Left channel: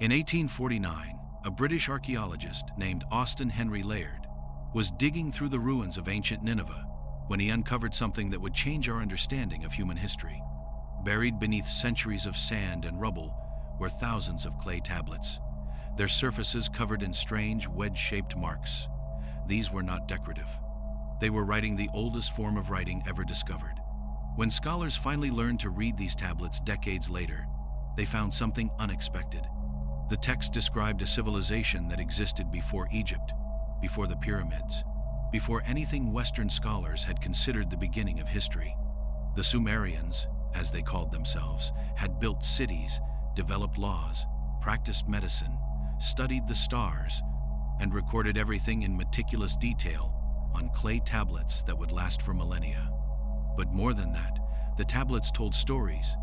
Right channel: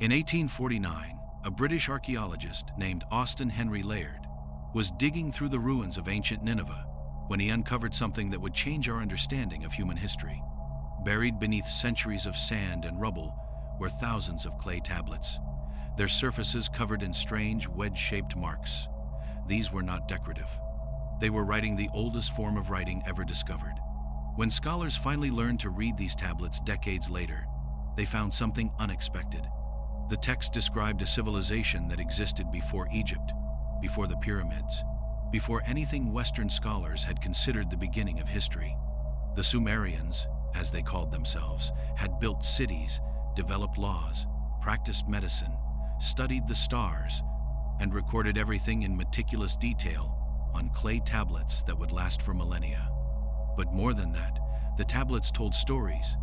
In 1849, a British archaeologist named Austen Henry Layard was digging through the ruins of ancient Nineveh when he uncovered something that would change our understanding of human history. Buried beneath centuries of sand and rubble were thousands of clay tablets, their surfaces covered in strange wedge-shaped marks. These were not decorative. They were writing the oldest form of writing ever discovered. When scholars finally learned to read these tablets decades later, they found something unexpected. The text described a civilization that existed before Egypt, before the pyramids, before anything Western scholars had considered the beginning of history. The Sumerians, as they called themselves, had built cities, developed laws, practiced medicine, studied the stars, and recorded everything in meticulous detail on clay tablets that would last for millennia. But more than that, the tablets told stories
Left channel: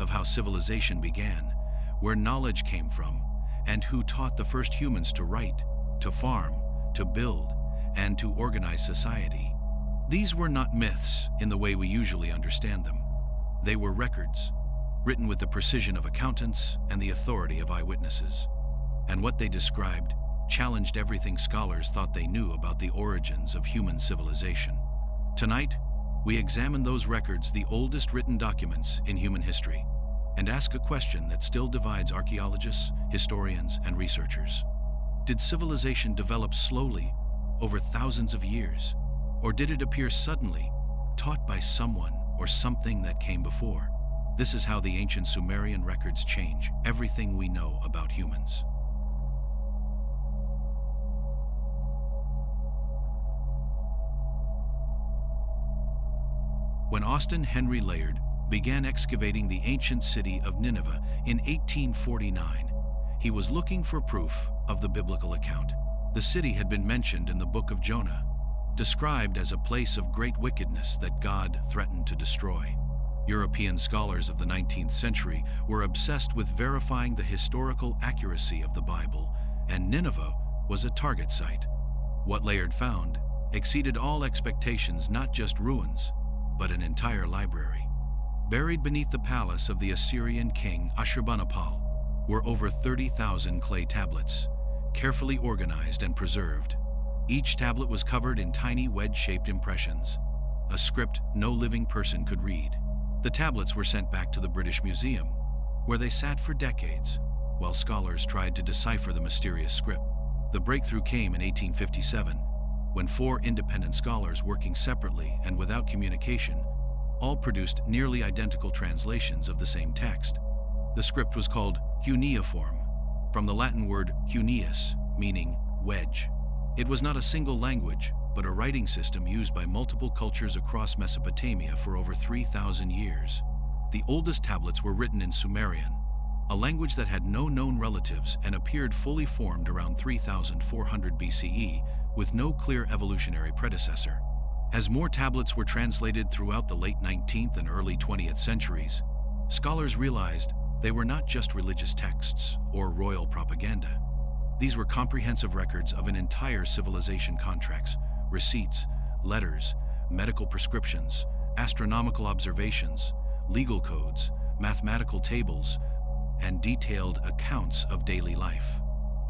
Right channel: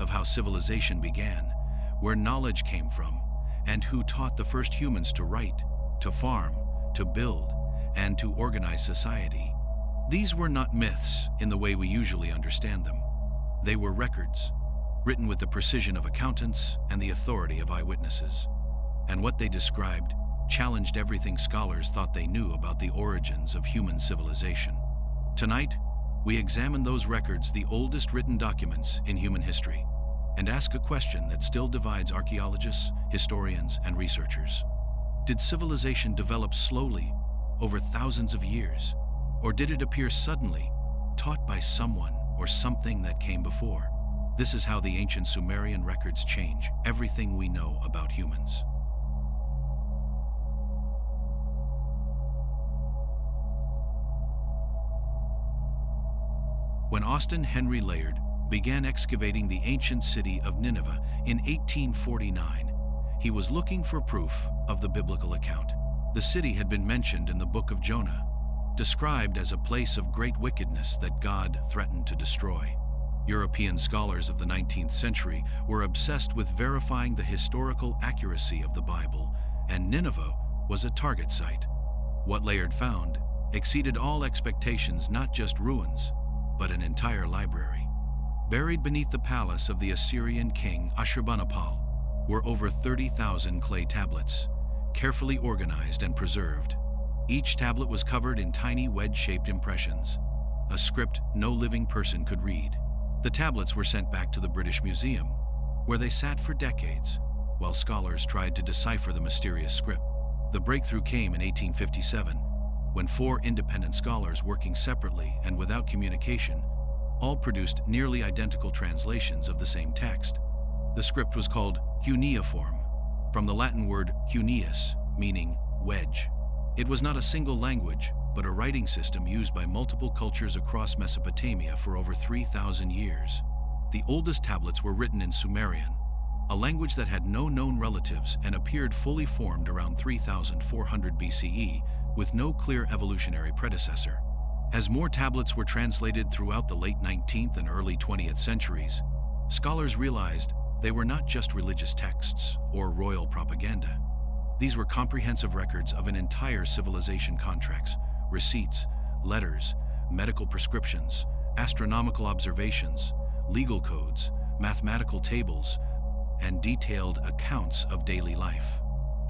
of how civilization began, where knowledge came from, and who taught the first humans to write, to farm, to build, and to organize society. These were not myths in the way we usually understand them. They were records, written with the precision of accountants and the authority of eyewitnesses. And what they described challenged everything scholars thought they knew about the origins of human civilization. Tonight, we examine those records, the oldest written documents in human history, and ask a question that still divides archaeologists, historians, and researchers. Did civilization develop slowly over thousands of years, or did it appear suddenly, taught by someone or something that came before? This is how the ancient Sumerian records change everything we know about humans. When Austen Henry Layard began excavating the ancient city of Nineveh in 1849, he was looking for proof of the biblical account. The city had been mentioned in the book of Jonah, described as a place of great wickedness that God threatened to destroy. European scholars of the 19th century were obsessed with verifying the historical accuracy of the Bible, and Nineveh was a target site. What Layard found exceeded all expectations, not just ruins, but an entire library. Buried beneath the palace of the Assyrian king Ashurbanipal were over 30,000 clay tablets, carefully organized and preserved. Each tablet was covered in tiny wedge-shaped impressions, a script no living person could read. The tablets were sent back to the British Museum, where they sat for decades, while scholars tried to decipher the mysterious script. The breakthrough came in 1857, when 4 independent scholars working separately and without communication all produced nearly identical translations of the same text. The script was called cuneiform, from the Latin word cuneus, meaning wedge. It was not a single language, but a writing system used by multiple cultures across Mesopotamia for over 3,000 years. The oldest tablets were written in Sumerian, a language that had no known relatives and appeared fully formed around 3,400 BCE, with no clear evolutionary predecessor. As more tablets were translated throughout the late 19th and early 20th centuries, scholars realized they were not just religious texts or royal propaganda. These were comprehensive records of an entire civilization: contracts, receipts, letters, medical prescriptions, astronomical observations, legal codes, mathematical tables, and detailed accounts of daily life.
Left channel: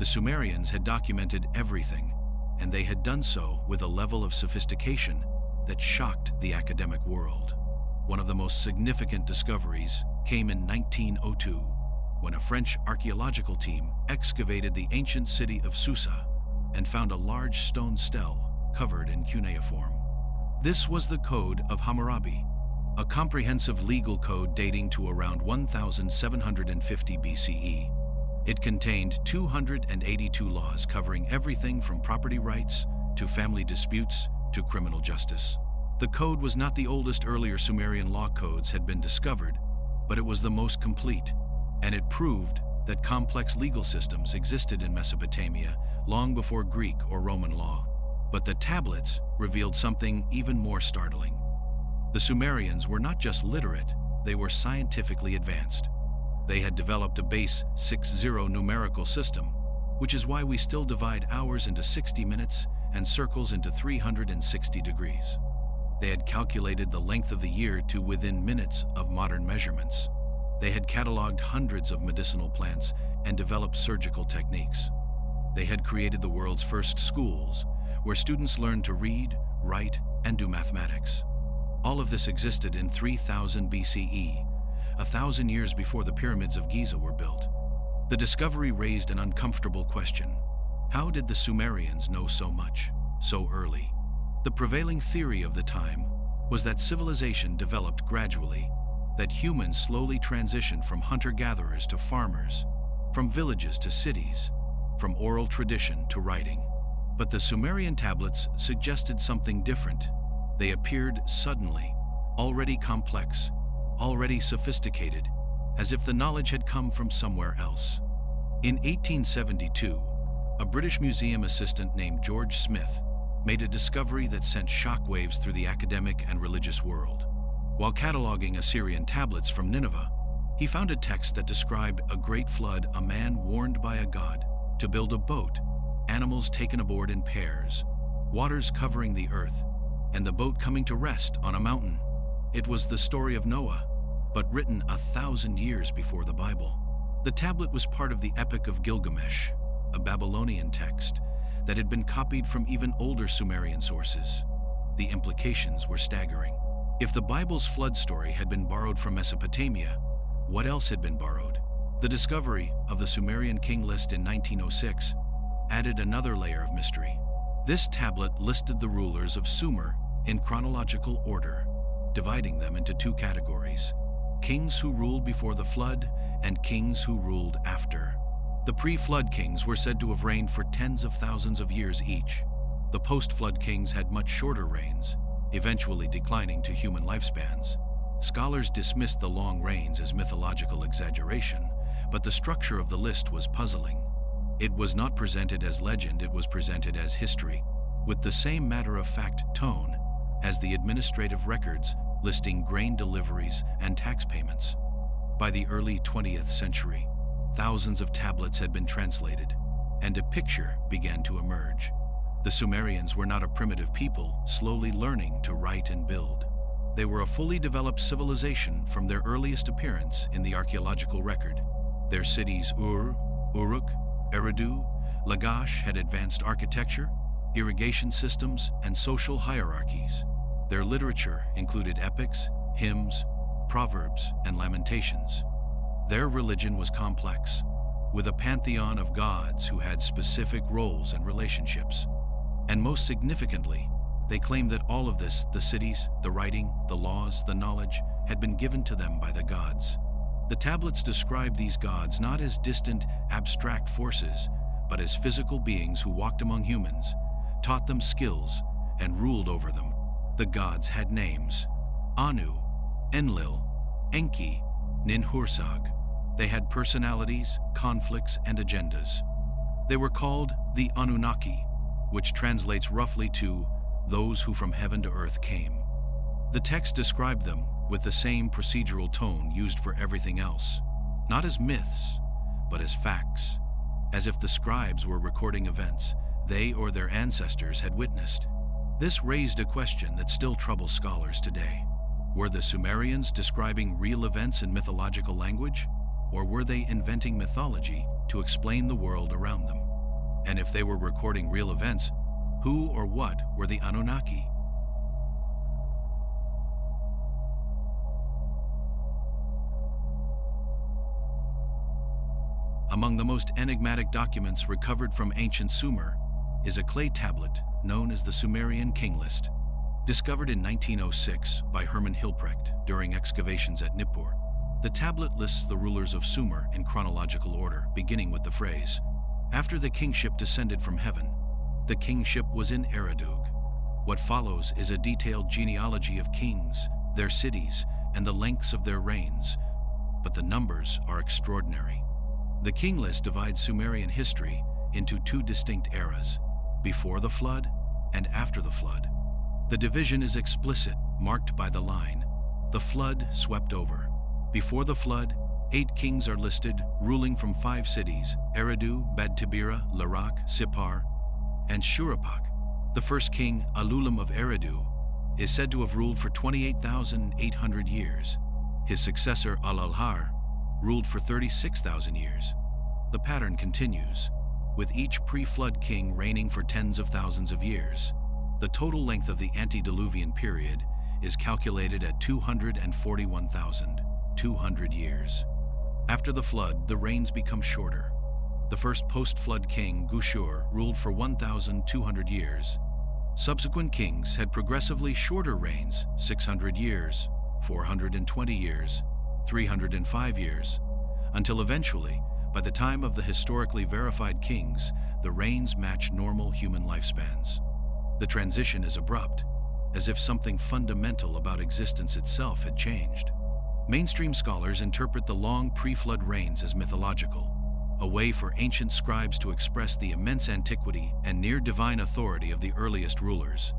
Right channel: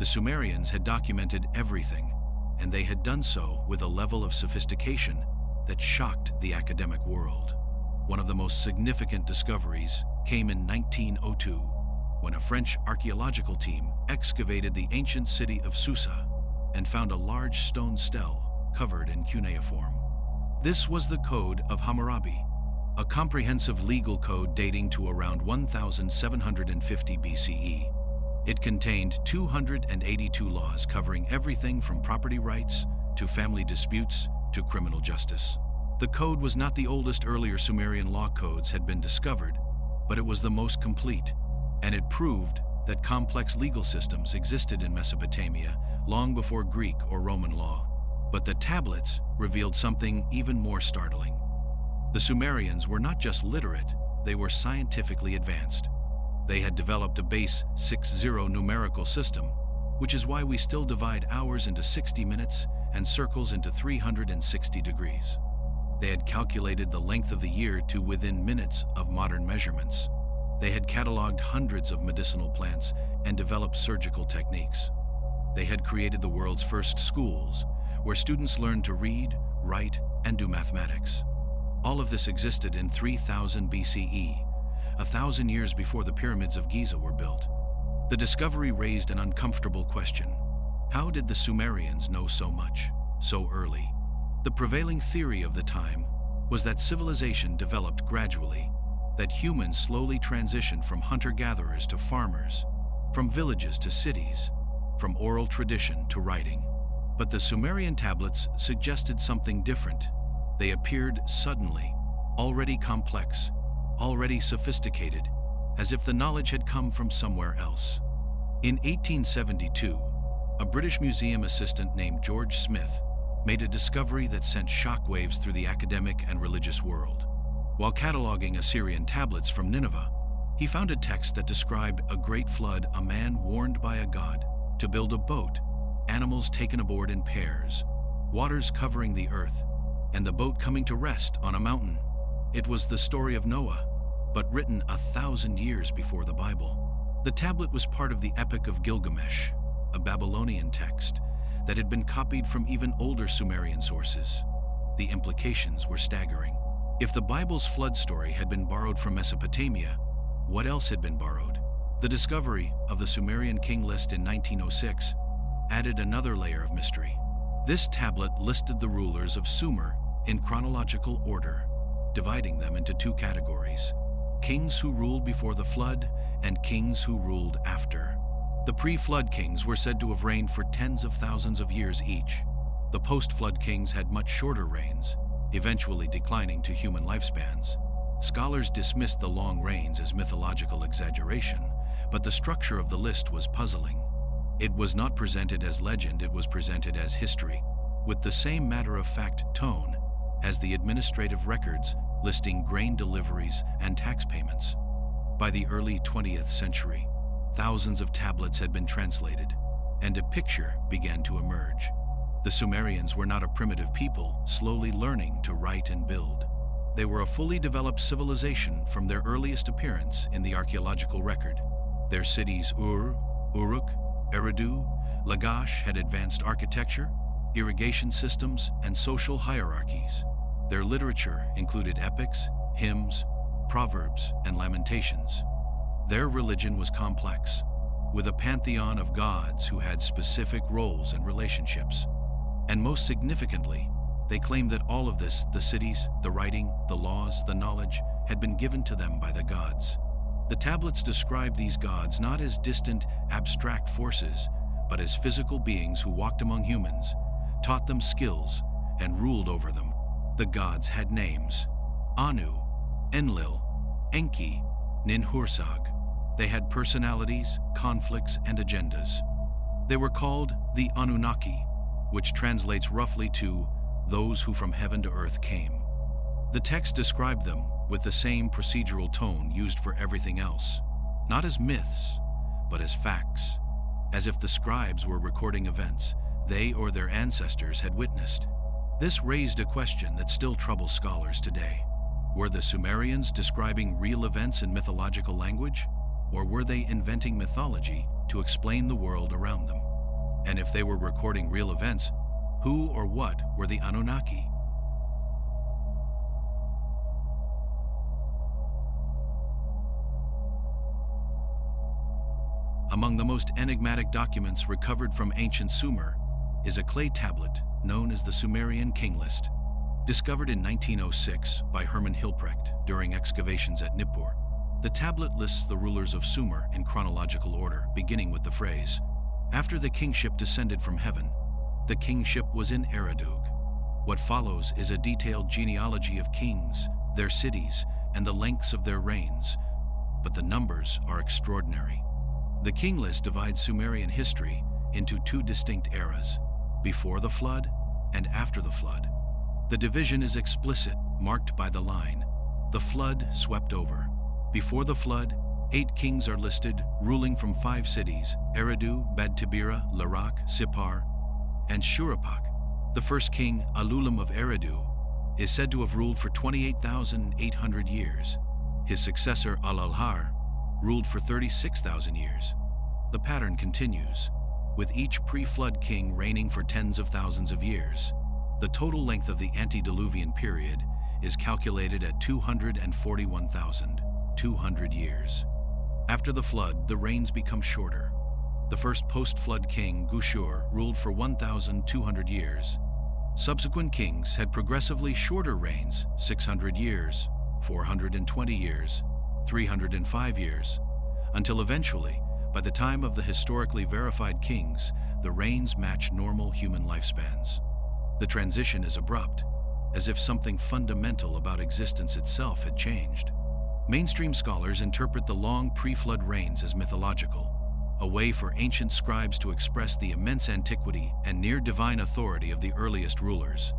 The Sumerians had documented everything, and they had done so with a level of sophistication that shocked the academic world. One of the most significant discoveries came in 1902, when a French archaeological team excavated the ancient city of Susa and found a large stone stele covered in cuneiform. This was the Code of Hammurabi, a comprehensive legal code dating to around 1750 BCE. It contained 282 laws covering everything from property rights to family disputes to criminal justice. The code was not the oldest. Earlier Sumerian law codes had been discovered, but it was the most complete, and it proved that complex legal systems existed in Mesopotamia long before Greek or Roman law. But the tablets revealed something even more startling. The Sumerians were not just literate, they were scientifically advanced. They had developed a base 6-0 numerical system, which is why we still divide hours into 60 minutes and circles into 360 degrees. They had calculated the length of the year to within minutes of modern measurements. They had cataloged hundreds of medicinal plants and developed surgical techniques. They had created the world's first schools, where students learned to read, write, and do mathematics. All of this existed in 3000 BCE, 1,000 years before the pyramids of Giza were built. The discovery raised an uncomfortable question. How did the Sumerians know so much, so early? The prevailing theory of the time was that civilization developed gradually, that humans slowly transitioned from hunter-gatherers to farmers, from villages to cities, from oral tradition to writing. But the Sumerian tablets suggested something different. They appeared suddenly, already complex, already sophisticated, as if the knowledge had come from somewhere else. In 1872, a British museum assistant named George Smith made a discovery that sent shockwaves through the academic and religious world. While cataloging Assyrian tablets from Nineveh, he found a text that described a great flood, a man warned by a god to build a boat, animals taken aboard in pairs, waters covering the earth, and the boat coming to rest on a mountain. It was the story of Noah, but written 1,000 years before the Bible. The tablet was part of the Epic of Gilgamesh, a Babylonian text that had been copied from even older Sumerian sources. The implications were staggering. If the Bible's flood story had been borrowed from Mesopotamia, what else had been borrowed? The discovery of the Sumerian king list in 1906 added another layer of mystery. This tablet listed the rulers of Sumer in chronological order, dividing them into two categories: kings who ruled before the flood and kings who ruled after. The pre-flood kings were said to have reigned for tens of thousands of years each. The post-flood kings had much shorter reigns, eventually declining to human lifespans. Scholars dismissed the long reigns as mythological exaggeration, but the structure of the list was puzzling. It was not presented as legend, it was presented as history, with the same matter-of-fact tone as the administrative records listing grain deliveries and tax payments. By the early 20th century, thousands of tablets had been translated, and a picture began to emerge. The Sumerians were not a primitive people slowly learning to write and build. They were a fully developed civilization from their earliest appearance in the archaeological record. Their cities Ur, Uruk, Eridu, Lagash had advanced architecture, irrigation systems, and social hierarchies. Their literature included epics, hymns, proverbs, and lamentations. Their religion was complex, with a pantheon of gods who had specific roles and relationships. And most significantly, they claimed that all of this, the cities, the writing, the laws, the knowledge, had been given to them by the gods. The tablets describe these gods not as distant, abstract forces, but as physical beings who walked among humans, taught them skills, and ruled over them. The gods had names: Anu, Enlil, Enki, Ninhursag. They had personalities, conflicts, and agendas. They were called the Anunnaki, which translates roughly to those who from heaven to earth came. The text described them with the same procedural tone used for everything else, not as myths, but as facts, as if the scribes were recording events they or their ancestors had witnessed. This raised a question that still troubles scholars today. Were the Sumerians describing real events in mythological language, or were they inventing mythology to explain the world around them? And if they were recording real events, who or what were the Anunnaki? Among the most enigmatic documents recovered from ancient Sumer is a clay tablet known as the Sumerian King List, discovered in 1906 by Hermann Hilprecht during excavations at Nippur. The tablet lists the rulers of Sumer in chronological order, beginning with the phrase, "After the kingship descended from heaven, the kingship was in Eridu." What follows is a detailed genealogy of kings, their cities, and the lengths of their reigns, but the numbers are extraordinary. The King List divides Sumerian history into two distinct eras: before the flood and after the flood. The division is explicit, marked by the line, "The flood swept over." Before the flood, 8 kings are listed, ruling from 5 cities: Eridu, Bad-Tibira, Larak, Sippar, and Shuruppak. The first king, Alulim of Eridu, is said to have ruled for 28,800 years. His successor, Al-Alhar, ruled for 36,000 years. The pattern continues, with each pre-flood king reigning for tens of thousands of years. The total length of the antediluvian period is calculated at 241,200 years. After the flood, the reigns become shorter. The first post-flood king, Gushur, ruled for 1,200 years. Subsequent kings had progressively shorter reigns, 600 years, 420 years, 305 years, until eventually, by the time of the historically verified kings, the reigns match normal human lifespans. The transition is abrupt, as if something fundamental about existence itself had changed. Mainstream scholars interpret the long pre-flood reigns as mythological, a way for ancient scribes to express the immense antiquity and near-divine authority of the earliest rulers.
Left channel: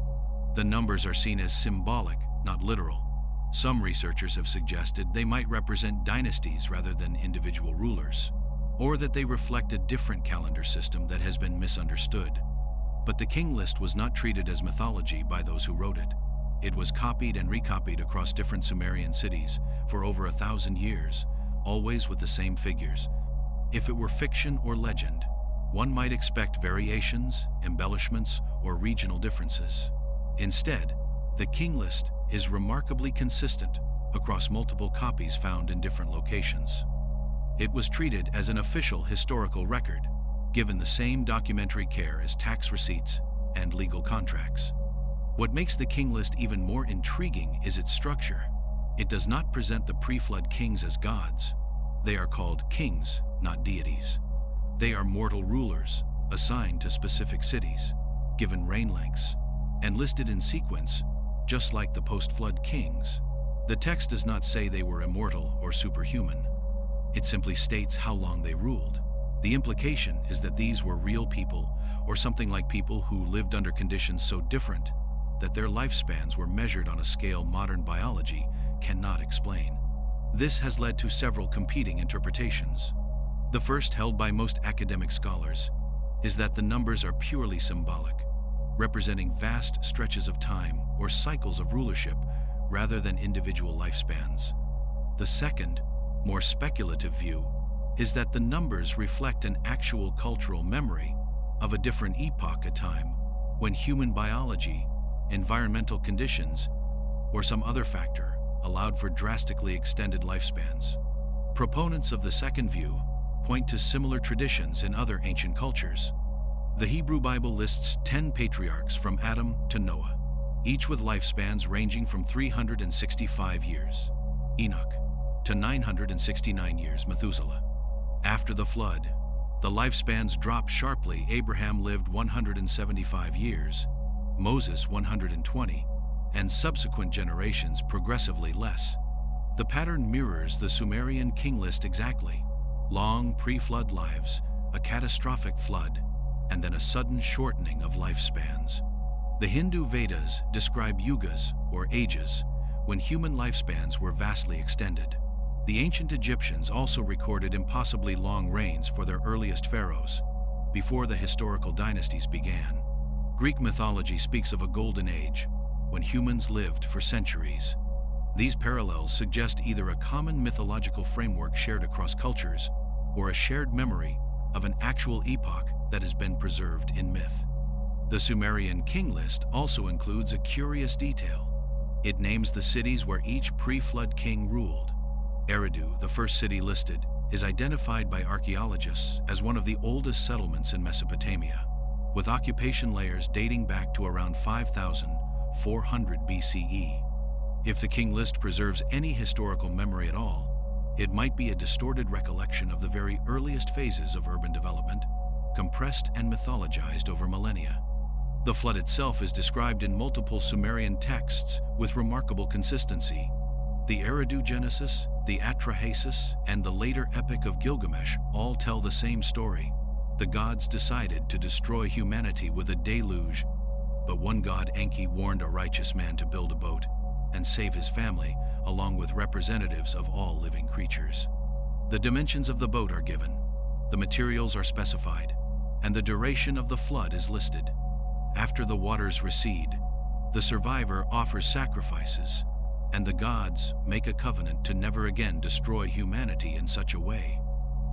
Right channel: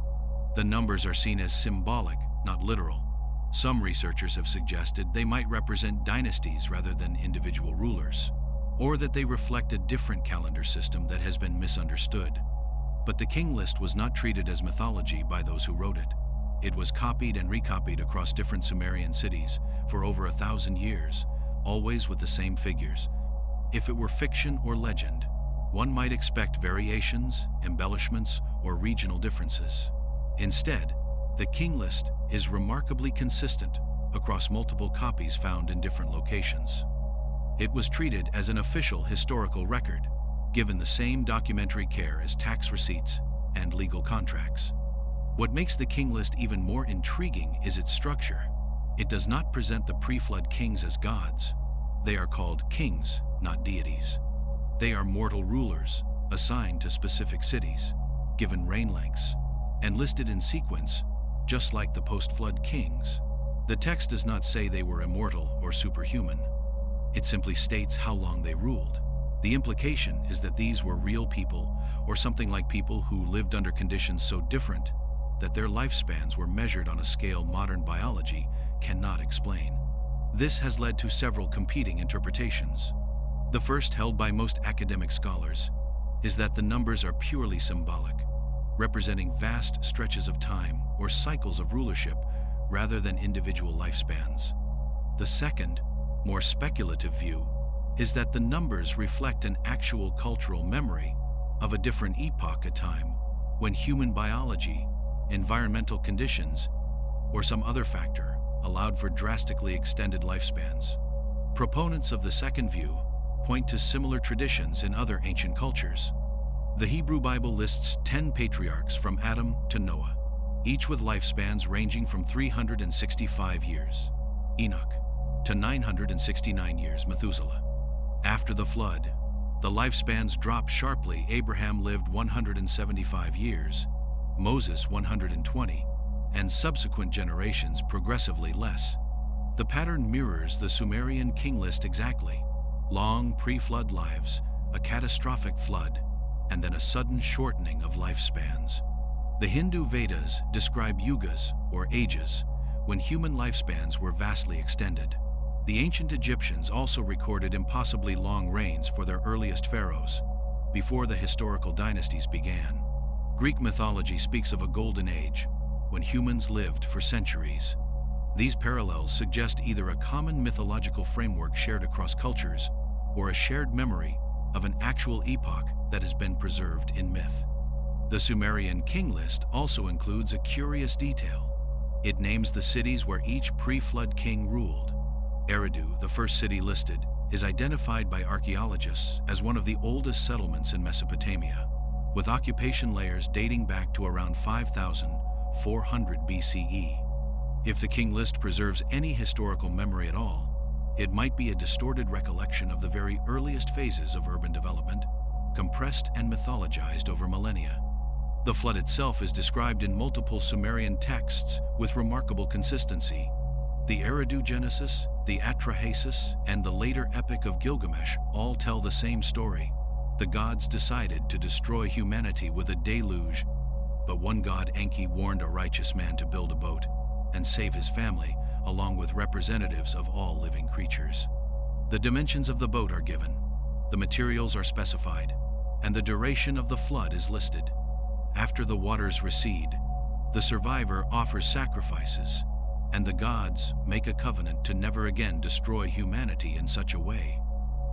The numbers are seen as symbolic, not literal. Some researchers have suggested they might represent dynasties rather than individual rulers, or that they reflect a different calendar system that has been misunderstood. But the king list was not treated as mythology by those who wrote it. It was copied and recopied across different Sumerian cities for over 1,000 years, always with the same figures. If it were fiction or legend, one might expect variations, embellishments, or regional differences. Instead, the king list is remarkably consistent across multiple copies found in different locations. It was treated as an official historical record, given the same documentary care as tax receipts and legal contracts. What makes the king list even more intriguing is its structure. It does not present the pre-flood kings as gods. They are called kings, not deities. They are mortal rulers, assigned to specific cities, given reign lengths, and listed in sequence, just like the post-flood kings. The text does not say they were immortal or superhuman. It simply states how long they ruled. The implication is that these were real people, or something like people who lived under conditions so different that their lifespans were measured on a scale modern biology cannot explain. This has led to several competing interpretations. The first, held by most academic scholars, is that the numbers are purely symbolic, representing vast stretches of time or cycles of rulership rather than individual lifespans. The second, more speculative view, is that the numbers reflect an actual cultural memory of a different epoch at time when human biology, environmental conditions, or some other factor allowed for drastically extended lifespans. Proponents of the second view point to similar traditions in other ancient cultures. The Hebrew Bible lists 10 patriarchs from Adam to Noah, each with lifespans ranging from 365 years, Enoch, to 969 years, Methuselah. After the flood, the lifespans dropped sharply. Abraham lived 175 years, Moses 120, and subsequent generations progressively less. The pattern mirrors the Sumerian king list exactly: long pre-flood lives, a catastrophic flood, and then a sudden shortening of lifespans. The Hindu Vedas describe yugas, or ages, when human lifespans were vastly extended. The ancient Egyptians also recorded impossibly long reigns for their earliest pharaohs, before the historical dynasties began. Greek mythology speaks of a golden age, when humans lived for centuries. These parallels suggest either a common mythological framework shared across cultures, or a shared memory of an actual epoch that has been preserved in myth. The Sumerian king list also includes a curious detail. It names the cities where each pre-flood king ruled. Eridu, the first city listed, is identified by archaeologists as one of the oldest settlements in Mesopotamia, with occupation layers dating back to around 5,400 BCE. If the king list preserves any historical memory at all, it might be a distorted recollection of the very earliest phases of urban development, compressed and mythologized over millennia. The flood itself is described in multiple Sumerian texts with remarkable consistency. The Eridu Genesis, the Atrahasis, and the later Epic of Gilgamesh all tell the same story. The gods decided to destroy humanity with a deluge, but one god, Enki, warned a righteous man to build a boat and save his family, along with representatives of all living creatures. The dimensions of the boat are given, the materials are specified, and the duration of the flood is listed. After the waters recede, the survivor offers sacrifices, and the gods make a covenant to never again destroy humanity in such a way.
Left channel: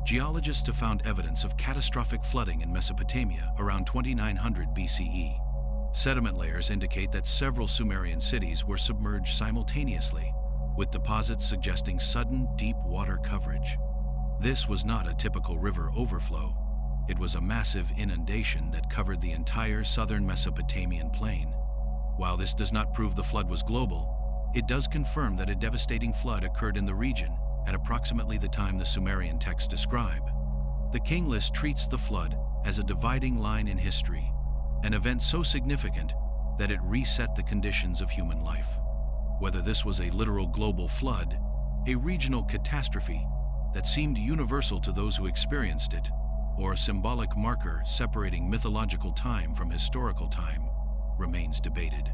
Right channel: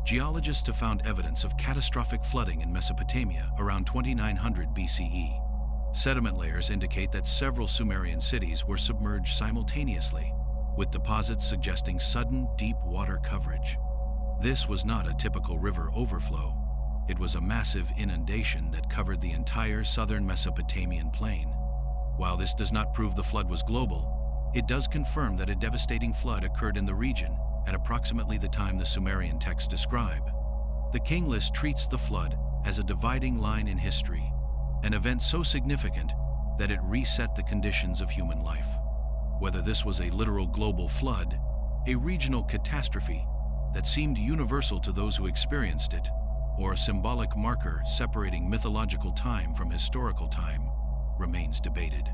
Geologists have found evidence of catastrophic flooding in Mesopotamia around 2900 BCE. Sediment layers indicate that several Sumerian cities were submerged simultaneously, with deposits suggesting sudden deep water coverage. This was not a typical river overflow. It was a massive inundation that covered the entire southern Mesopotamian plain. While this does not prove the flood was global, it does confirm that a devastating flood occurred in the region at approximately the time the Sumerian texts describe. The king list treats the flood as a dividing line in history, an event so significant that it reset the conditions of human life. Whether this was a literal global flood, a regional catastrophe that seemed universal to those who experienced it, or a symbolic marker separating mythological time from historical time, remains debated.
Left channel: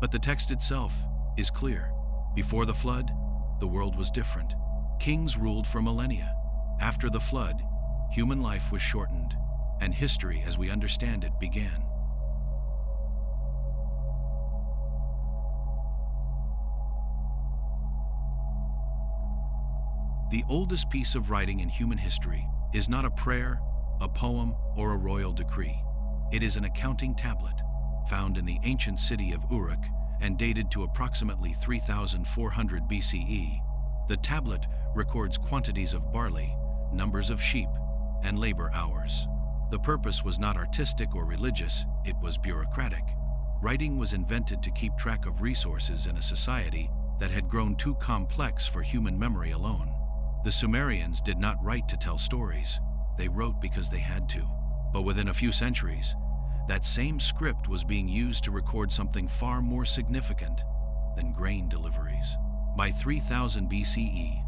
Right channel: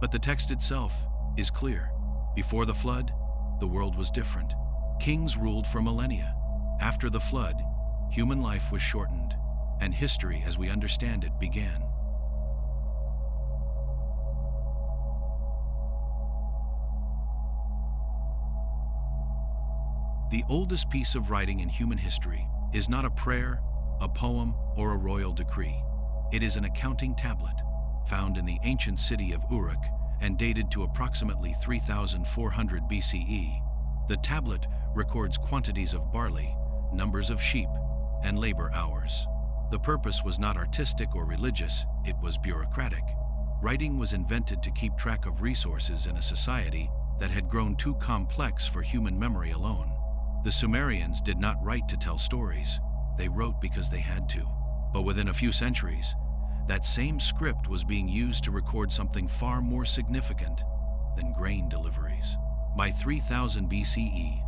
But the text itself is clear. Before the flood, the world was different. Kings ruled for millennia. After the flood, human life was shortened, and history as we understand it began. The oldest piece of writing in human history is not a prayer, a poem, or a royal decree. It is an accounting tablet, found in the ancient city of Uruk and dated to approximately 3400 BCE. The tablet records quantities of barley, numbers of sheep, and labor hours. The purpose was not artistic or religious, it was bureaucratic. Writing was invented to keep track of resources in a society that had grown too complex for human memory alone. The Sumerians did not write to tell stories, they wrote because they had to. But within a few centuries, that same script was being used to record something far more significant than grain deliveries. By 3000 BCE,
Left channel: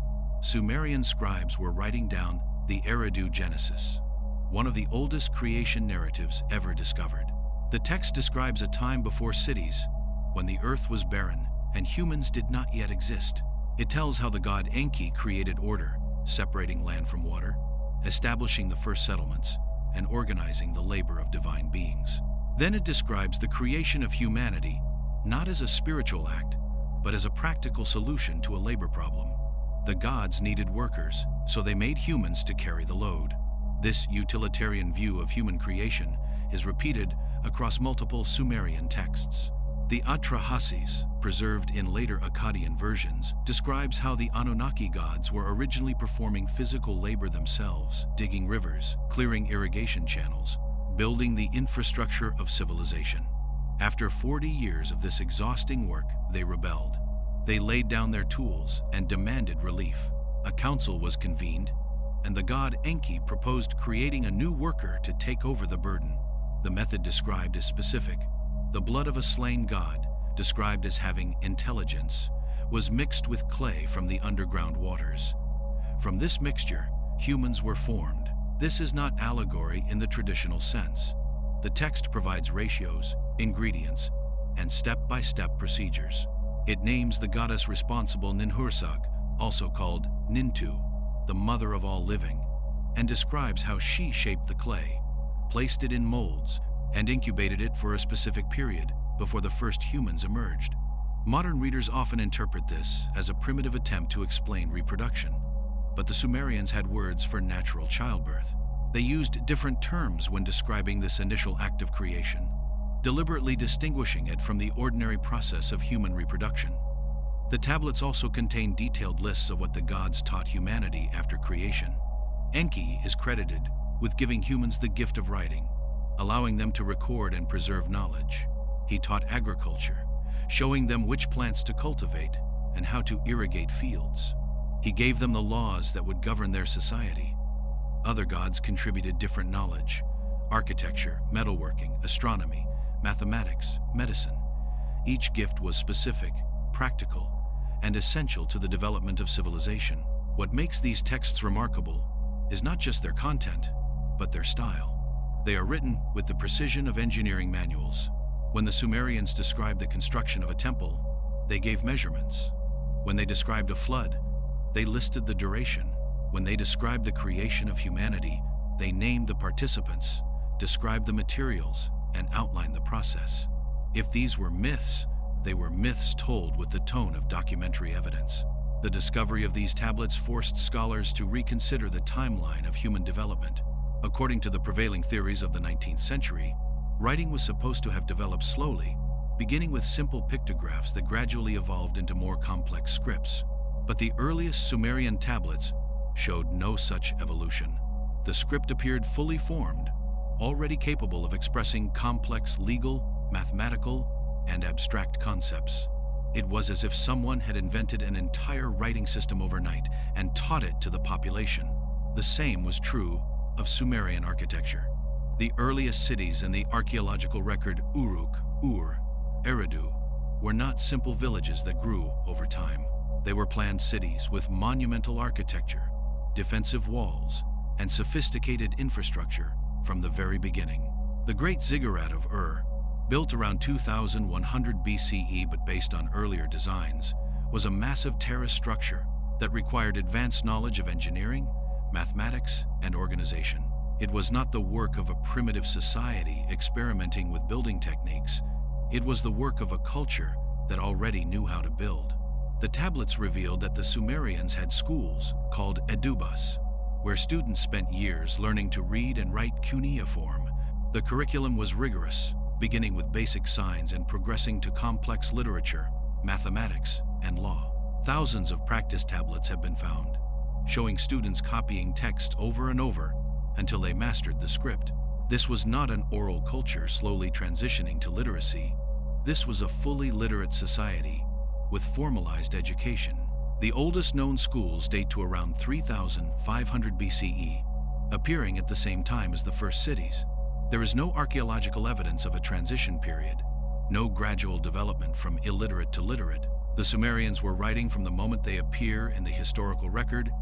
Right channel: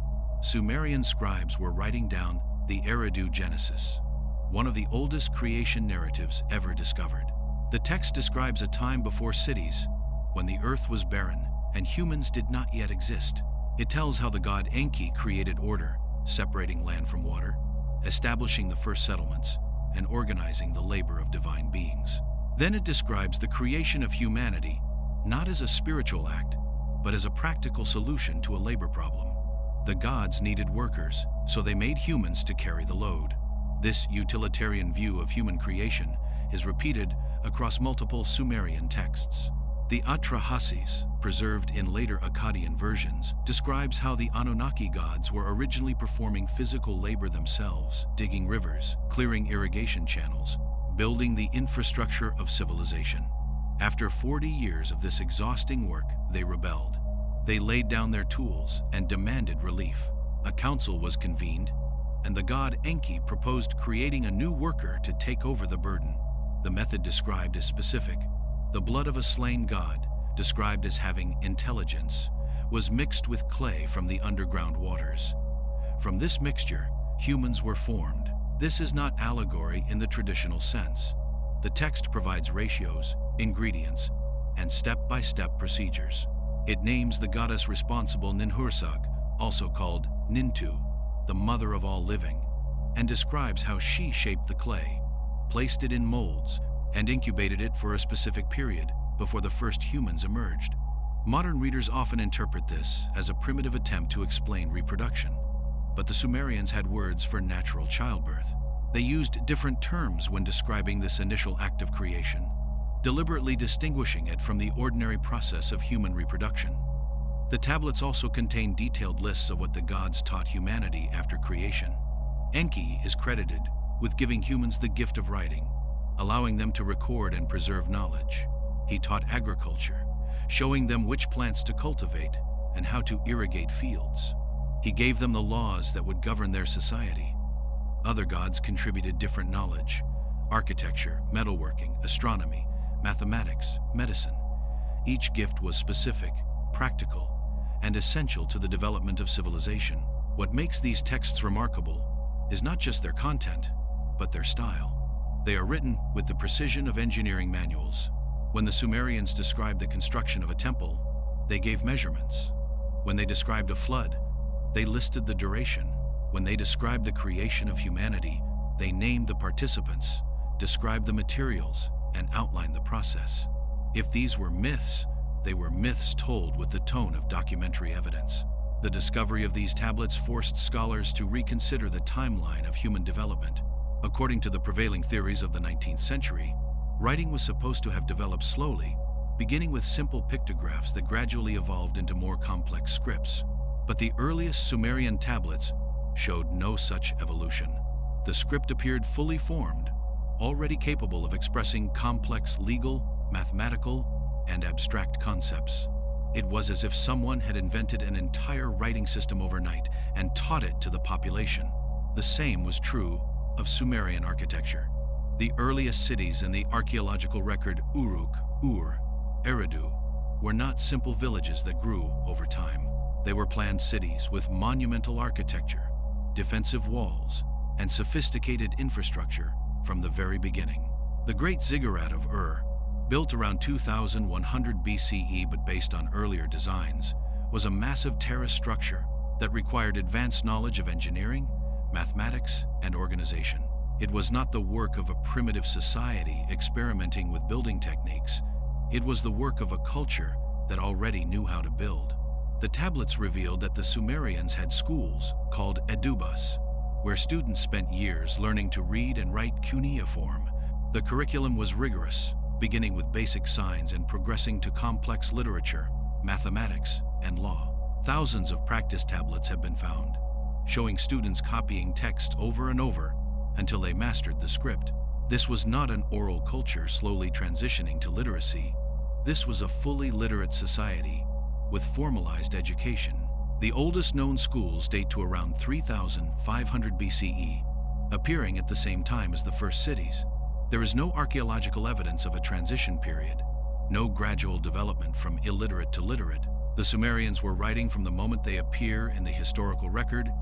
Sumerian scribes were writing down the Eridu Genesis, one of the oldest creation narratives ever discovered. The text describes a time before cities, when the earth was barren and humans did not yet exist. It tells how the god Enki created order, separating land from water, establishing the first settlements, and organizing the labor of divine beings. Then it describes the creation of humanity, not as a spiritual act, but as a practical solution to a labor problem. The gods needed workers, so they made humans to carry the load. This utilitarian view of human creation is repeated across multiple Sumerian texts. The Atrahasis, preserved in later Akkadian versions, describes how the Anunnaki gods were originally performing physical labor themselves, digging rivers, clearing irrigation channels, building the infrastructure of civilization. After 40 years of this exhausting work, they rebelled. They laid down their tools and demanded relief. A council was convened, and the god Enki proposed creating a new worker to take over the burden. The method described is specific. The blood of a slain god, described as having intelligence, was mixed with clay from the underground waters. From this mixture, humans were formed. This is not allegory in the traditional sense. The text provides ratios, ingredients, and step-by-step procedures. It names the goddess responsible Ninhursag, also called Nintu, the mother of all living, and describes how she shaped the clay, placed it in molds, and incubated it for a specific period before the first humans emerged. Modern readers often interpret this as a primitive attempt to explain reproduction, but the Sumerians had words for natural childbirth. They used different terms when describing this initial act of creation, deliberately distinguishing it from the ordinary process of human reproduction. The tablets also contain detailed lists of what the gods taught humanity after creation. Enki is credited with giving humans the gift of writing, allowing them to record and preserve knowledge. He taught agriculture, showing them which plants to cultivate and how to irrigate fields. He gave them the laws that would govern their society. Other gods contributed different knowledge: architecture, metalworking, astronomy, mathematics, medicine. Each gift was specific, practical, and essential to the development of civilization. What makes these texts remarkable is not just their content, but their style. They are written with the precision of engineering manuals. When the Sumerians described the construction of a temple, they gave measurements. When they described a flood, they listed the duration. When they described the creation of humanity, they named the participants, described the materials, and outlined the process. If these were myths, they were myths told with the tone of documentary evidence. The discovery of these tablets forced scholars to reconsider the timeline of human development. According to the prevailing theories of the 19th century, writing was supposed to have developed slowly, beginning with simple pictographs that gradually evolved into more complex scripts. But the earliest Sumerian tablets showed no such evolution. The script appeared fully formed, already capable of expressing complex legal, mathematical, and abstract concepts. It was as if someone had invented an entire writing system overnight and taught it to the population. The same was true of Sumerian architecture. The earliest cities in the archaeological record Uruk, Ur, Eridu, were not simple villages that grew over time. They were planned cities with monumental architecture, defensive walls, and sophisticated infrastructure from the very beginning. The Great Ziggurat of Ur, built around 2100 BCE but based on earlier designs, was a massive terrace structure that required advanced knowledge of engineering, mathematics, and organization. It was not the work of a primitive society experimenting with building techniques. It was the work of a culture that already knew how to build. The tablets revealed that the Sumerians had schools called edubas, where students spent years learning to read and write cuneiform. The curriculum was rigorous, beginning with basic signs and progressing to complex literature, mathematics, and law. Thousands of practice tablets have been found, showing students copying text over and over until they mastered the script. This was not an oral culture slowly transitioning to literacy. This was a fully literate society with formalized education. The oldest known schools date to around 3500 BCE, appearing at the same time as the first cities. There is no archaeological evidence of a transition period, no gradual development from illiterate to literate. The Sumerians were writing from the moment they appear in the historical record,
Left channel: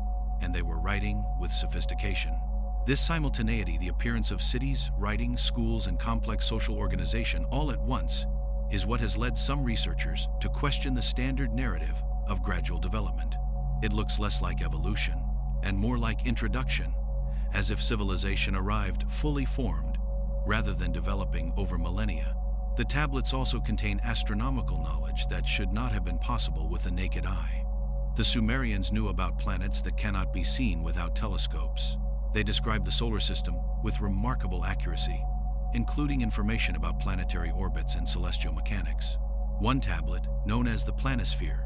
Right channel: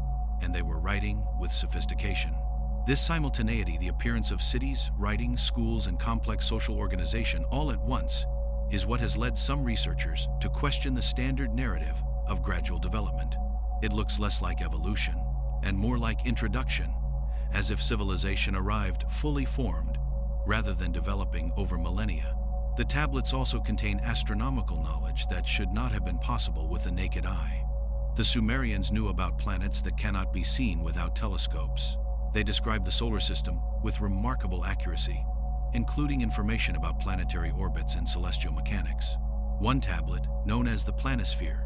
and they were writing with sophistication. This simultaneity, the appearance of cities, writing, schools, and complex social organization all at once, is what has led some researchers to question the standard narrative of gradual development. It looks less like evolution and more like introduction, as if civilization arrived fully formed rather than developing over millennia. The tablets also contain astronomical knowledge that should not have been possible with the naked eye. The Sumerians knew about planets that cannot be seen without telescopes. They described the solar system with remarkable accuracy, including information about planetary orbits and celestial mechanics. One tablet, known as the planisphere,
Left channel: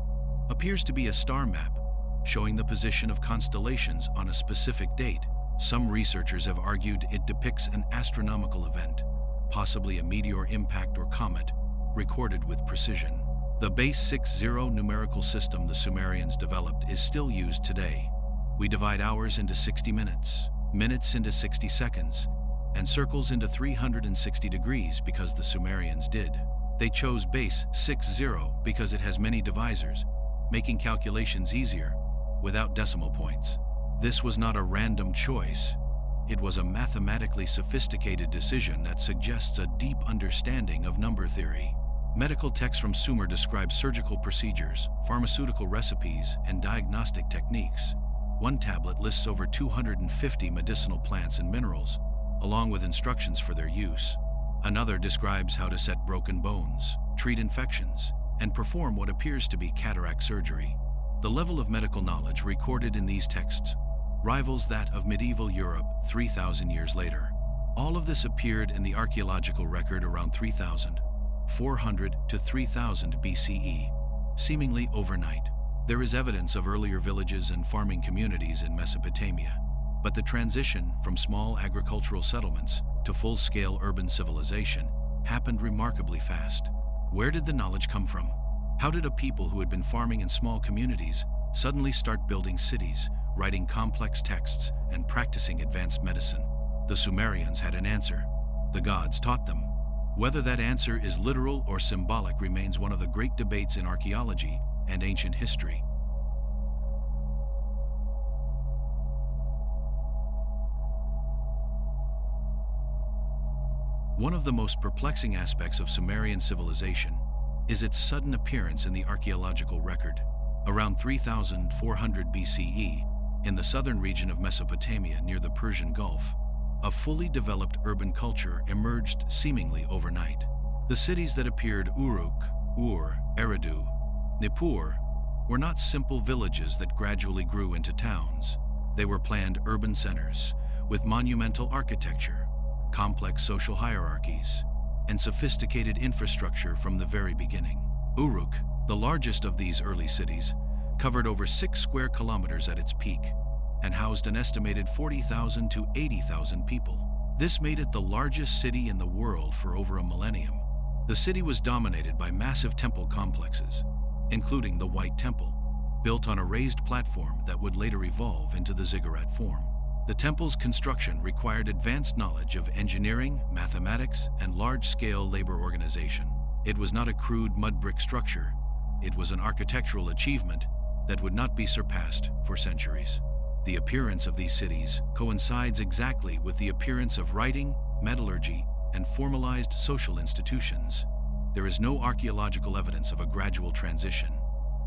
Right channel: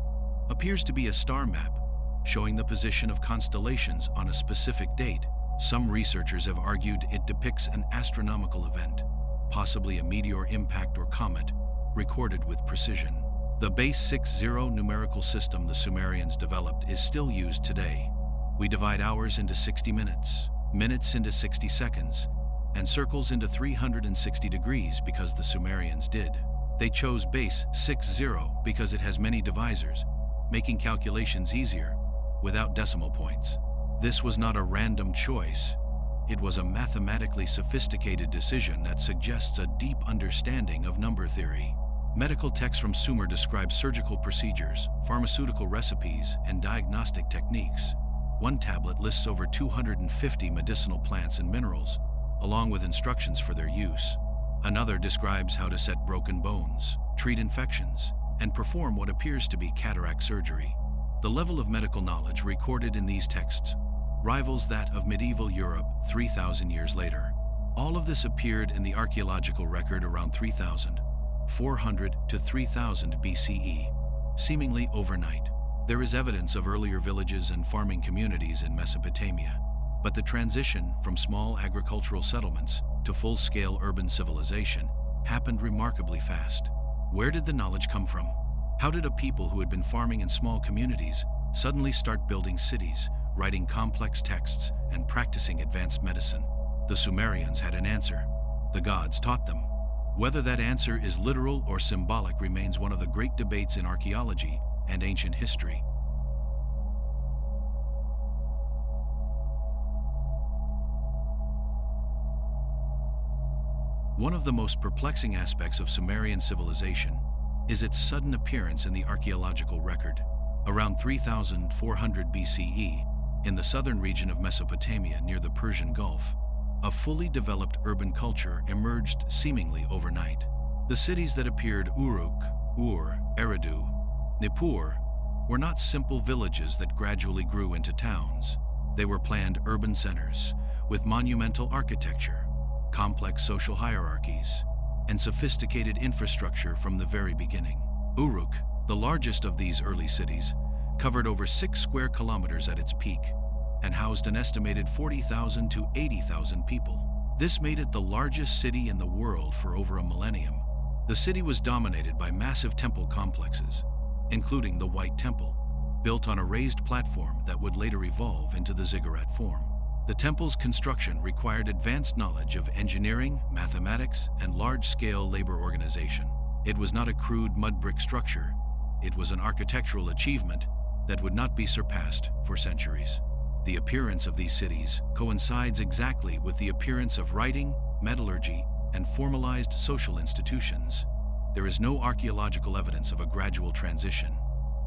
appears to be a star map showing the position of constellations on a specific date. Some researchers have argued it depicts an astronomical event, possibly a meteor impact or comet, recorded with precision. The base 60 numerical system the Sumerians developed is still used today. We divide hours into 60 minutes, minutes into 60 seconds, and circles into 360 degrees because the Sumerians did. They chose base 60 because it has many divisors, making calculations easier without decimal points. This was not a random choice. It was a mathematically sophisticated decision that suggests a deep understanding of number theory. Medical texts from Sumer describe surgical procedures, pharmaceutical recipes, and diagnostic techniques. One tablet lists over 250 medicinal plants and minerals, along with instructions for their use. Another describes how to set broken bones, treat infections, and perform what appears to be cataract surgery. The level of medical knowledge recorded in these texts rivals that of medieval Europe 3,000 years later. All of this appeared in the archaeological record around 3,400 to 3000 BCE, seemingly overnight. There is evidence of earlier villages and farming communities in Mesopotamia, but the transition from small agricultural settlements to full-scale urban civilization happened remarkably fast. Where did the knowledge come from? How did a people who had been farming in small communities suddenly start building cities, writing complex texts, and practicing advanced medicine? The Sumerians had an answer. The gods taught them. Whether that answer is literal or symbolic remains one of the great debates in archaeology and ancient history. One of the most perplexing aspects of Sumerian civilization is its sudden appearance in the archaeological record. Around 3400 BCE, in the southern region of Mesopotamia near the Persian Gulf, a fully developed urban culture emerged seemingly overnight. The cities that appeared Uruk, Ur, Eridu, Nippur, were not simple villages that gradually grew into towns. They were planned urban centers with monumental architecture, complex social hierarchies, and sophisticated infrastructure from the very beginning. Uruk, the largest of these early cities, covered over 6 square kilometers at its peak and housed an estimated 40,000 to 80,000 people. This made it the largest city in the world for over a millennium. The city was dominated by massive temple complexes, including the White Temple, built on a raised platform that would later evolve into the ziggurat form. The temple's construction required advanced knowledge of engineering, mathematics, and large-scale labor organization. It was not a crude mud brick structure. It was an architectural achievement that would not be surpassed for centuries. The appearance of these cities coincides exactly with the appearance of writing, metallurgy, and formalized social institutions. There is no archaeological evidence of a gradual transition.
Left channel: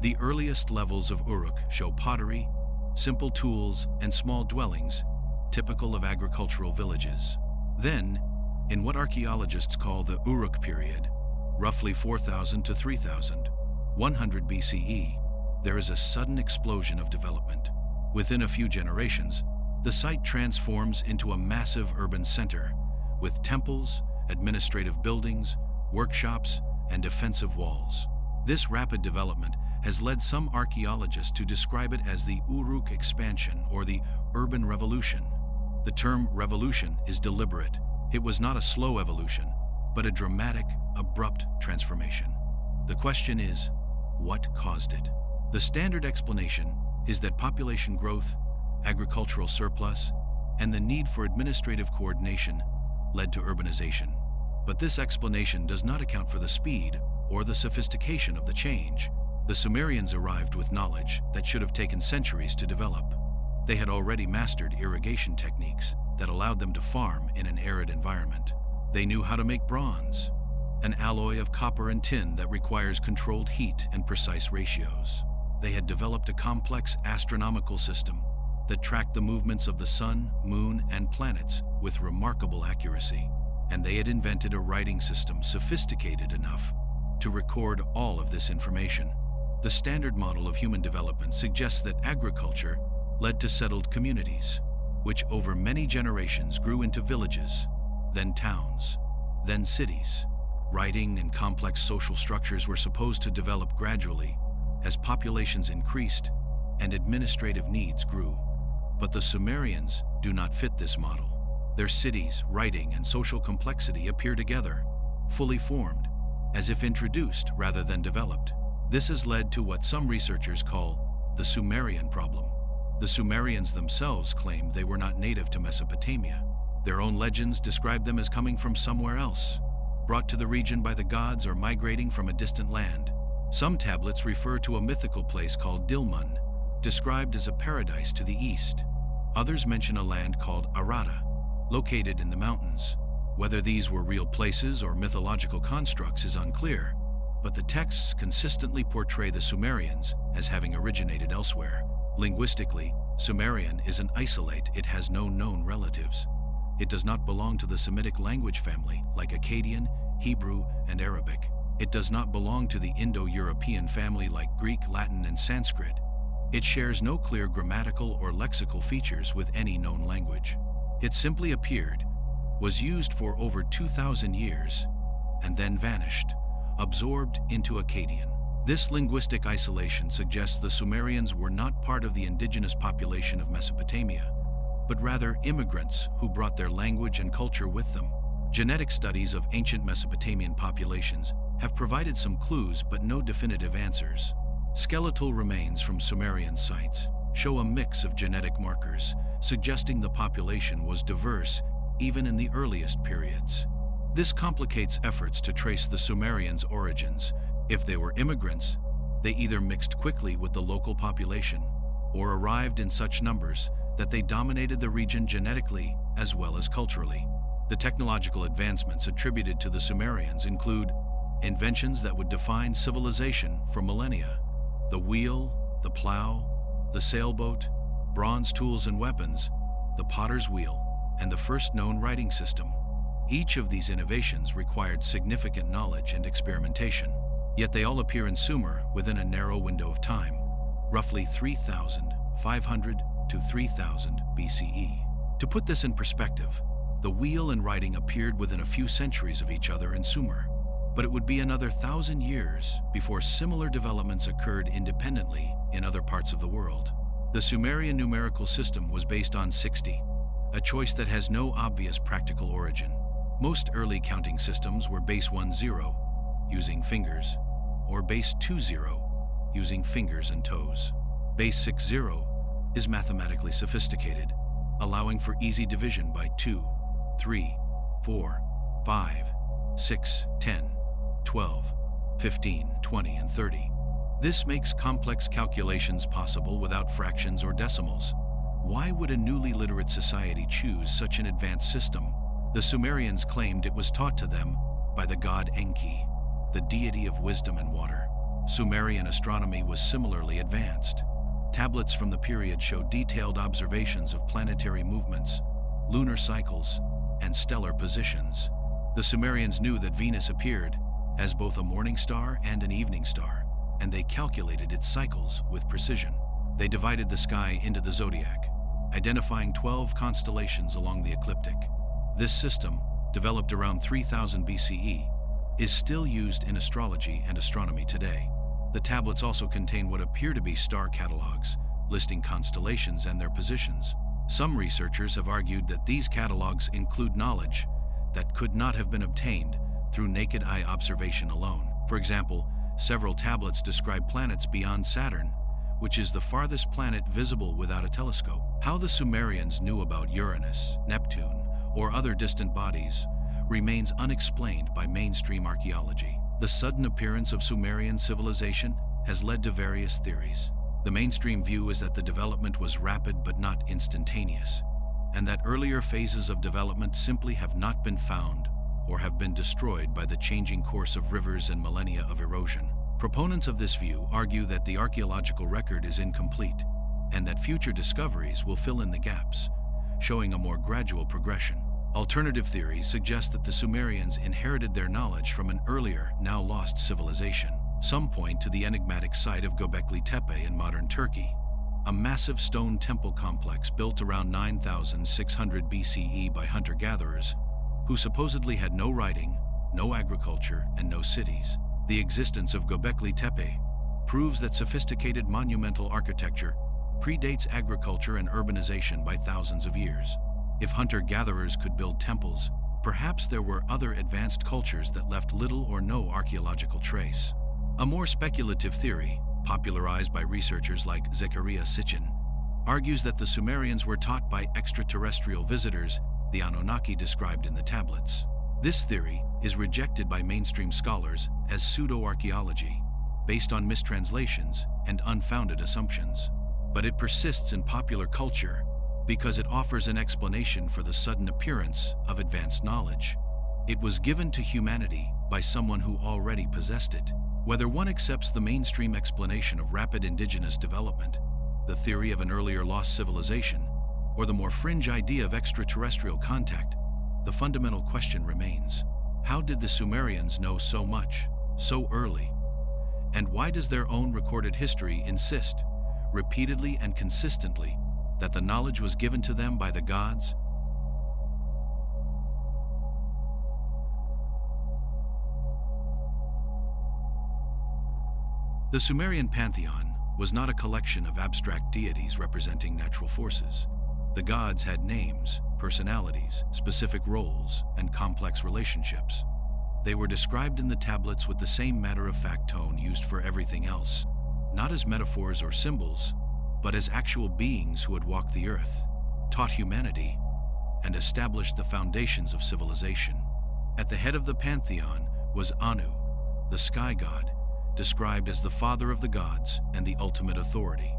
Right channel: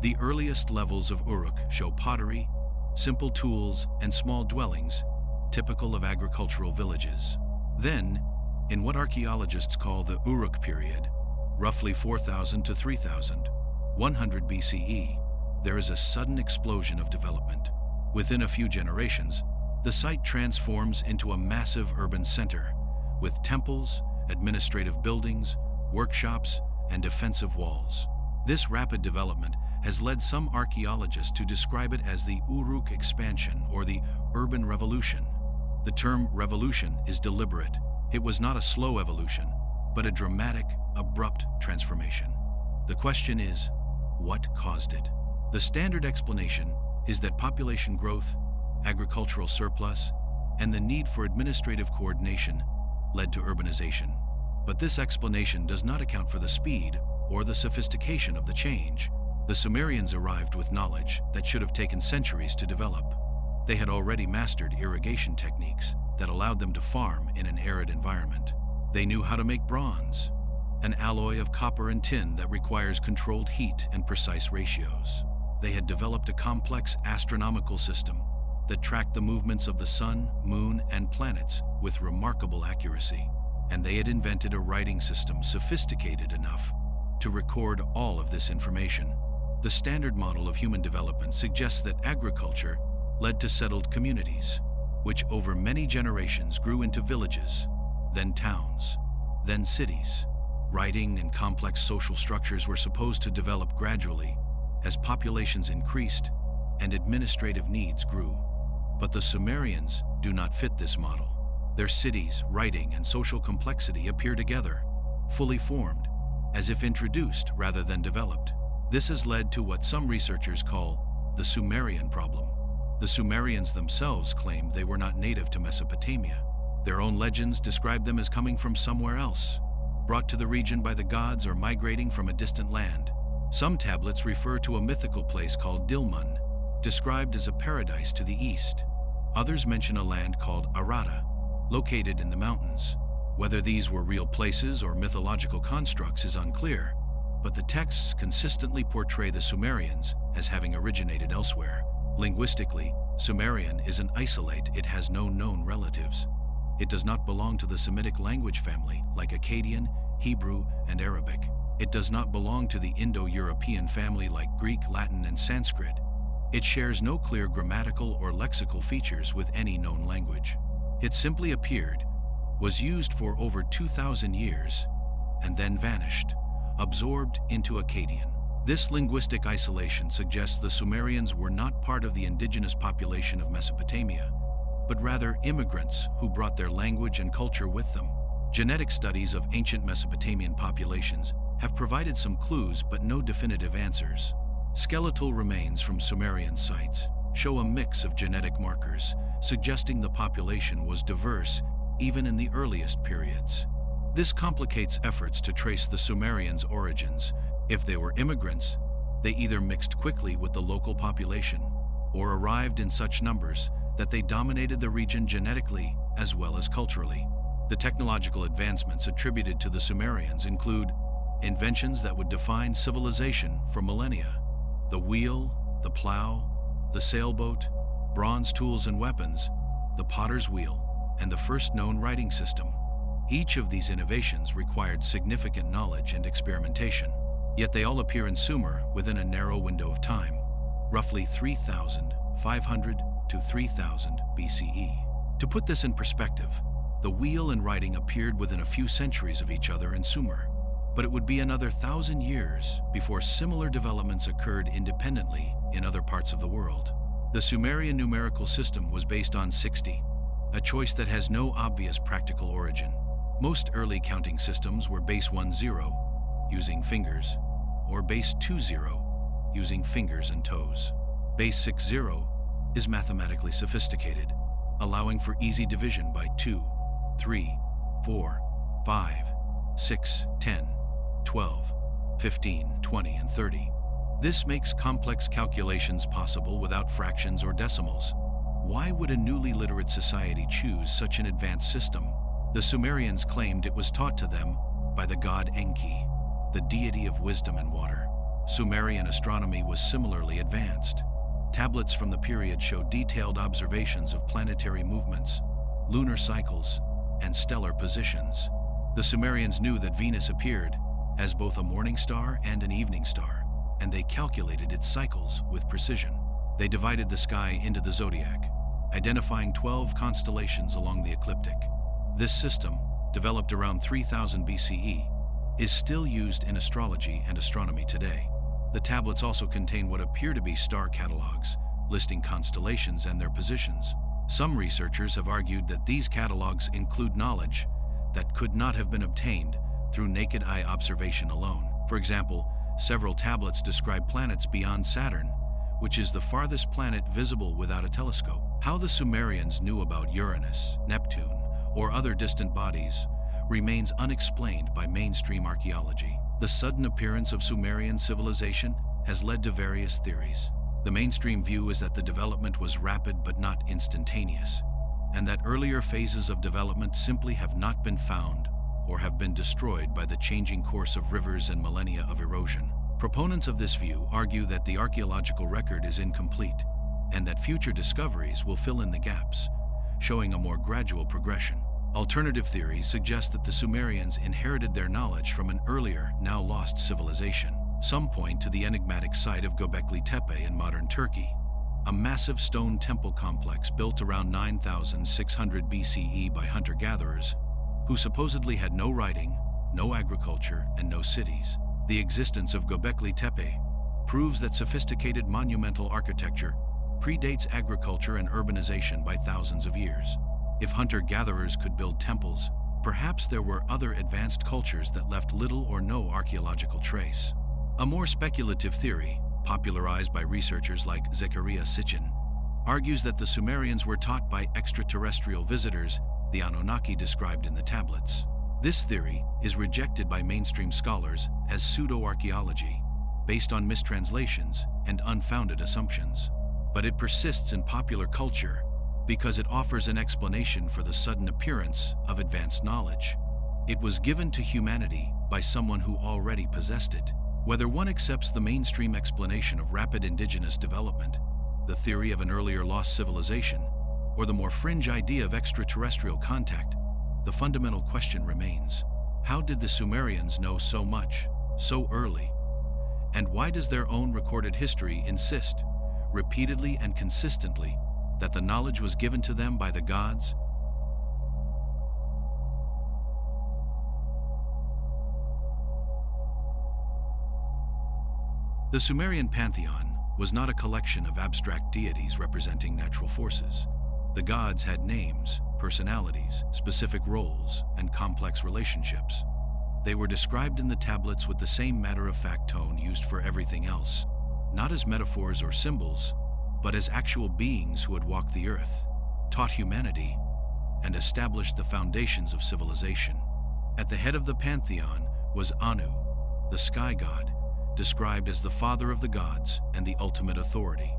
The earliest levels of Uruk show pottery, simple tools, and small dwellings, typical of agricultural villages. Then, in what archaeologists call the Uruk period, roughly 4000 to 3100 BCE, there is a sudden explosion of development. Within a few generations, the site transforms into a massive urban center with temples, administrative buildings, workshops, and defensive walls. This rapid development has led some archaeologists to describe it as the Uruk expansion or the urban revolution. The term revolution is deliberate. It was not a slow evolution, but a dramatic, abrupt transformation. The question is, what caused it? The standard explanation is that population growth, agricultural surplus, and the need for administrative coordination led to urbanization. But this explanation does not account for the speed or the sophistication of the change. The Sumerians arrived with knowledge that should have taken centuries to develop. They had already mastered irrigation techniques that allowed them to farm in an arid environment. They knew how to make bronze, an alloy of copper and tin that requires controlled heat and precise ratios. They had developed a complex astronomical system that tracked the movements of the sun, moon, and planets with remarkable accuracy. And they had invented a writing system sophisticated enough to record all of this information. The standard model of human development suggests that agriculture led to settled communities, which over many generations grew into villages, then towns, then cities. Writing and complex social structures were supposed to develop gradually as populations increased and administrative needs grew. But the Sumerians do not fit this model. Their cities, writing, and social complexity appear together, fully formed, as if introduced rather than developed. This has led to what some researchers call the Sumerian problem. The Sumerians themselves claimed they were not native to Mesopotamia. Their own legends described them as coming from somewhere else, brought to the region by the gods or migrating from a distant land. Some tablets refer to a mythical place called Dilmun, described as a paradise to the east. Others mention a land called Arata, located in the mountains. Whether these were real places or mythological constructs is unclear, but the texts consistently portray the Sumerians as having originated elsewhere. Linguistically, Sumerian is an isolate. It has no known relatives. It does not belong to the Semitic language family like Akkadian, Hebrew, and Arabic. It does not belong to the Indo-European family like Greek, Latin, and Sanskrit. It shares no clear grammatical or lexical features with any known language. It simply appeared, was used for over 2,000 years, and then vanished, absorbed into Akkadian. This linguistic isolation suggests the Sumerians were not part of the indigenous population of Mesopotamia, but rather immigrants who brought their language and culture with them. Genetic studies of ancient Mesopotamian populations have provided some clues but no definitive answers. Skeletal remains from Sumerian sites show a mix of genetic markers, suggesting the population was diverse even in the earliest periods. This complicates efforts to trace the Sumerians' origins. If they were immigrants, they either mixed quickly with the local population or arrived in such numbers that they dominated the region genetically as well as culturally. The technological advancements attributed to the Sumerians include inventions that would define civilization for millennia: the wheel, the plow, the sailboat, bronze tools and weapons, the potter's wheel, and the first known writing system. Each of these innovations required significant knowledge and experimentation. Yet they all appear in Sumer within a narrow window of time, roughly 3,500 to 3000 BCE. To put this in perspective, the wheel and writing appeared within a few centuries of each other in Sumer, but it would be another 1,000 years before similar developments occurred independently in other parts of the world. The Sumerian numerical system was based on 60, a choice that has no obvious practical origin. Most early counting systems were base 10, using fingers, or base 20, using fingers and toes. Base 60 is mathematically sophisticated, allowing for easy division by 2, 3, 4, 5, 6, 10, 12, 15, 20, and 30. This makes complex calculations possible without fractions or decimals. Why would a newly literate society choose such an advanced system? The Sumerians claimed it was taught to them by the god Enki, the deity of wisdom and water. Sumerian astronomy was similarly advanced. Tablets from the period show detailed observations of planetary movements, lunar cycles, and stellar positions. The Sumerians knew that Venus appeared as both a morning star and an evening star, and they calculated its cycles with precision. They divided the sky into the zodiac, identifying 12 constellations along the ecliptic. This system, developed around 3000 BCE, is still used in astrology and astronomy today. The tablets also contain what appear to be star catalogs, listing constellations and their positions. Some researchers have argued that these catalogs include knowledge that could not have been obtained through naked eye observation alone. For example, several tablets describe planets beyond Saturn, which is the farthest planet visible without a telescope. How the Sumerians knew about Uranus, Neptune, or other distant bodies remains unexplained by mainstream archaeology. The sudden appearance of Sumerian civilization has led to various theories. The mainstream view is that the development was rapid but not instantaneous, and that earlier phases of development simply have not been found or have been destroyed by the changing course of rivers and millennia of erosion. Proponents of this view argue that the archaeological record is incomplete and that future discoveries will fill in the gaps, showing a more gradual progression. Alternative theories suggest that the Sumerians inherited their knowledge from an earlier, now lost civilization. Some point to the enigmatic site of Göbekli Tepe in modern Turkey, a massive stone temple complex built around 9600 BCE by hunter-gatherers, who supposedly had no writing, no agriculture, and no cities. The existence of Göbekli Tepe proves that sophisticated monumental architecture predates agriculture and urbanization by thousands of years. If hunter-gatherers could build temples, perhaps there were other advanced cultures that left little or no archaeological trace. A more speculative theory, popularized by researchers like Zechariah Sitchin, argues that the Sumerians were taught by extraterrestrial visitors, the Anunnaki described in the tablets. This theory is rejected by mainstream scholars as pseudo-archaeology, based on mistranslations and unfounded assumptions. But it persists in popular culture because it offers an explanation for the sudden appearance of advanced knowledge. It was given to humanity by someone who already possessed it. Whether one accepts the mainstream explanation of rapid indigenous development, the theory of an earlier lost civilization, or the more fringe idea of extraterrestrial contact, the fundamental question remains: how did the Sumerians know so much, so early? And why does their own recorded history insist, repeatedly and consistently, that the knowledge was given to them by the gods? The Sumerian pantheon was not a collection of abstract deities representing natural forces. The gods had names, personalities, specific roles, and complex relationships. They were described in the tablets with the same matter-of-fact tone used for everything else, not as metaphors or symbols, but as actual beings who had walked the earth, taught humanity, and established the foundations of civilization. At the head of the pantheon was Anu, the sky god, described as the father of the gods and the ultimate authority.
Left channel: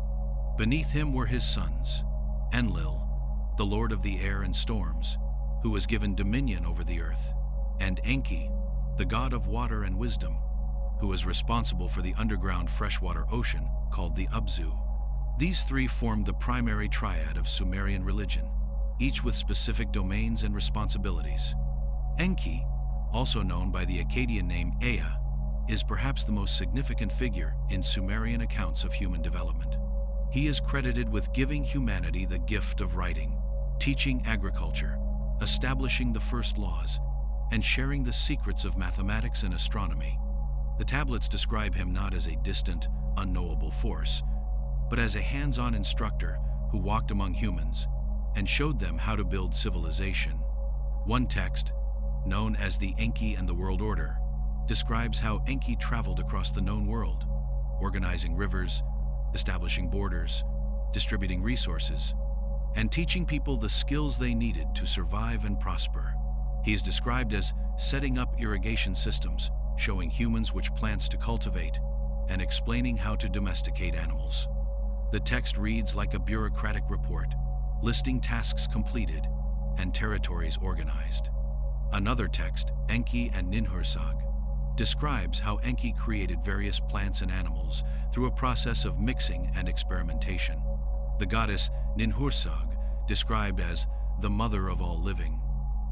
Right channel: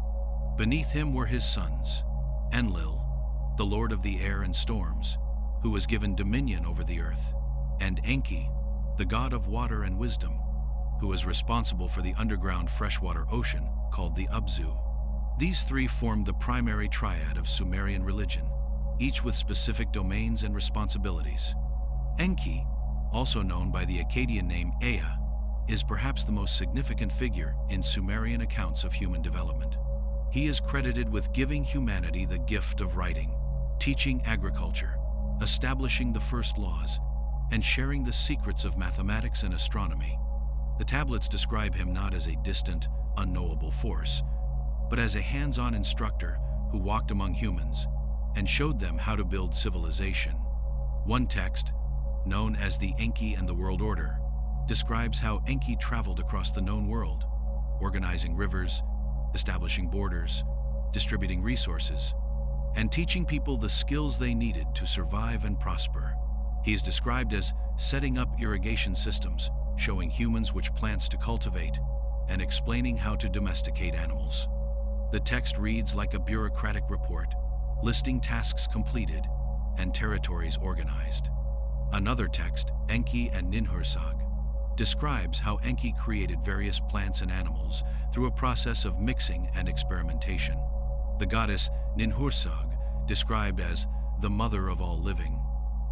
Beneath him were his sons, Enlil, the lord of the air and storms, who was given dominion over the earth, and Enki, the god of water and wisdom, who was responsible for the underground freshwater ocean called the Ubzu. These three formed the primary triad of Sumerian religion, each with specific domains and responsibilities. Enki, also known by the Akkadian name Ea, is perhaps the most significant figure in Sumerian accounts of human development. He is credited with giving humanity the gift of writing, teaching agriculture, establishing the first laws, and sharing the secrets of mathematics and astronomy. The tablets describe him not as a distant, unknowable force, but as a hands-on instructor who walked among humans and showed them how to build civilization. One text, known as the Enki and the World Order, describes how Enki traveled across the known world, organizing rivers, establishing borders, distributing resources, and teaching people the skills they needed to survive and prosper. He is described as setting up irrigation systems, showing humans which plants to cultivate, and explaining how to domesticate animals. The text reads like a bureaucratic report, listing tasks completed and territories organized. Another text, Enki and Ninhursag, describes how Enki created various plants and animals through a process of mixing and experimentation. The goddess Ninhursag, described as the mother of all living,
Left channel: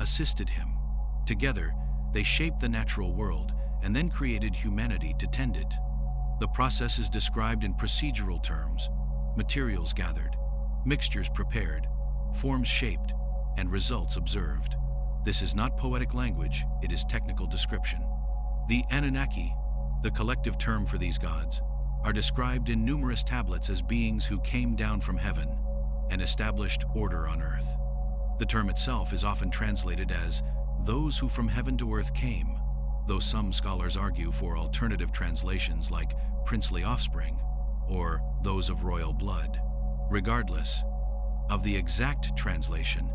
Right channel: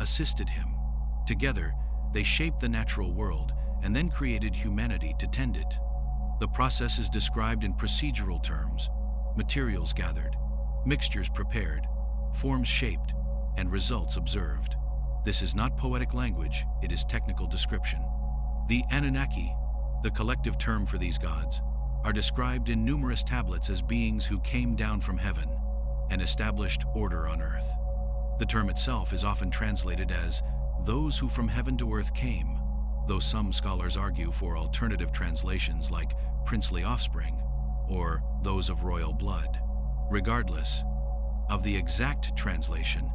assisted him. Together, they shaped the natural world and then created humanity to tend it. The process is described in procedural terms: materials gathered, mixtures prepared, forms shaped, and results observed. This is not poetic language, it is technical description. The Anunnaki, the collective term for these gods, are described in numerous tablets as beings who came down from heaven and established order on earth. The term itself is often translated as those who from heaven to earth came, though some scholars argue for alternative translations like princely offspring or those of royal blood. Regardless of the exact translation,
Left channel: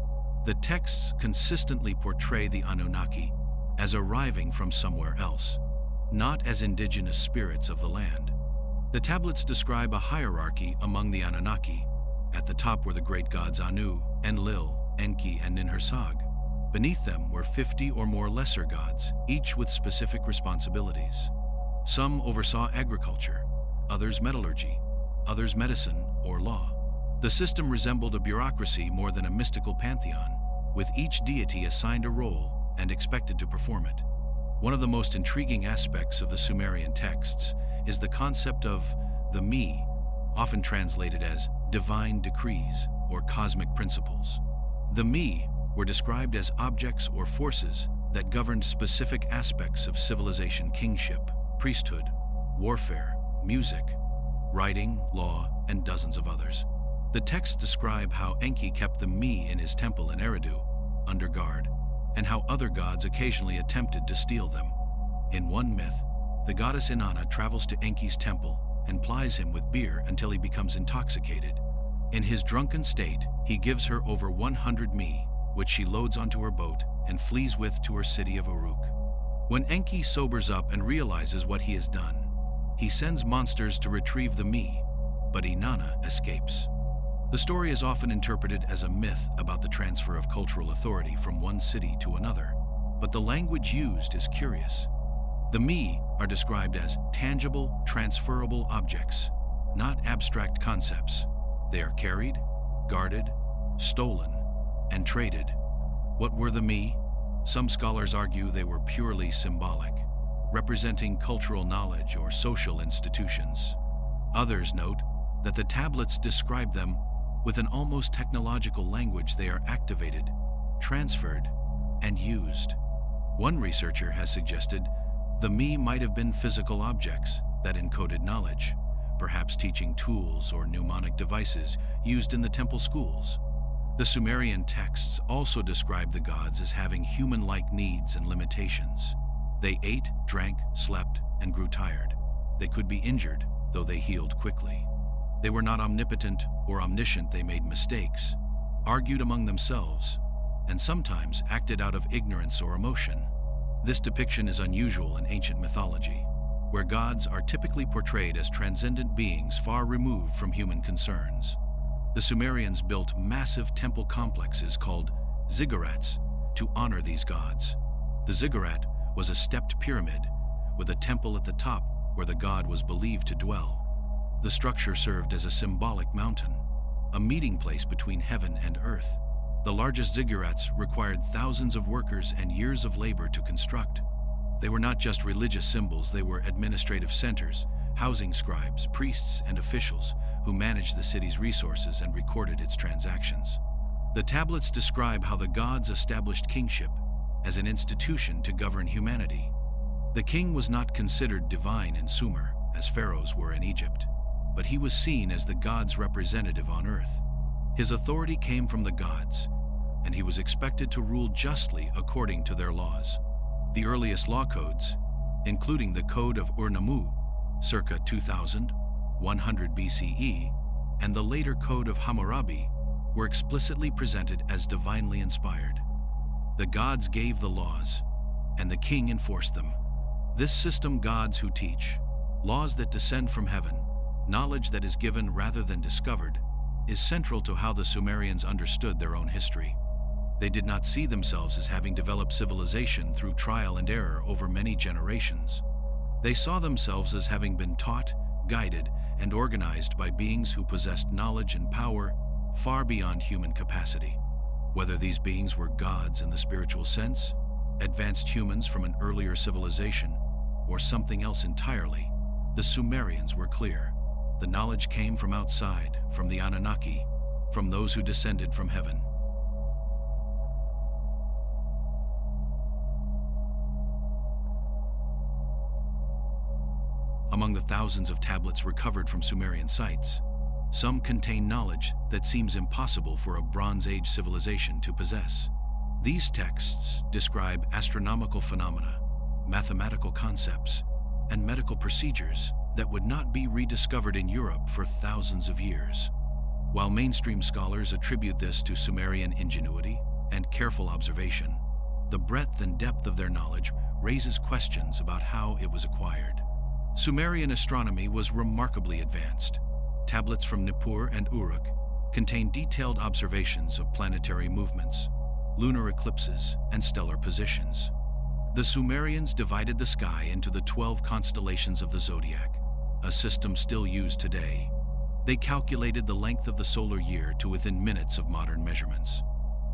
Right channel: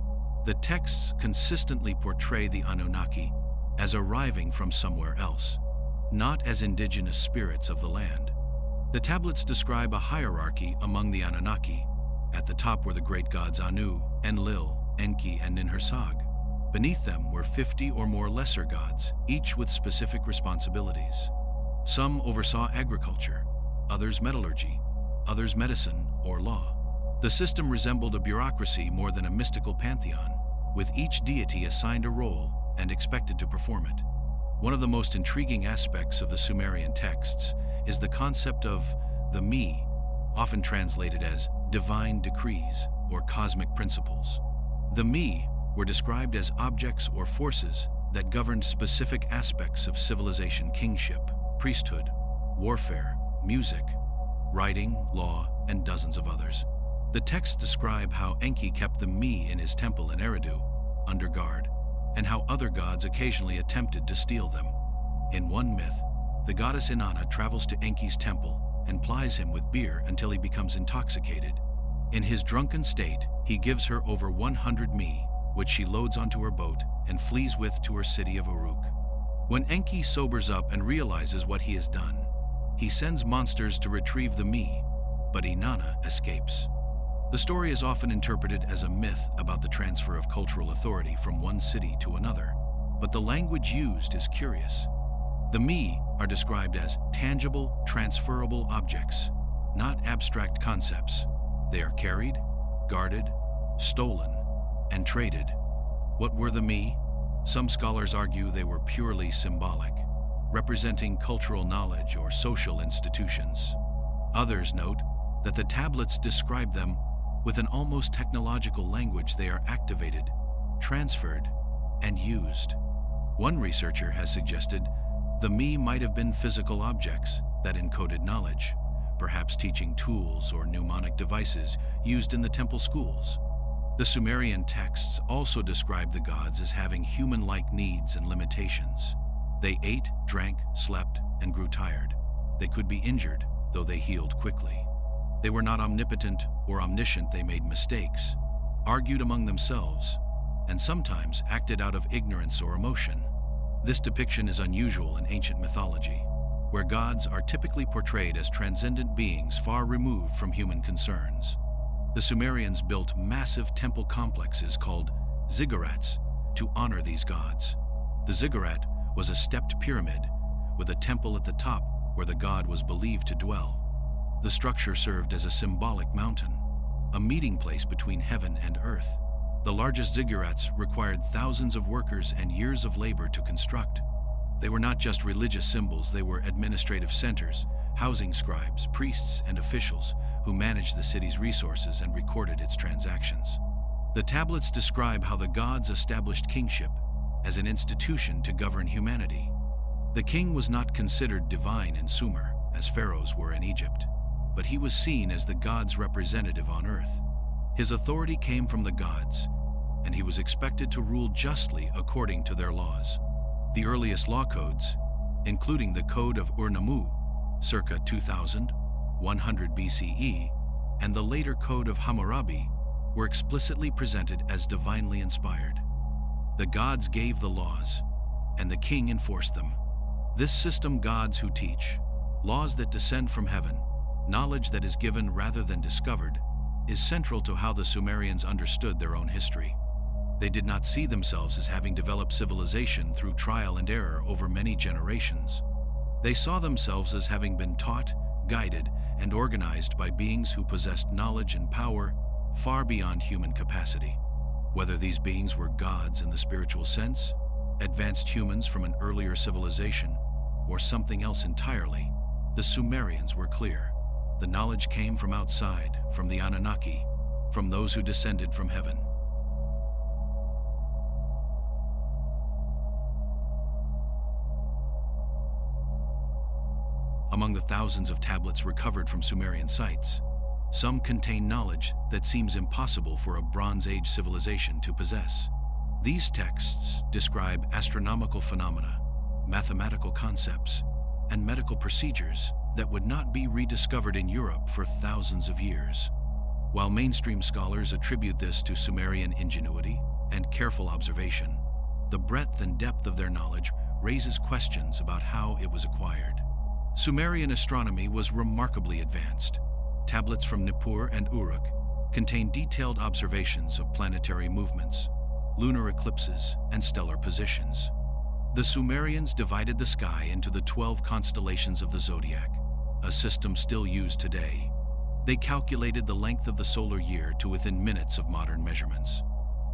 the texts consistently portray the Anunnaki as arriving from somewhere else, not as indigenous spirits of the land. The tablets describe a hierarchy among the Anunnaki. At the top were the great gods Anu, Enlil, Enki, and Ninhursag. Beneath them were 50 or more lesser gods, each with specific responsibilities. Some oversaw agriculture, others metallurgy, others medicine or law. The system resembled a bureaucracy more than a mystical pantheon, with each deity assigned a role and expected to perform it. One of the most intriguing aspects of the Sumerian texts is the concept of the me, often translated as divine decrees or cosmic principles. The me were described as objects or forces that governed specific aspects of civilization: kingship, priesthood, warfare, music, writing, law, and dozens of others. The texts describe how Enki kept the me in his temple in Eridu, under guard, and how other gods occasionally attempted to steal them. In one myth, the goddess Inanna travels to Enki's temple and plies him with beer until he becomes intoxicated. In his drunken state, he gives her over 100 me, which she loads onto her boat and flees with to her city of Uruk. When Enki sobers up and realizes what he has done, he sends monsters to retrieve the me, but Inanna escapes. The story is often interpreted as a myth about the transfer of cultural authority from one city to another, but the language used is curious. The me are described as tangible, transferable objects, not abstract concepts. They are carried, guarded, stolen, and traded. What were the me? Some scholars argue they were purely symbolic, representing cultural knowledge or social institutions. Others note that the tablets describe them with an almost technological language. They are activated, transferred, and used. One researcher has suggested the me might have been physical objects that encoded knowledge, perhaps teaching tools or mnemonic devices used in the temple schools. The Sumerian texts also describe the gods as having human-like needs and limitations. They ate, drank, slept, and grew tired. They could be injured, though they healed quickly. They were not omnipotent or omniscient. They made mistakes, argued among themselves, and sometimes acted out of ignorance or emotion. This depiction is unusual in ancient mythology, where gods are typically portrayed as transcendent beings far removed from human concerns. The Sumerians built massive temple complexes called ziggurats to honor these gods. The ziggurat was a stepped pyramid with a temple at the top where the god was believed to dwell. The structure served as a symbolic mountain, a meeting place between heaven and earth. The largest ziggurats required thousands of workers and years of labor to construct. They were not just religious symbols, they were administrative centers, housing scribes, priests, and officials who managed the city's resources and recorded its transactions. The tablets describe how the gods established kingship as an institution to govern humanity. The king was not considered divine in Sumer, as pharaohs were in Egypt, but he was seen as the gods' representative on earth. His authority came from the gods, and he was expected to rule justly according to their laws. The earliest law codes, including the Code of Ur-Nammu, circa 2100 BCE, and the later Code of Hammurabi, were explicitly presented as divinely inspired. The gods gave the laws, and the king enforced them. This system, gods who teach, laws that descend from heaven, knowledge that is given rather than discovered, is central to how the Sumerians understood their own history. They did not see themselves as having developed civilization through trial and error over many generations. They saw themselves as having been taught, guided, and organized by beings who possessed knowledge and power far beyond human capacity. Whether these beings were gods in the spiritual sense, advanced humans from an earlier civilization, or something else entirely, the Sumerians were clear. The knowledge came from outside, from the Anunnaki, from those who descended from heaven. Among the thousands of tablets recovered from Sumerian sites, some contain knowledge that seems impossible for a Bronze Age civilization to possess. These texts describe astronomical phenomena, mathematical concepts, and medical procedures that would not be rediscovered in Europe for thousands of years. While mainstream scholars attribute this to Sumerian ingenuity and careful observation, the breadth and depth of their knowledge raises questions about how it was acquired. Sumerian astronomy was remarkably advanced. Tablets from Nippur and Uruk contain detailed observations of planetary movements, lunar eclipses, and stellar positions. The Sumerians divided the sky into the 12 constellations of the zodiac, a system still used today. They calculated the length of the solar year to within minutes of modern measurements.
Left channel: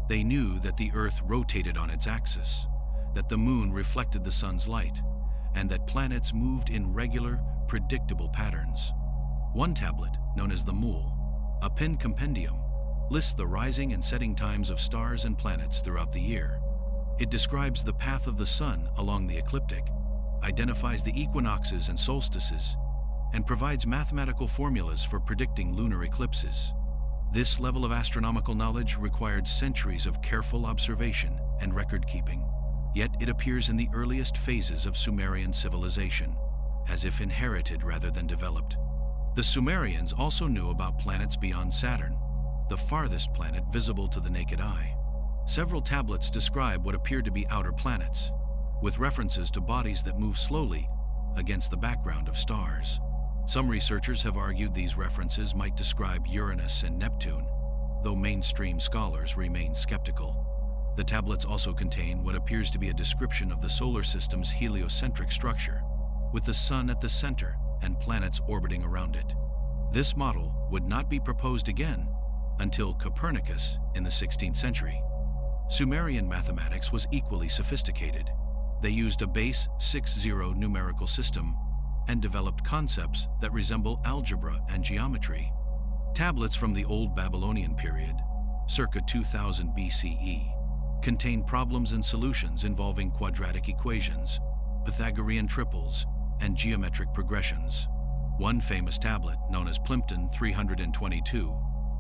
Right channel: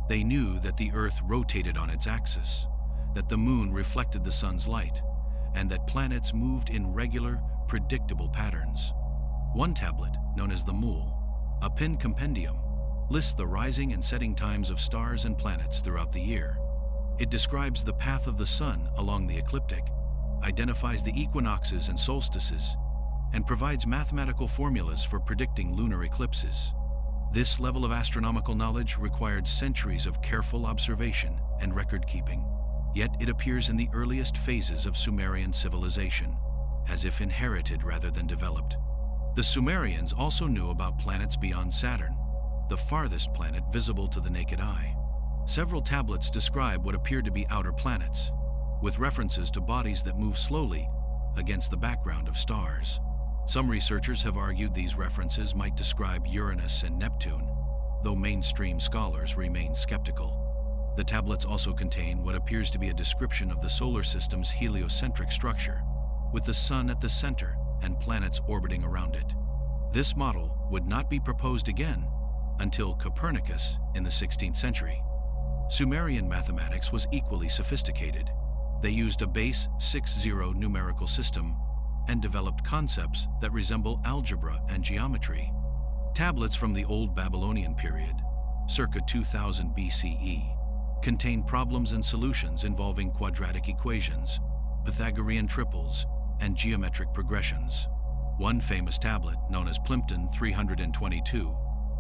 They knew that the Earth rotated on its axis, that the moon reflected the sun's light, and that planets moved in regular, predictable patterns. One tablet, known as the Mul, a pinned compendium, lists the rising and setting times of stars and planets throughout the year. It describes the path of the sun along the ecliptic, identifies the equinoxes and solstices, and provides mathematical formulas for predicting lunar eclipses. This level of astronomical knowledge required centuries of careful observation and record-keeping, yet it appears in the earliest phases of Sumerian civilization, as if inherited rather than developed. The Sumerians also knew about planets beyond Saturn, the farthest planet visible to the naked eye. Several tablets describe what appear to be outer planets, with references to bodies that move slowly against the background of stars. Some researchers have argued these references might describe Uranus and Neptune, though mainstream scholars remain skeptical. The tablets also contain what appears to be a description of the solar system's heliocentric structure, with the sun at the center and planets orbiting around it. This model would not be proposed again until Copernicus in the 16th century. Sumerian mathematics was equally sophisticated. They used a base 6-0 numerical system and developed concepts that resemble algebra and geometry. Tablets from the Old Babylonian period, circa 2000 BCE, contain problems and solutions involving quadratic equations, Pythagorean triples, and geometric progressions. One famous tablet, known as Plimpton 322,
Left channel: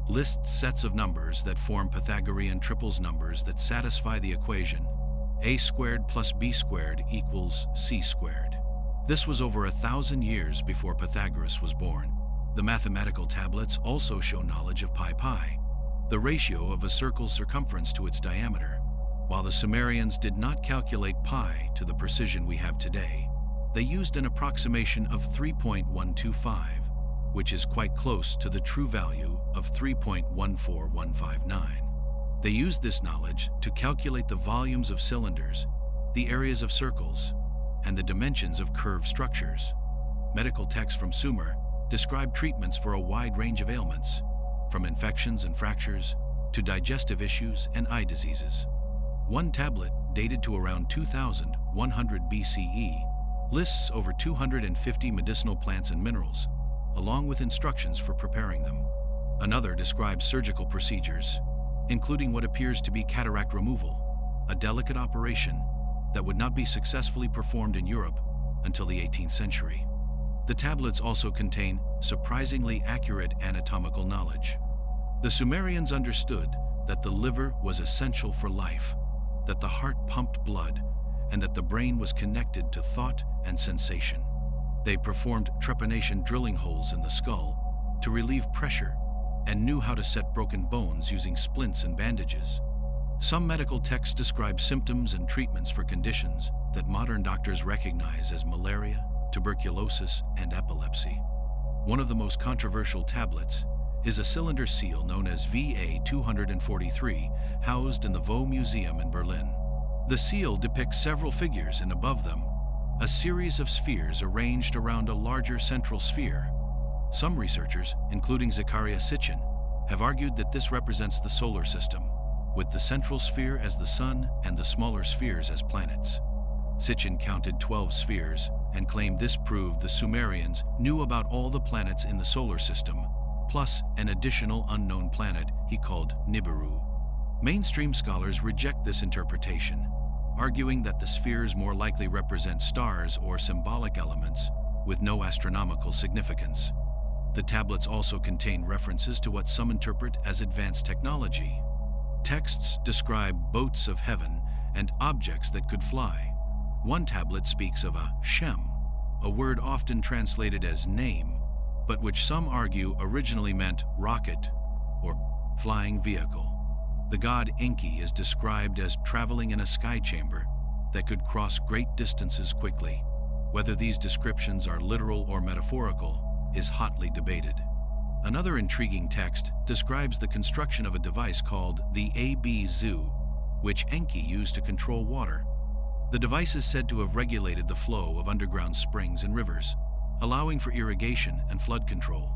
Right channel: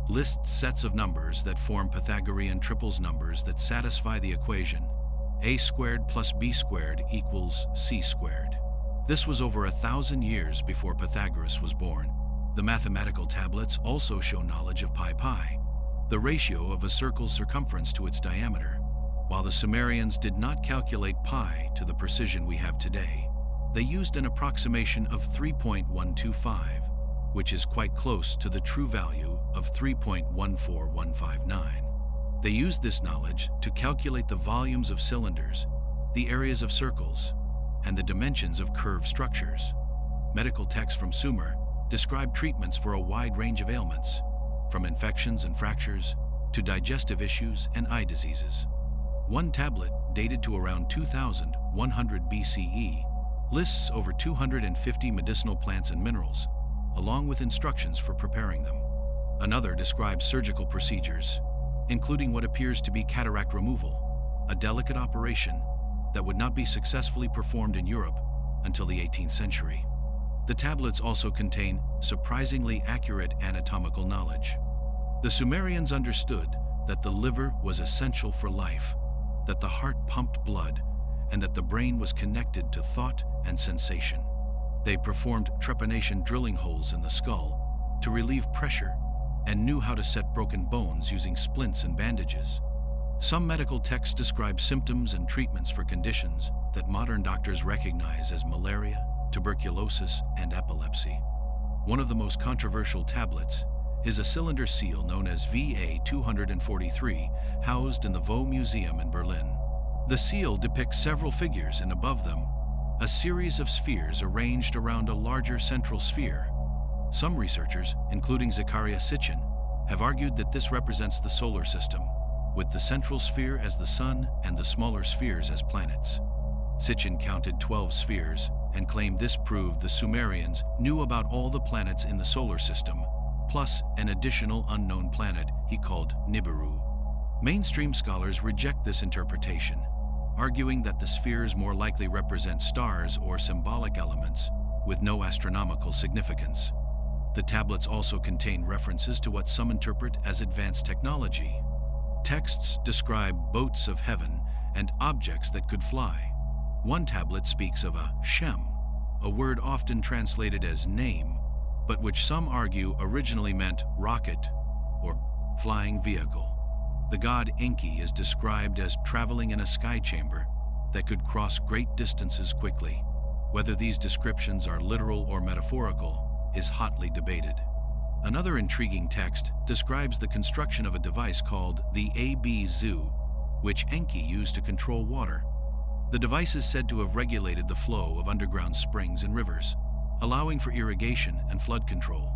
lists sets of numbers that form Pythagorean triples, numbers that satisfy the equation a squared plus b squared equals c squared. This was over 1,000 years before Pythagoras was born. The mathematical tablets also show knowledge of pi, the ratio of a circle's circumference to its diameter. While the Sumerians did not calculate pi to the precision we have today, they used an approximation of 3.125, which is quite close to the true value of 3.14159. They used this knowledge to calculate the volumes of cylinders, the areas of circles, and the dimensions of curved structures. Medical texts from Sumer describe treatments for a wide range of ailments, from infections and fractures to digestive issues and eye diseases. One tablet, dated to around 2100 BCE, lists over 250 medicinal plants and minerals, along with instructions for preparing them. Another describes surgical procedures, including what appears to be cataract removal, a delicate operation that would not be successfully performed in Europe until the 18th century. The tablets also contain surprisingly accurate anatomical knowledge. The Sumerians understood that the liver was essential for life, that the heart pumped blood, and that the brain was connected to thought and sensation. They performed trepanation drilling holes in the skull to relieve pressure and knew how to set broken bones using splints and bandages. Some medical texts describe symptoms and treatments for conditions that modern doctors recognize as malaria, tuberculosis, and epilepsy. One of the most controversial tablets is a cylinder seal known as VA 243, housed in the Vaux Museum in Berlin. The seal depicts several figures, and above them, a series of spheres arranged around a larger central sphere. Some researchers, including Zachariah Sitchin, have argued that this represents the solar system, with the central sphere as the sun and the smaller spheres as planets. Sitchin counted 12 spheres and claimed this proved the Sumerians knew about all the planets in the solar system, plus an additional unknown planet he called Nibiru. Mainstream scholars reject this interpretation, arguing that the spheres more likely represent stars or symbolic elements with no astronomical significance. The tablets also contain references to what some interpret as advanced technology. Texts describe boats of heaven and objects that could fly. One tablet speaks of a Shem, a word often translated as name, but which some argue originally meant rocket or flying vehicle. The god Enki is described as traveling in a sky chamber that could cross great distances quickly. Whether these descriptions are literal or metaphorical is hotly debated. Another intriguing text describes the construction of a device called the Ab-Zu, which Enki used to control water. The device is said to have regulated the flow of underground springs and rivers, allowing for irrigation and flood control.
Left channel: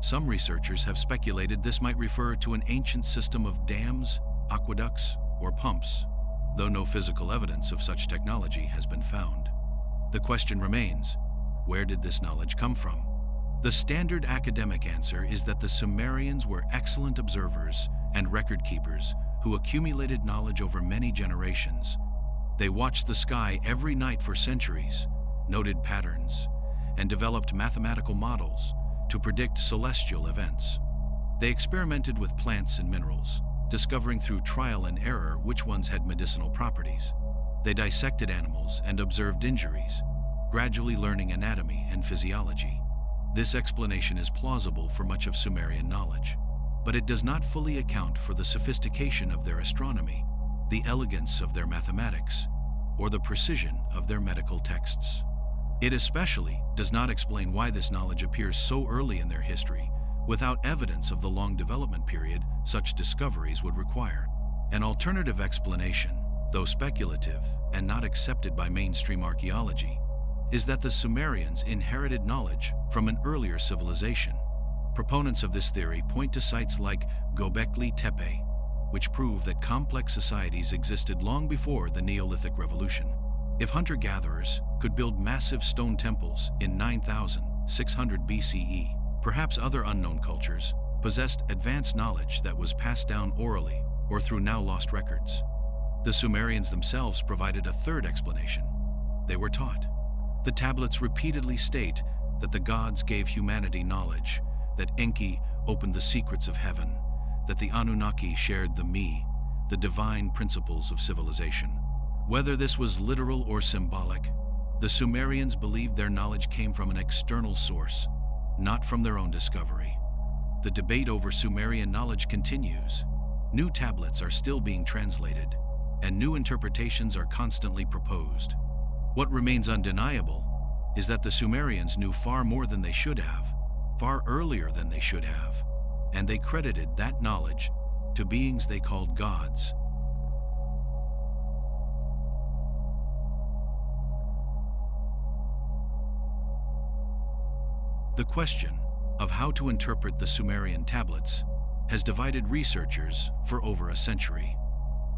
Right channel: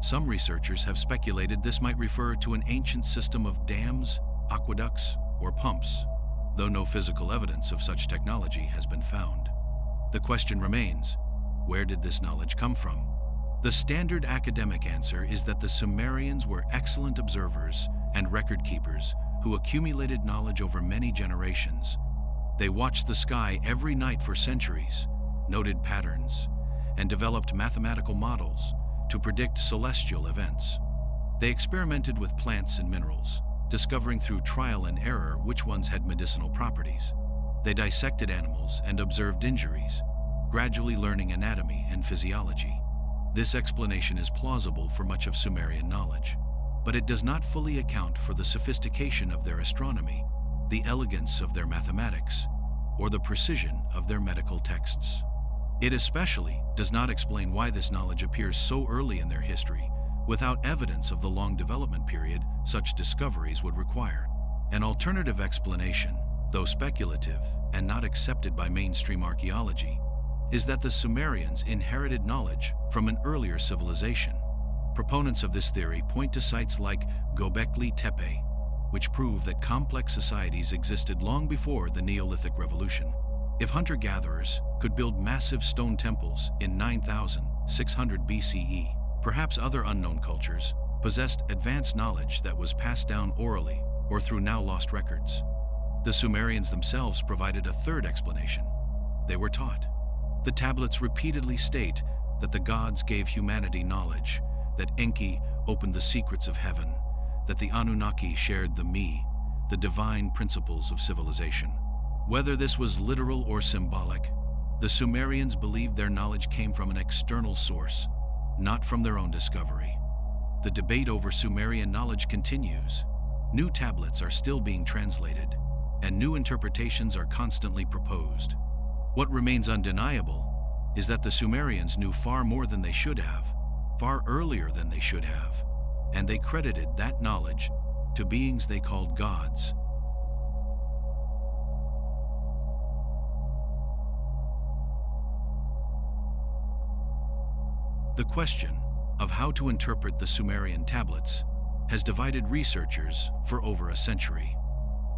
Some researchers have speculated this might refer to an ancient system of dams, aqueducts, or pumps, though no physical evidence of such technology has been found. The question remains, where did this knowledge come from? The standard academic answer is that the Sumerians were excellent observers and record keepers who accumulated knowledge over many generations. They watched the sky every night for centuries, noted patterns, and developed mathematical models to predict celestial events. They experimented with plants and minerals, discovering through trial and error which ones had medicinal properties. They dissected animals and observed injuries, gradually learning anatomy and physiology. This explanation is plausible for much of Sumerian knowledge, but it does not fully account for the sophistication of their astronomy, the elegance of their mathematics, or the precision of their medical texts. It especially does not explain why this knowledge appears so early in their history, without evidence of the long development period such discoveries would require. An alternative explanation, though speculative and not accepted by mainstream archaeology, is that the Sumerians inherited knowledge from an earlier civilization. Proponents of this theory point to sites like Göbekli Tepe, which prove that complex societies existed long before the Neolithic Revolution. If hunter-gatherers could build massive stone temples in 9600 BCE, perhaps other unknown cultures possessed advanced knowledge that was passed down orally or through now lost records. The Sumerians themselves provided a third explanation. They were taught. The tablets repeatedly state that the gods gave humanity knowledge, that Enki opened the secrets of heaven, that the Anunnaki shared the divine principles of civilization. Whether this was literal or symbolic, the Sumerians believed their knowledge came from an external source, not from their own discovery. The debate over Sumerian knowledge continues. New tablets are still being translated, and new interpretations are constantly proposed. What remains undeniable is that the Sumerians knew far more than they should have, far earlier than they should have, and they credited that knowledge to beings they called gods. The question of how to interpret the Sumerian tablets has divided researchers for over a century.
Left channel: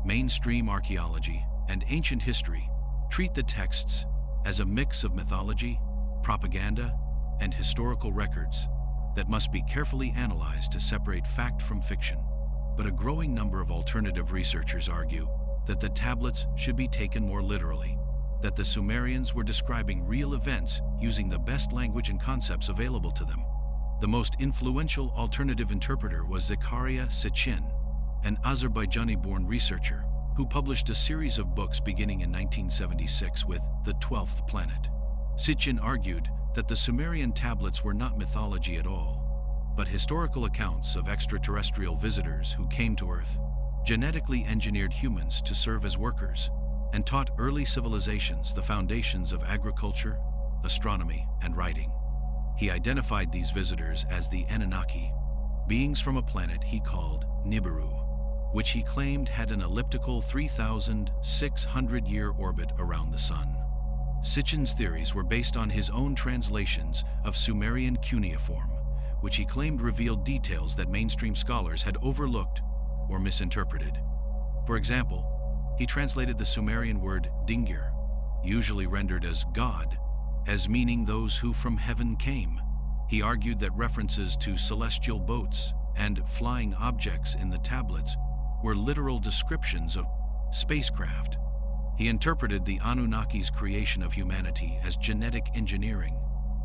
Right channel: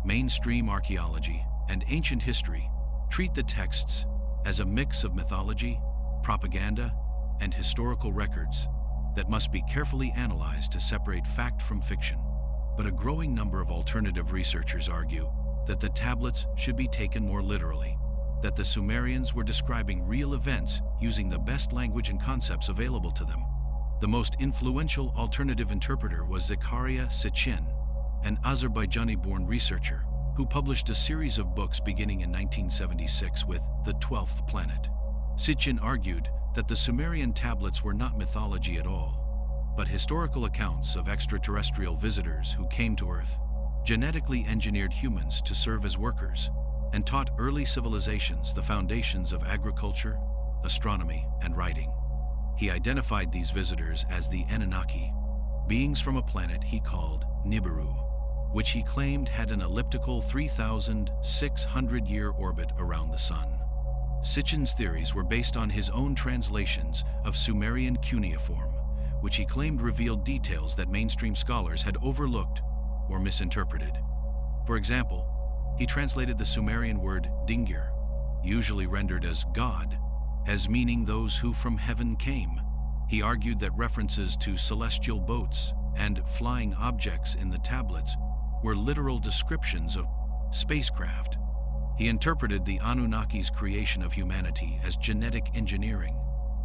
Mainstream archaeology and ancient history treat the texts as a mix of mythology, propaganda, and historical records that must be carefully analyzed to separate fact from fiction. But a growing number of alternative researchers argue that the tablets should be taken more literally, that the Sumerians were describing real events using the best language and concepts available to them. The most influential alternative interpreter was Zakaria Sitchin, an Azerbaijani-born researcher who published a series of books beginning in 1976 with The 12th Planet. Sitchin argued that the Sumerian tablets were not mythology at all, but historical accounts of extraterrestrial visitors who came to Earth, genetically engineered humans to serve as workers, and taught early civilizations the foundations of agriculture, astronomy, and writing. He identified these visitors as the Anunnaki, beings from a planet he called Nibiru, which he claimed had an elliptical 3,600-year orbit around the Sun. Sitchin's theories were based on his own translations of Sumerian cuneiform, which he claimed revealed details that mainstream scholars had overlooked or misinterpreted. For example, he translated the Sumerian word dingir, usually rendered as God, as meaning those who from heaven came. He argued that references to celestial boats and flying objects in the tablets were literal descriptions of spacecraft. He interpreted the Anunnaki's creation of humanity as genetic engineering,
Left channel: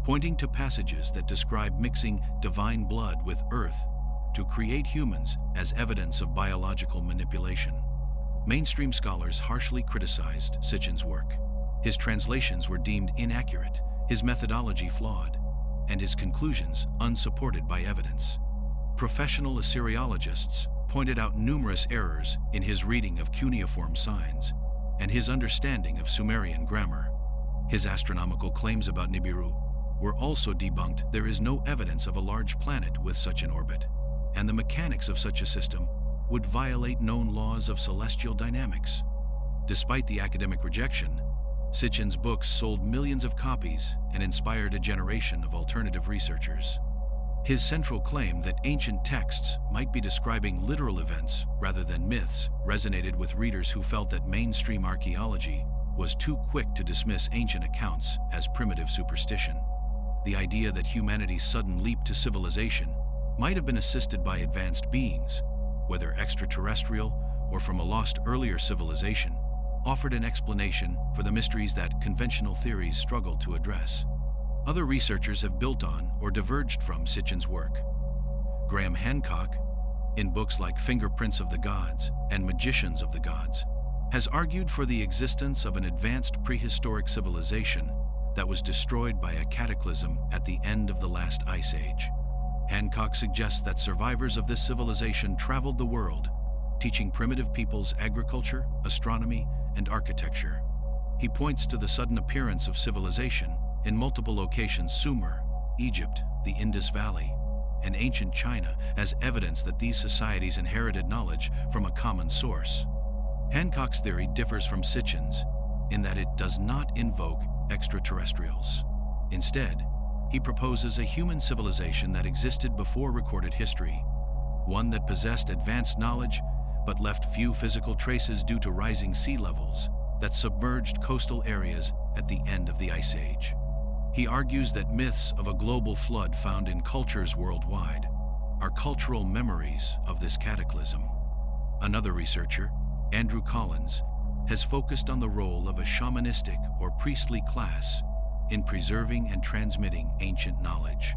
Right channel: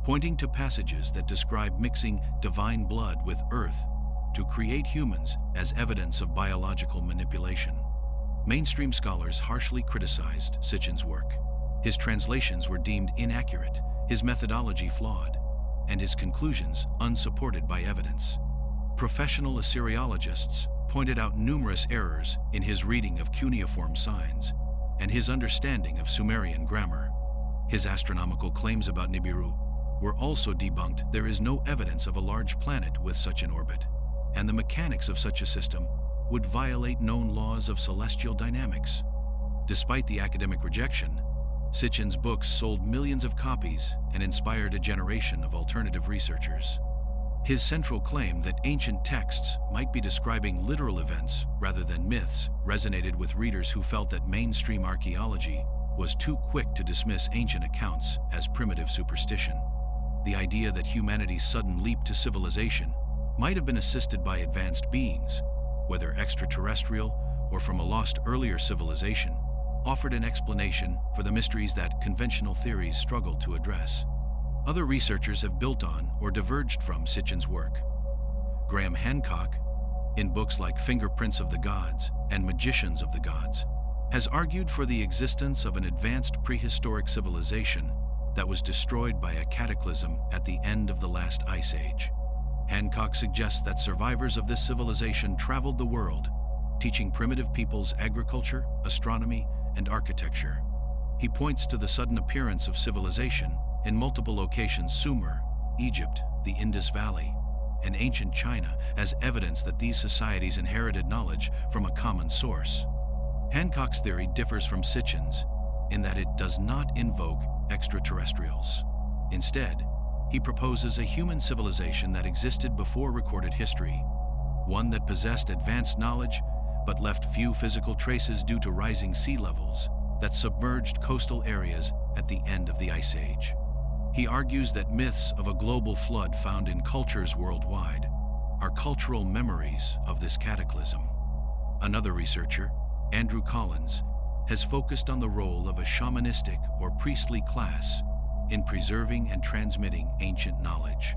pointing to passages that describe mixing divine blood with earth to create humans as evidence of biological manipulation. Mainstream scholars harshly criticized Sitchin's work. His translations were deemed inaccurate, his methodology flawed, and his conclusions unsupported by evidence. Professional Assyriologists pointed out numerous errors in his reading of cuneiform signs and his understanding of Sumerian grammar. His astronomical claims about Nibiru were also debunked. There is no evidence of a large planet with such an orbit, and the mechanics of such a system would violate known laws of celestial dynamics. Despite the academic rejection, Sitchin's books sold millions of copies and inspired a generation of alternative researchers. His central claim that ancient texts might be describing literal events rather than myths resonated with readers who felt that mainstream archaeology was too quick to dismiss ancient accounts as primitive superstition. The idea that humanity's sudden leap to civilization might have been assisted by advanced beings, whether extraterrestrial or from a lost earlier civilization, offered an explanation for the mysteries that conventional theories struggled to address. Other researchers have built on or diverged from Sitchin's work. Graham Hancock, in books like Fingerprints of the Gods and Magicians of the Gods, has argued for the existence of an advanced prehistoric civilization that was destroyed by a cataclysm at the end of the last ice age. Hancock suggests that survivors of this civilization traveled the world, teaching primitive peoples agriculture, astronomy, and architecture. He points to the sudden appearance of civilization in multiple locations: Sumer, Egypt, the Indus Valley, and ancient China, as evidence that these societies inherited knowledge from a common source. Hancock's theory differs from Sitchin's in that it does not invoke extraterrestrials. Instead, he proposes a human civilization that existed before recorded history, one that possessed advanced knowledge but left few physical traces due to rising sea levels that submerged coastal areas at the end of the Ice Age. He argues that myths of a global flood found in cultures worldwide are cultural memories of this cataclysm. Another researcher, Andrew Collins, has focused on the role of a shamanistic or priestly class in preserving and transmitting ancient knowledge.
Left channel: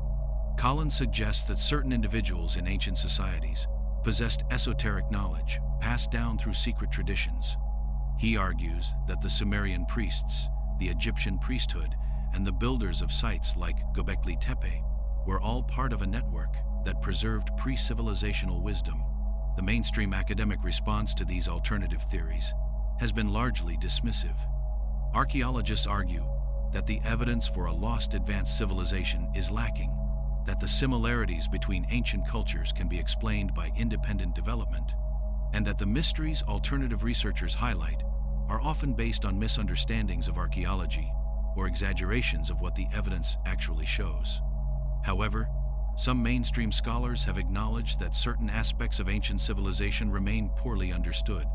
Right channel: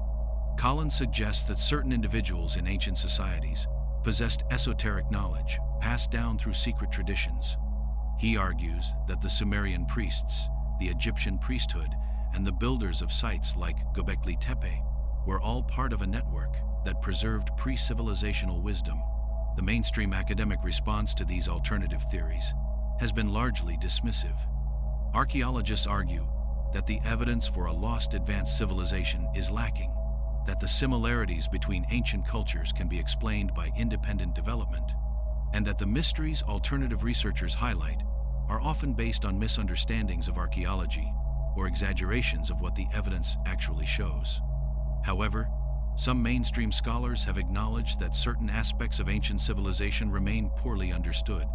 Collins suggests that certain individuals in ancient societies possessed esoteric knowledge passed down through secret traditions. He argues that the Sumerian priests, the Egyptian priesthood, and the builders of sites like Göbekli Tepe were all part of a network that preserved pre-civilizational wisdom. The mainstream academic response to these alternative theories has been largely dismissive. Archaeologists argue that the evidence for a lost advanced civilization is lacking, that the similarities between ancient cultures can be explained by independent development, and that the mysteries alternative researchers highlight are often based on misunderstandings of archaeology or exaggerations of what the evidence actually shows. However, some mainstream scholars have acknowledged that certain aspects of ancient civilization remain poorly understood.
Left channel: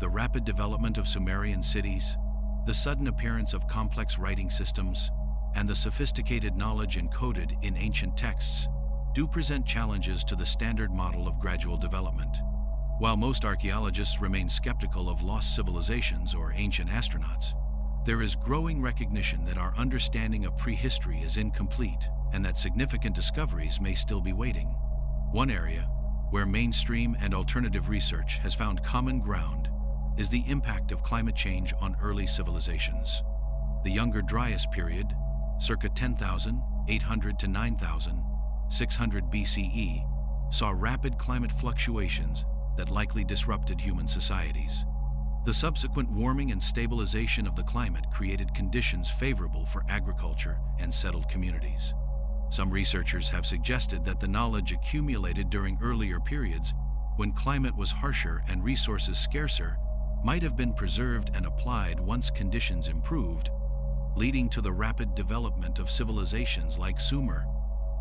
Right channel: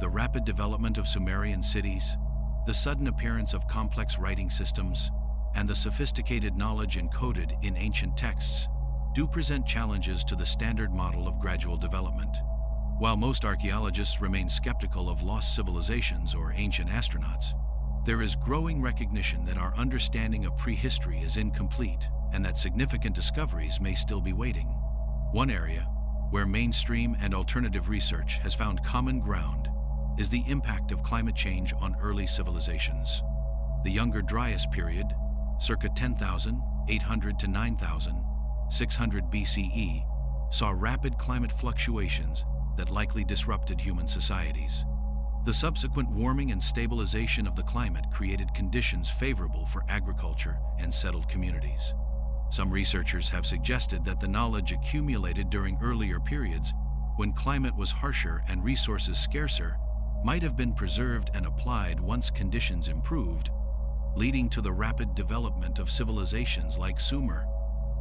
The rapid development of Sumerian cities, the sudden appearance of complex writing systems, and the sophisticated knowledge encoded in ancient texts do present challenges to the standard model of gradual development. While most archaeologists remain skeptical of lost civilizations or ancient astronauts, there is growing recognition that our understanding of prehistory is incomplete and that significant discoveries may still be waiting. One area where mainstream and alternative research has found common ground is the impact of climate change on early civilizations. The Younger Dryas period, circa 10,800 to 9,600 BCE, saw rapid climate fluctuations that likely disrupted human societies. The subsequent warming and stabilization of the climate created conditions favorable for agriculture and settled communities. Some researchers have suggested that the knowledge accumulated during earlier periods, when climate was harsher and resources scarcer, might have been preserved and applied once conditions improved, leading to the rapid development of civilizations like Sumer.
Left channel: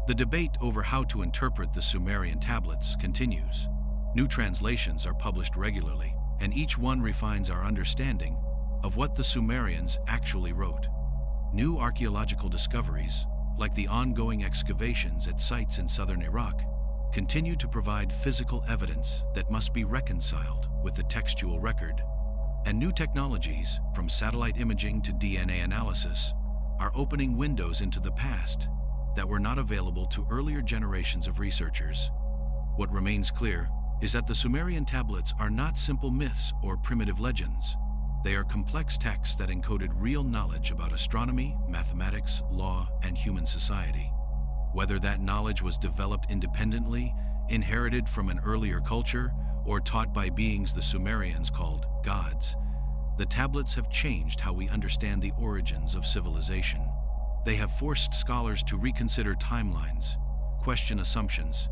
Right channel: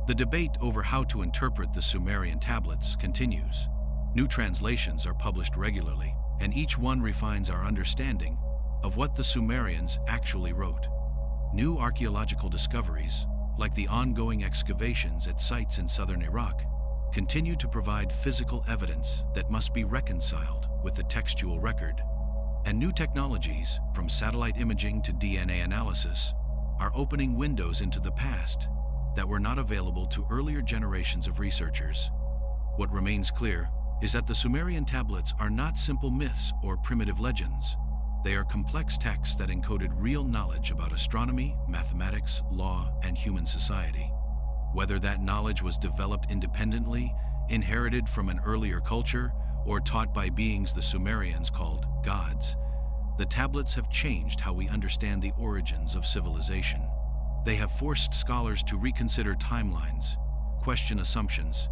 The debate over how to interpret the Sumerian tablets continues. New translations are published regularly, and each one refines our understanding of what the Sumerians actually wrote. New archaeological discoveries, like the ongoing excavations at sites in southern Iraq, continue to provide physical evidence that must be reconciled with the textual record. And new technologies, from satellite imaging to DNA analysis, are opening windows into the past that were not available to earlier generations of researchers. What remains clear is that the Sumerian tablets are not simple myths or primitive legends. They are complex texts that encoded real knowledge about astronomy, mathematics, law, and human society. Whether that knowledge was developed independently, inherited from an earlier culture, or taught by beings the Sumerians called gods, the tablets have changed how we understand the origins of civilization. They have forced scholars to reconsider timelines, question assumptions,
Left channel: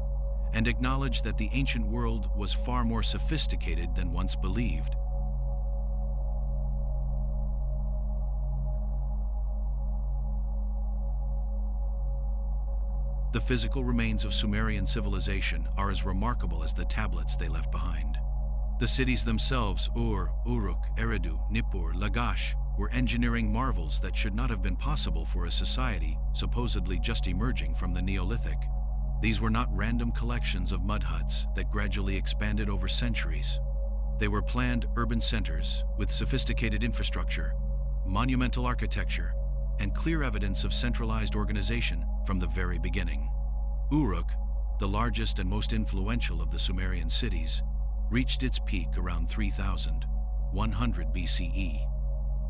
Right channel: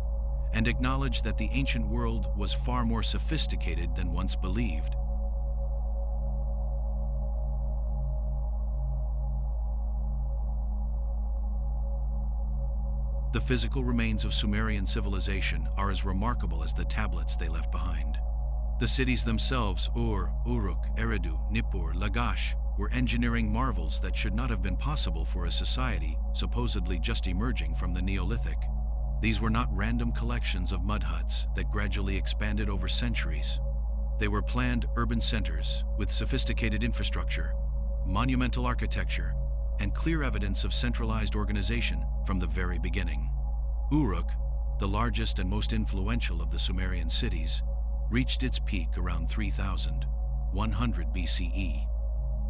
and acknowledge that the ancient world was far more sophisticated than once believed. The physical remains of Sumerian civilization are as remarkable as the tablets they left behind. The cities themselves, Ur, Uruk, Eridu, Nippur, Lagash, were engineering marvels that should not have been possible for a society supposedly just emerging from the Neolithic. These were not random collections of mud huts that gradually expanded over centuries. They were planned urban centers with sophisticated infrastructure, monumental architecture, and clear evidence of centralized organization from the very beginning. Uruk, the largest and most influential of the Sumerian cities, reached its peak around 3,100 BCE.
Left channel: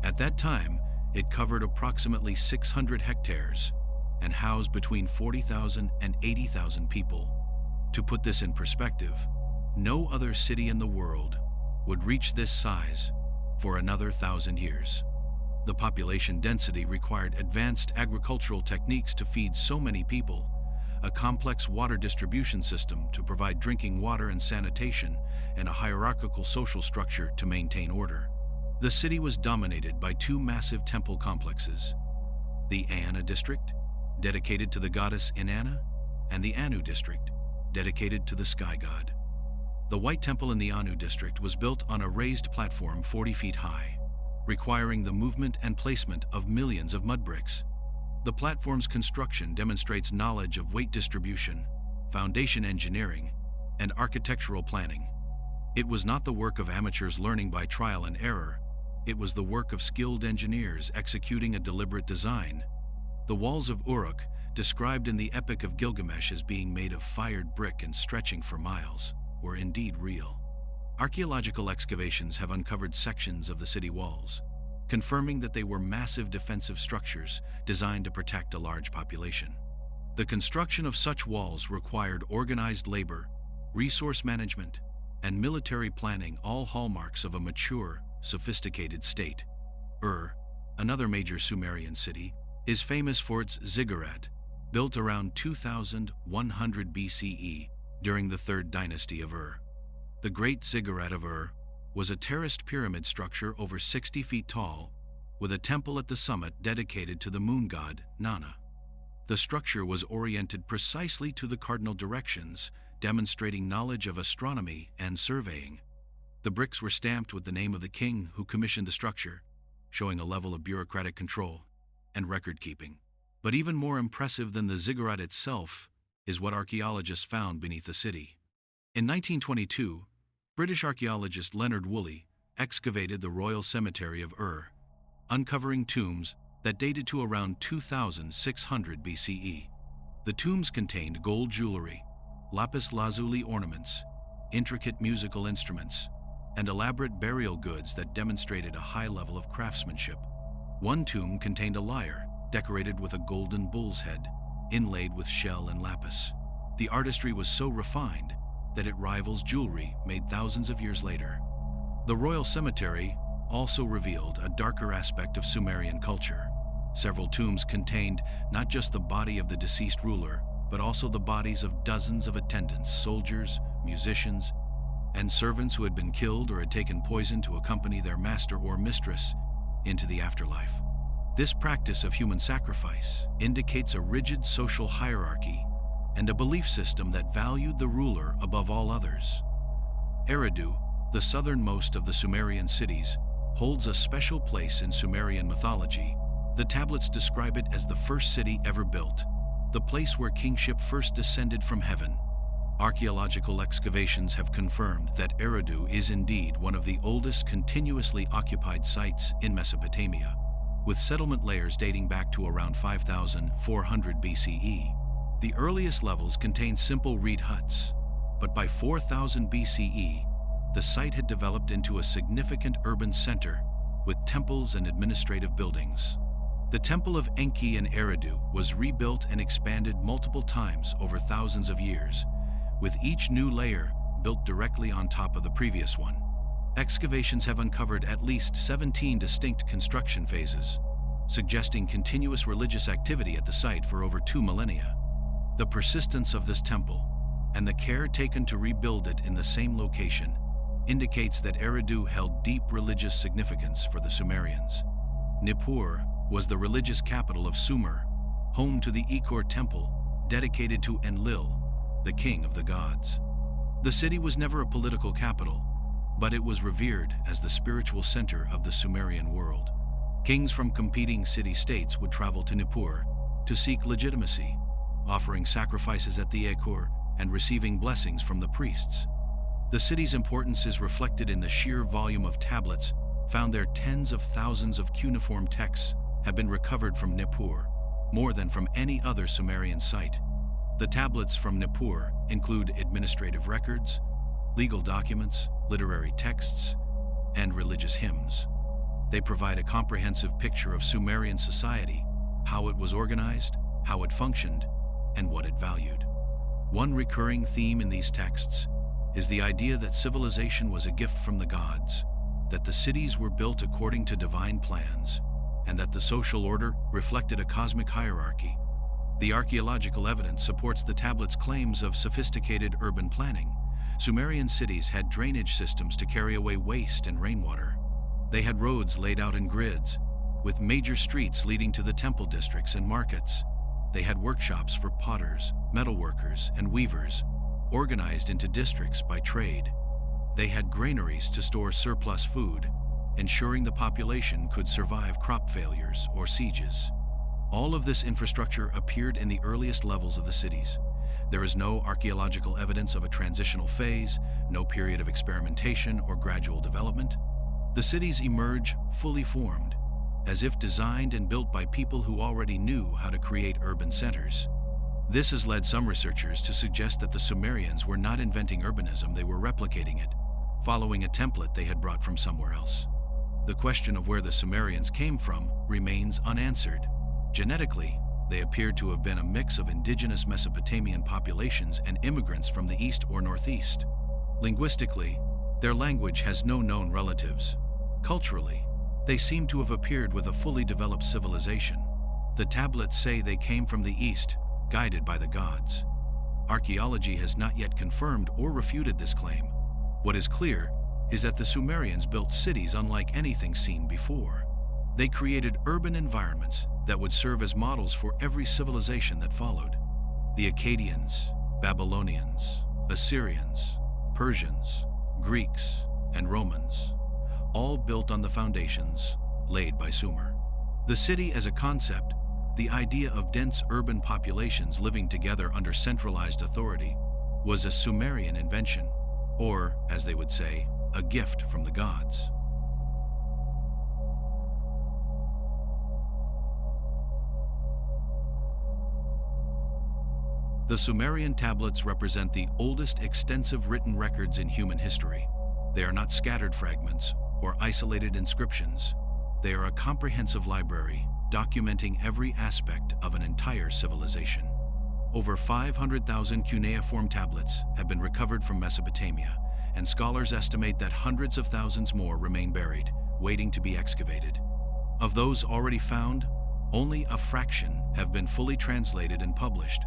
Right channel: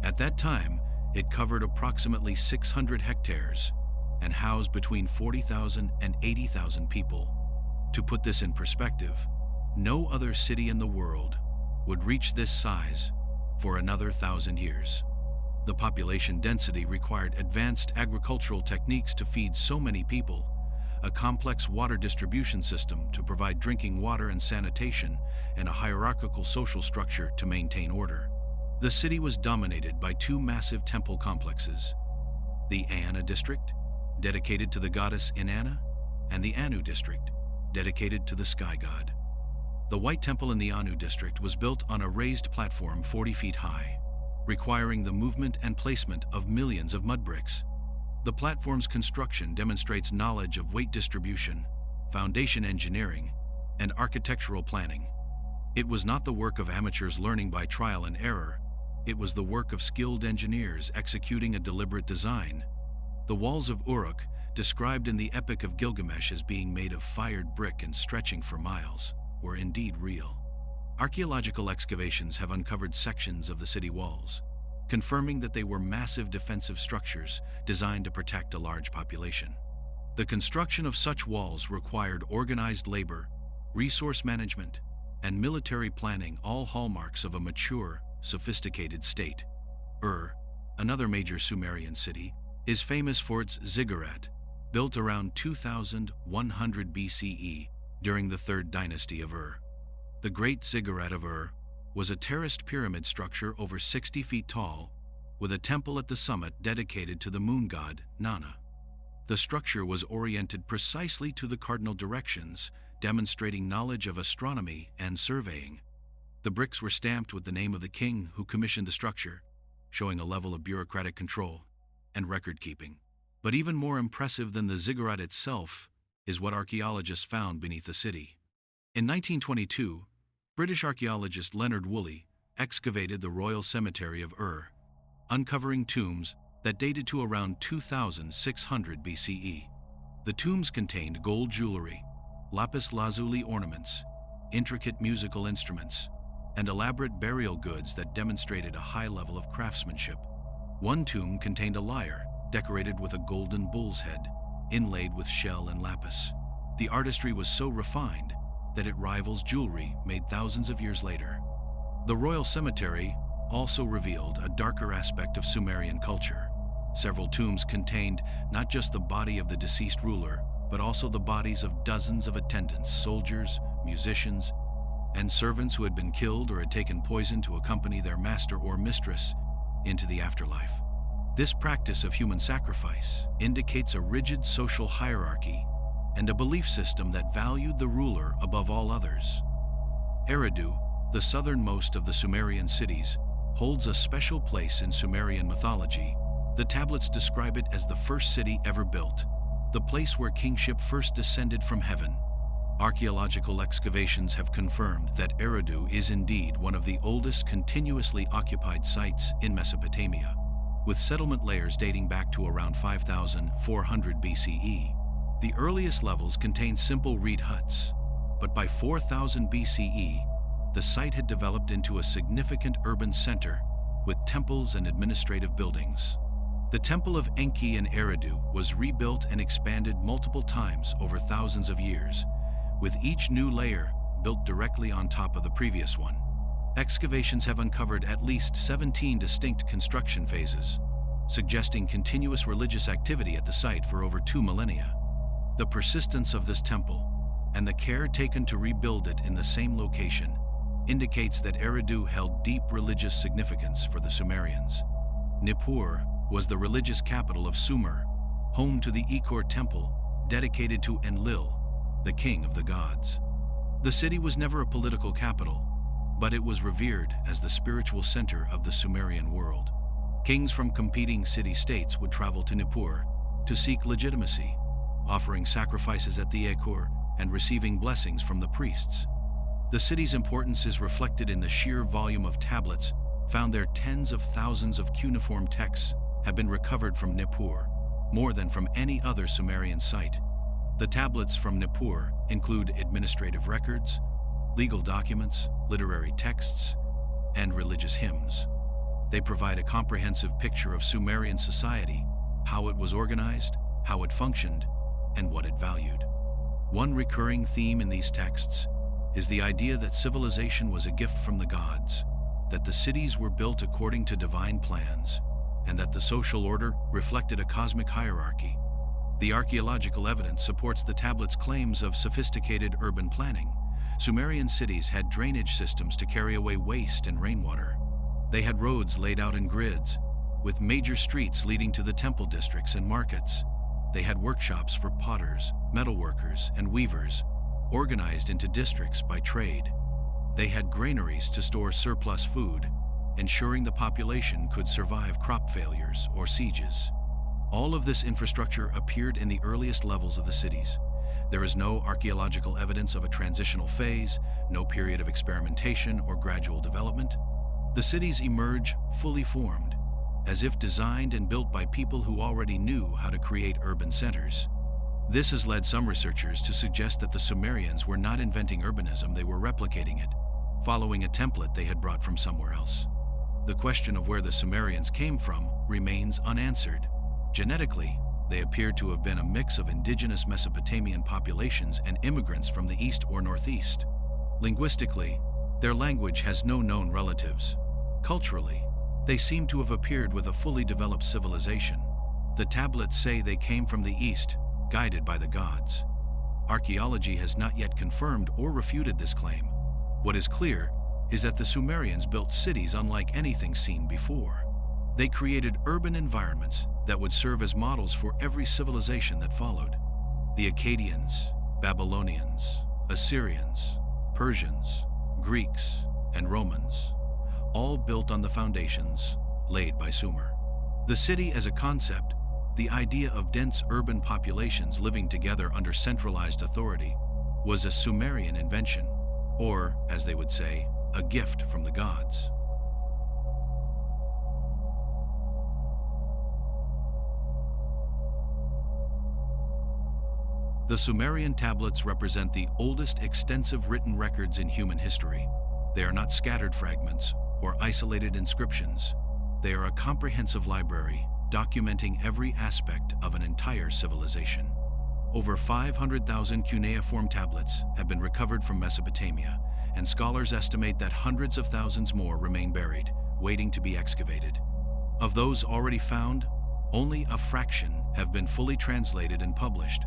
At that time, it covered approximately 600 hectares and housed between 40,000 and 80,000 people. To put this in perspective, no other city in the world would reach this size for another 1,000 years. The population density required advanced agricultural techniques to feed so many people, a complex water distribution system to provide drinking water and sanitation, and a hierarchical social structure to maintain order. The city was dominated by two massive temple complexes: the Eanna district, dedicated to the goddess Inanna, and the Anu district, dedicated to the sky god. The White Temple in the Anu district was built on a raised platform 40 feet high, requiring the movement and placement of millions of mud bricks. The platform's construction demonstrates knowledge of weight distribution, foundation engineering, and architectural planning. It was not the work of amateurs learning by trial and error. It was the work of skilled engineers executing a deliberate design. The walls of Uruk, described in the Epic of Gilgamesh as being made of fired brick and stretching for miles, were indeed real. Archaeological excavations have uncovered sections of the city walls, confirming that they were massive defensive structures designed to protect a large population. The construction of such walls required organized labor, resource management, and military planning, all hallmarks of a mature, sophisticated state. Ur, another major Sumerian city, is famous for its ziggurat, built around 2100 BCE during the 3rd dynasty of Ur. The Great Ziggurat of Ur was a terraced pyramid structure over 60 feet tall, with a temple at the summit dedicated to the moon god, Nana. The structure was oriented precisely to the cardinal directions, demonstrating knowledge of astronomy and surveying. The bricks were stamped with the name of the king who commissioned the structure, showing a level of bureaucratic control and record-keeping. But even more impressive than the ziggurat itself is what archaeologists found beneath the city. In 1922, British archaeologist Leonard Woolley excavated the Royal Cemetery of Ur, uncovering tombs that dated to around 2600 BCE. The tombs contained gold jewelry, lapis lazuli ornaments, intricate musical instruments, and elaborate burial goods that demonstrated a high level of craftsmanship. One tomb contained a lyre decorated with a golden bull's head, inlaid with shell and lapis. The artistry was so refined that it rivals jewelry made thousands of years later. The Royal Cemetery also revealed a darker aspect of Sumerian culture. Several tombs contained not just the body of the deceased ruler, but also the bodies of dozens of attendants, soldiers, musicians, and servants who had been killed or had taken poison to accompany their master or mistress into the afterlife. This practice of human sacrifice indicates a rigid social hierarchy and a belief system that valued the ruler above all others. Eridu, the southernmost of the Sumerian cities, holds a special place in Sumerian mythology. The tablets describe it as the first city ever built, the place where kingship first descended from heaven. Archaeological excavations have confirmed that Eridu is indeed one of the oldest continuously occupied sites in Mesopotamia, with settlement layers dating back to around 5400 BCE. The earliest levels contained simple reed huts, but by 4000 BCE, the site had developed into a significant urban center with temples and administrative buildings. The Temple of Enki in Eridu was rebuilt and expanded multiple times over thousands of years, with each new layer built directly on top of the previous one. Excavations have uncovered at least 17 distinct construction phases, suggesting continuous religious activity at the site for over 2 millennia. The persistence of this temple and the care taken to rebuild it in the same location indicates that Eridu held deep religious significance for the Sumerians. Nippur was the religious capital of Sumer, home to the Ikor temple dedicated to Enlil, the king of the gods. The city was never a political capital, but it was revered as the spiritual center of the Sumerian world. Kings from competing city-states would travel to Nippur to seek legitimacy, offering sacrifices at the Ikor and receiving blessings from the priests. The city's importance is reflected in the sheer volume of tablets found there. Tens of thousands of cuneiform texts have been recovered from Nippur, more than from any other Sumerian site. The tablets from Nippur include administrative records, legal documents, literary texts, and religious hymns. They provide a comprehensive picture of Sumerian society, how it was organized, how it functioned, and what it valued. One recurring theme in these texts is the idea that civilization was a gift from the gods, that the cities were built according to divine plans, and that the social order reflected a cosmic hierarchy. The archaeological evidence supports the tablets' claims of sophisticated urban planning. Sumerian cities had drainage systems to carry away waste and rainwater. They had roads laid out in grids, with major streets leading to the temple districts and markets. They had workshops for potters, metalworkers, and weavers, organized into districts by trade. They had granaries to store surplus food, ensuring the population could survive crop failures or sieges. All of this infrastructure appeared in the earliest levels of the cities. There is no archaeological evidence of a transitional phase, no period of experimentation or gradual development. The cities emerge fully formed, as if designed and built by people who already knew how to create urban centers. This has led some researchers to suggest that the Sumerians were not inventing urbanism, they were replicating it, following a template they had brought from somewhere else. The question of where the Sumerians came from remains unanswered. Genetically, they appeared to have been a mix of indigenous Mesopotamian populations and immigrants from the east or northeast. Linguistically, their language has no known relatives. Culturally, they seem to have appeared with a fully developed civilization. The tablets say they came from the east, guided by the gods. Archaeology has not yet confirmed or refuted this claim. What is clear is that the Sumerians built cities unlike anything seen before. They created urban environments that would serve as models for every civilization that followed. The Akkadians, Babylonians, Assyrians, Persians, Greeks, and Romans, all built on the foundations laid by Sumer. The city as a concept, the idea of dense urban populations living together under centralized authority, was a Sumerian invention, or, as they would say, a gift from the gods. The Sumerian tablets represent the oldest extensive written records in human history. They are not scattered fragments or isolated inscriptions. They are a comprehensive library documenting every aspect of an entire civilization. Over 500,000 cuneiform tablets have been recovered from Mesopotamia, and scholars estimate that hundreds of thousands more remain buried, waiting to be excavated. Of those already found, only a fraction have been fully translated and published.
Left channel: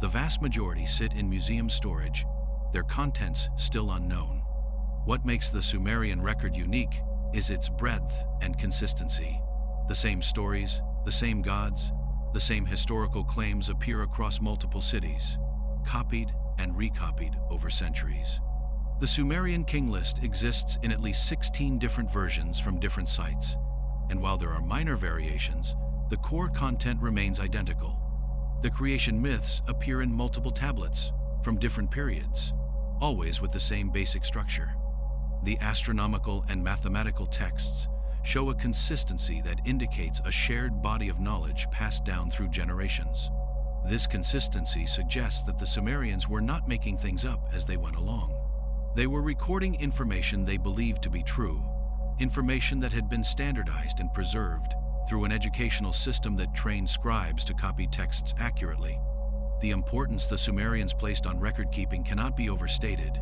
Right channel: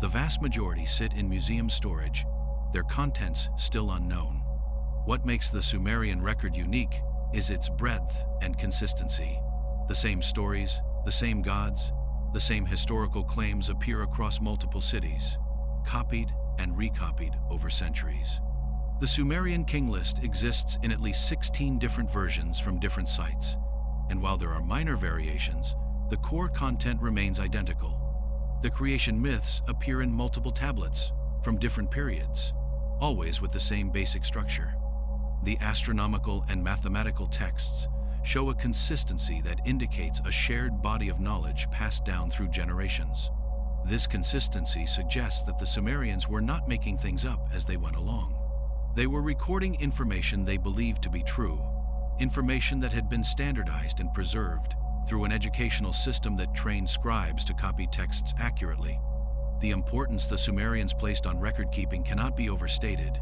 The vast majority sit in museum storage, their contents still unknown. What makes the Sumerian record unique is its breadth and consistency. The same stories, the same gods, the same historical claims appear across multiple cities, copied and recopied over centuries. The Sumerian king list exists in at least 16 different versions from different sites, and while there are minor variations, the core content remains identical. The creation myths appear in multiple tablets from different periods, always with the same basic structure. The astronomical and mathematical texts show a consistency that indicates a shared body of knowledge passed down through generations. This consistency suggests that the Sumerians were not making things up as they went along. They were recording information they believed to be true, information that had been standardized and preserved through an educational system that trained scribes to copy texts accurately. The importance the Sumerians placed on record-keeping cannot be overstated.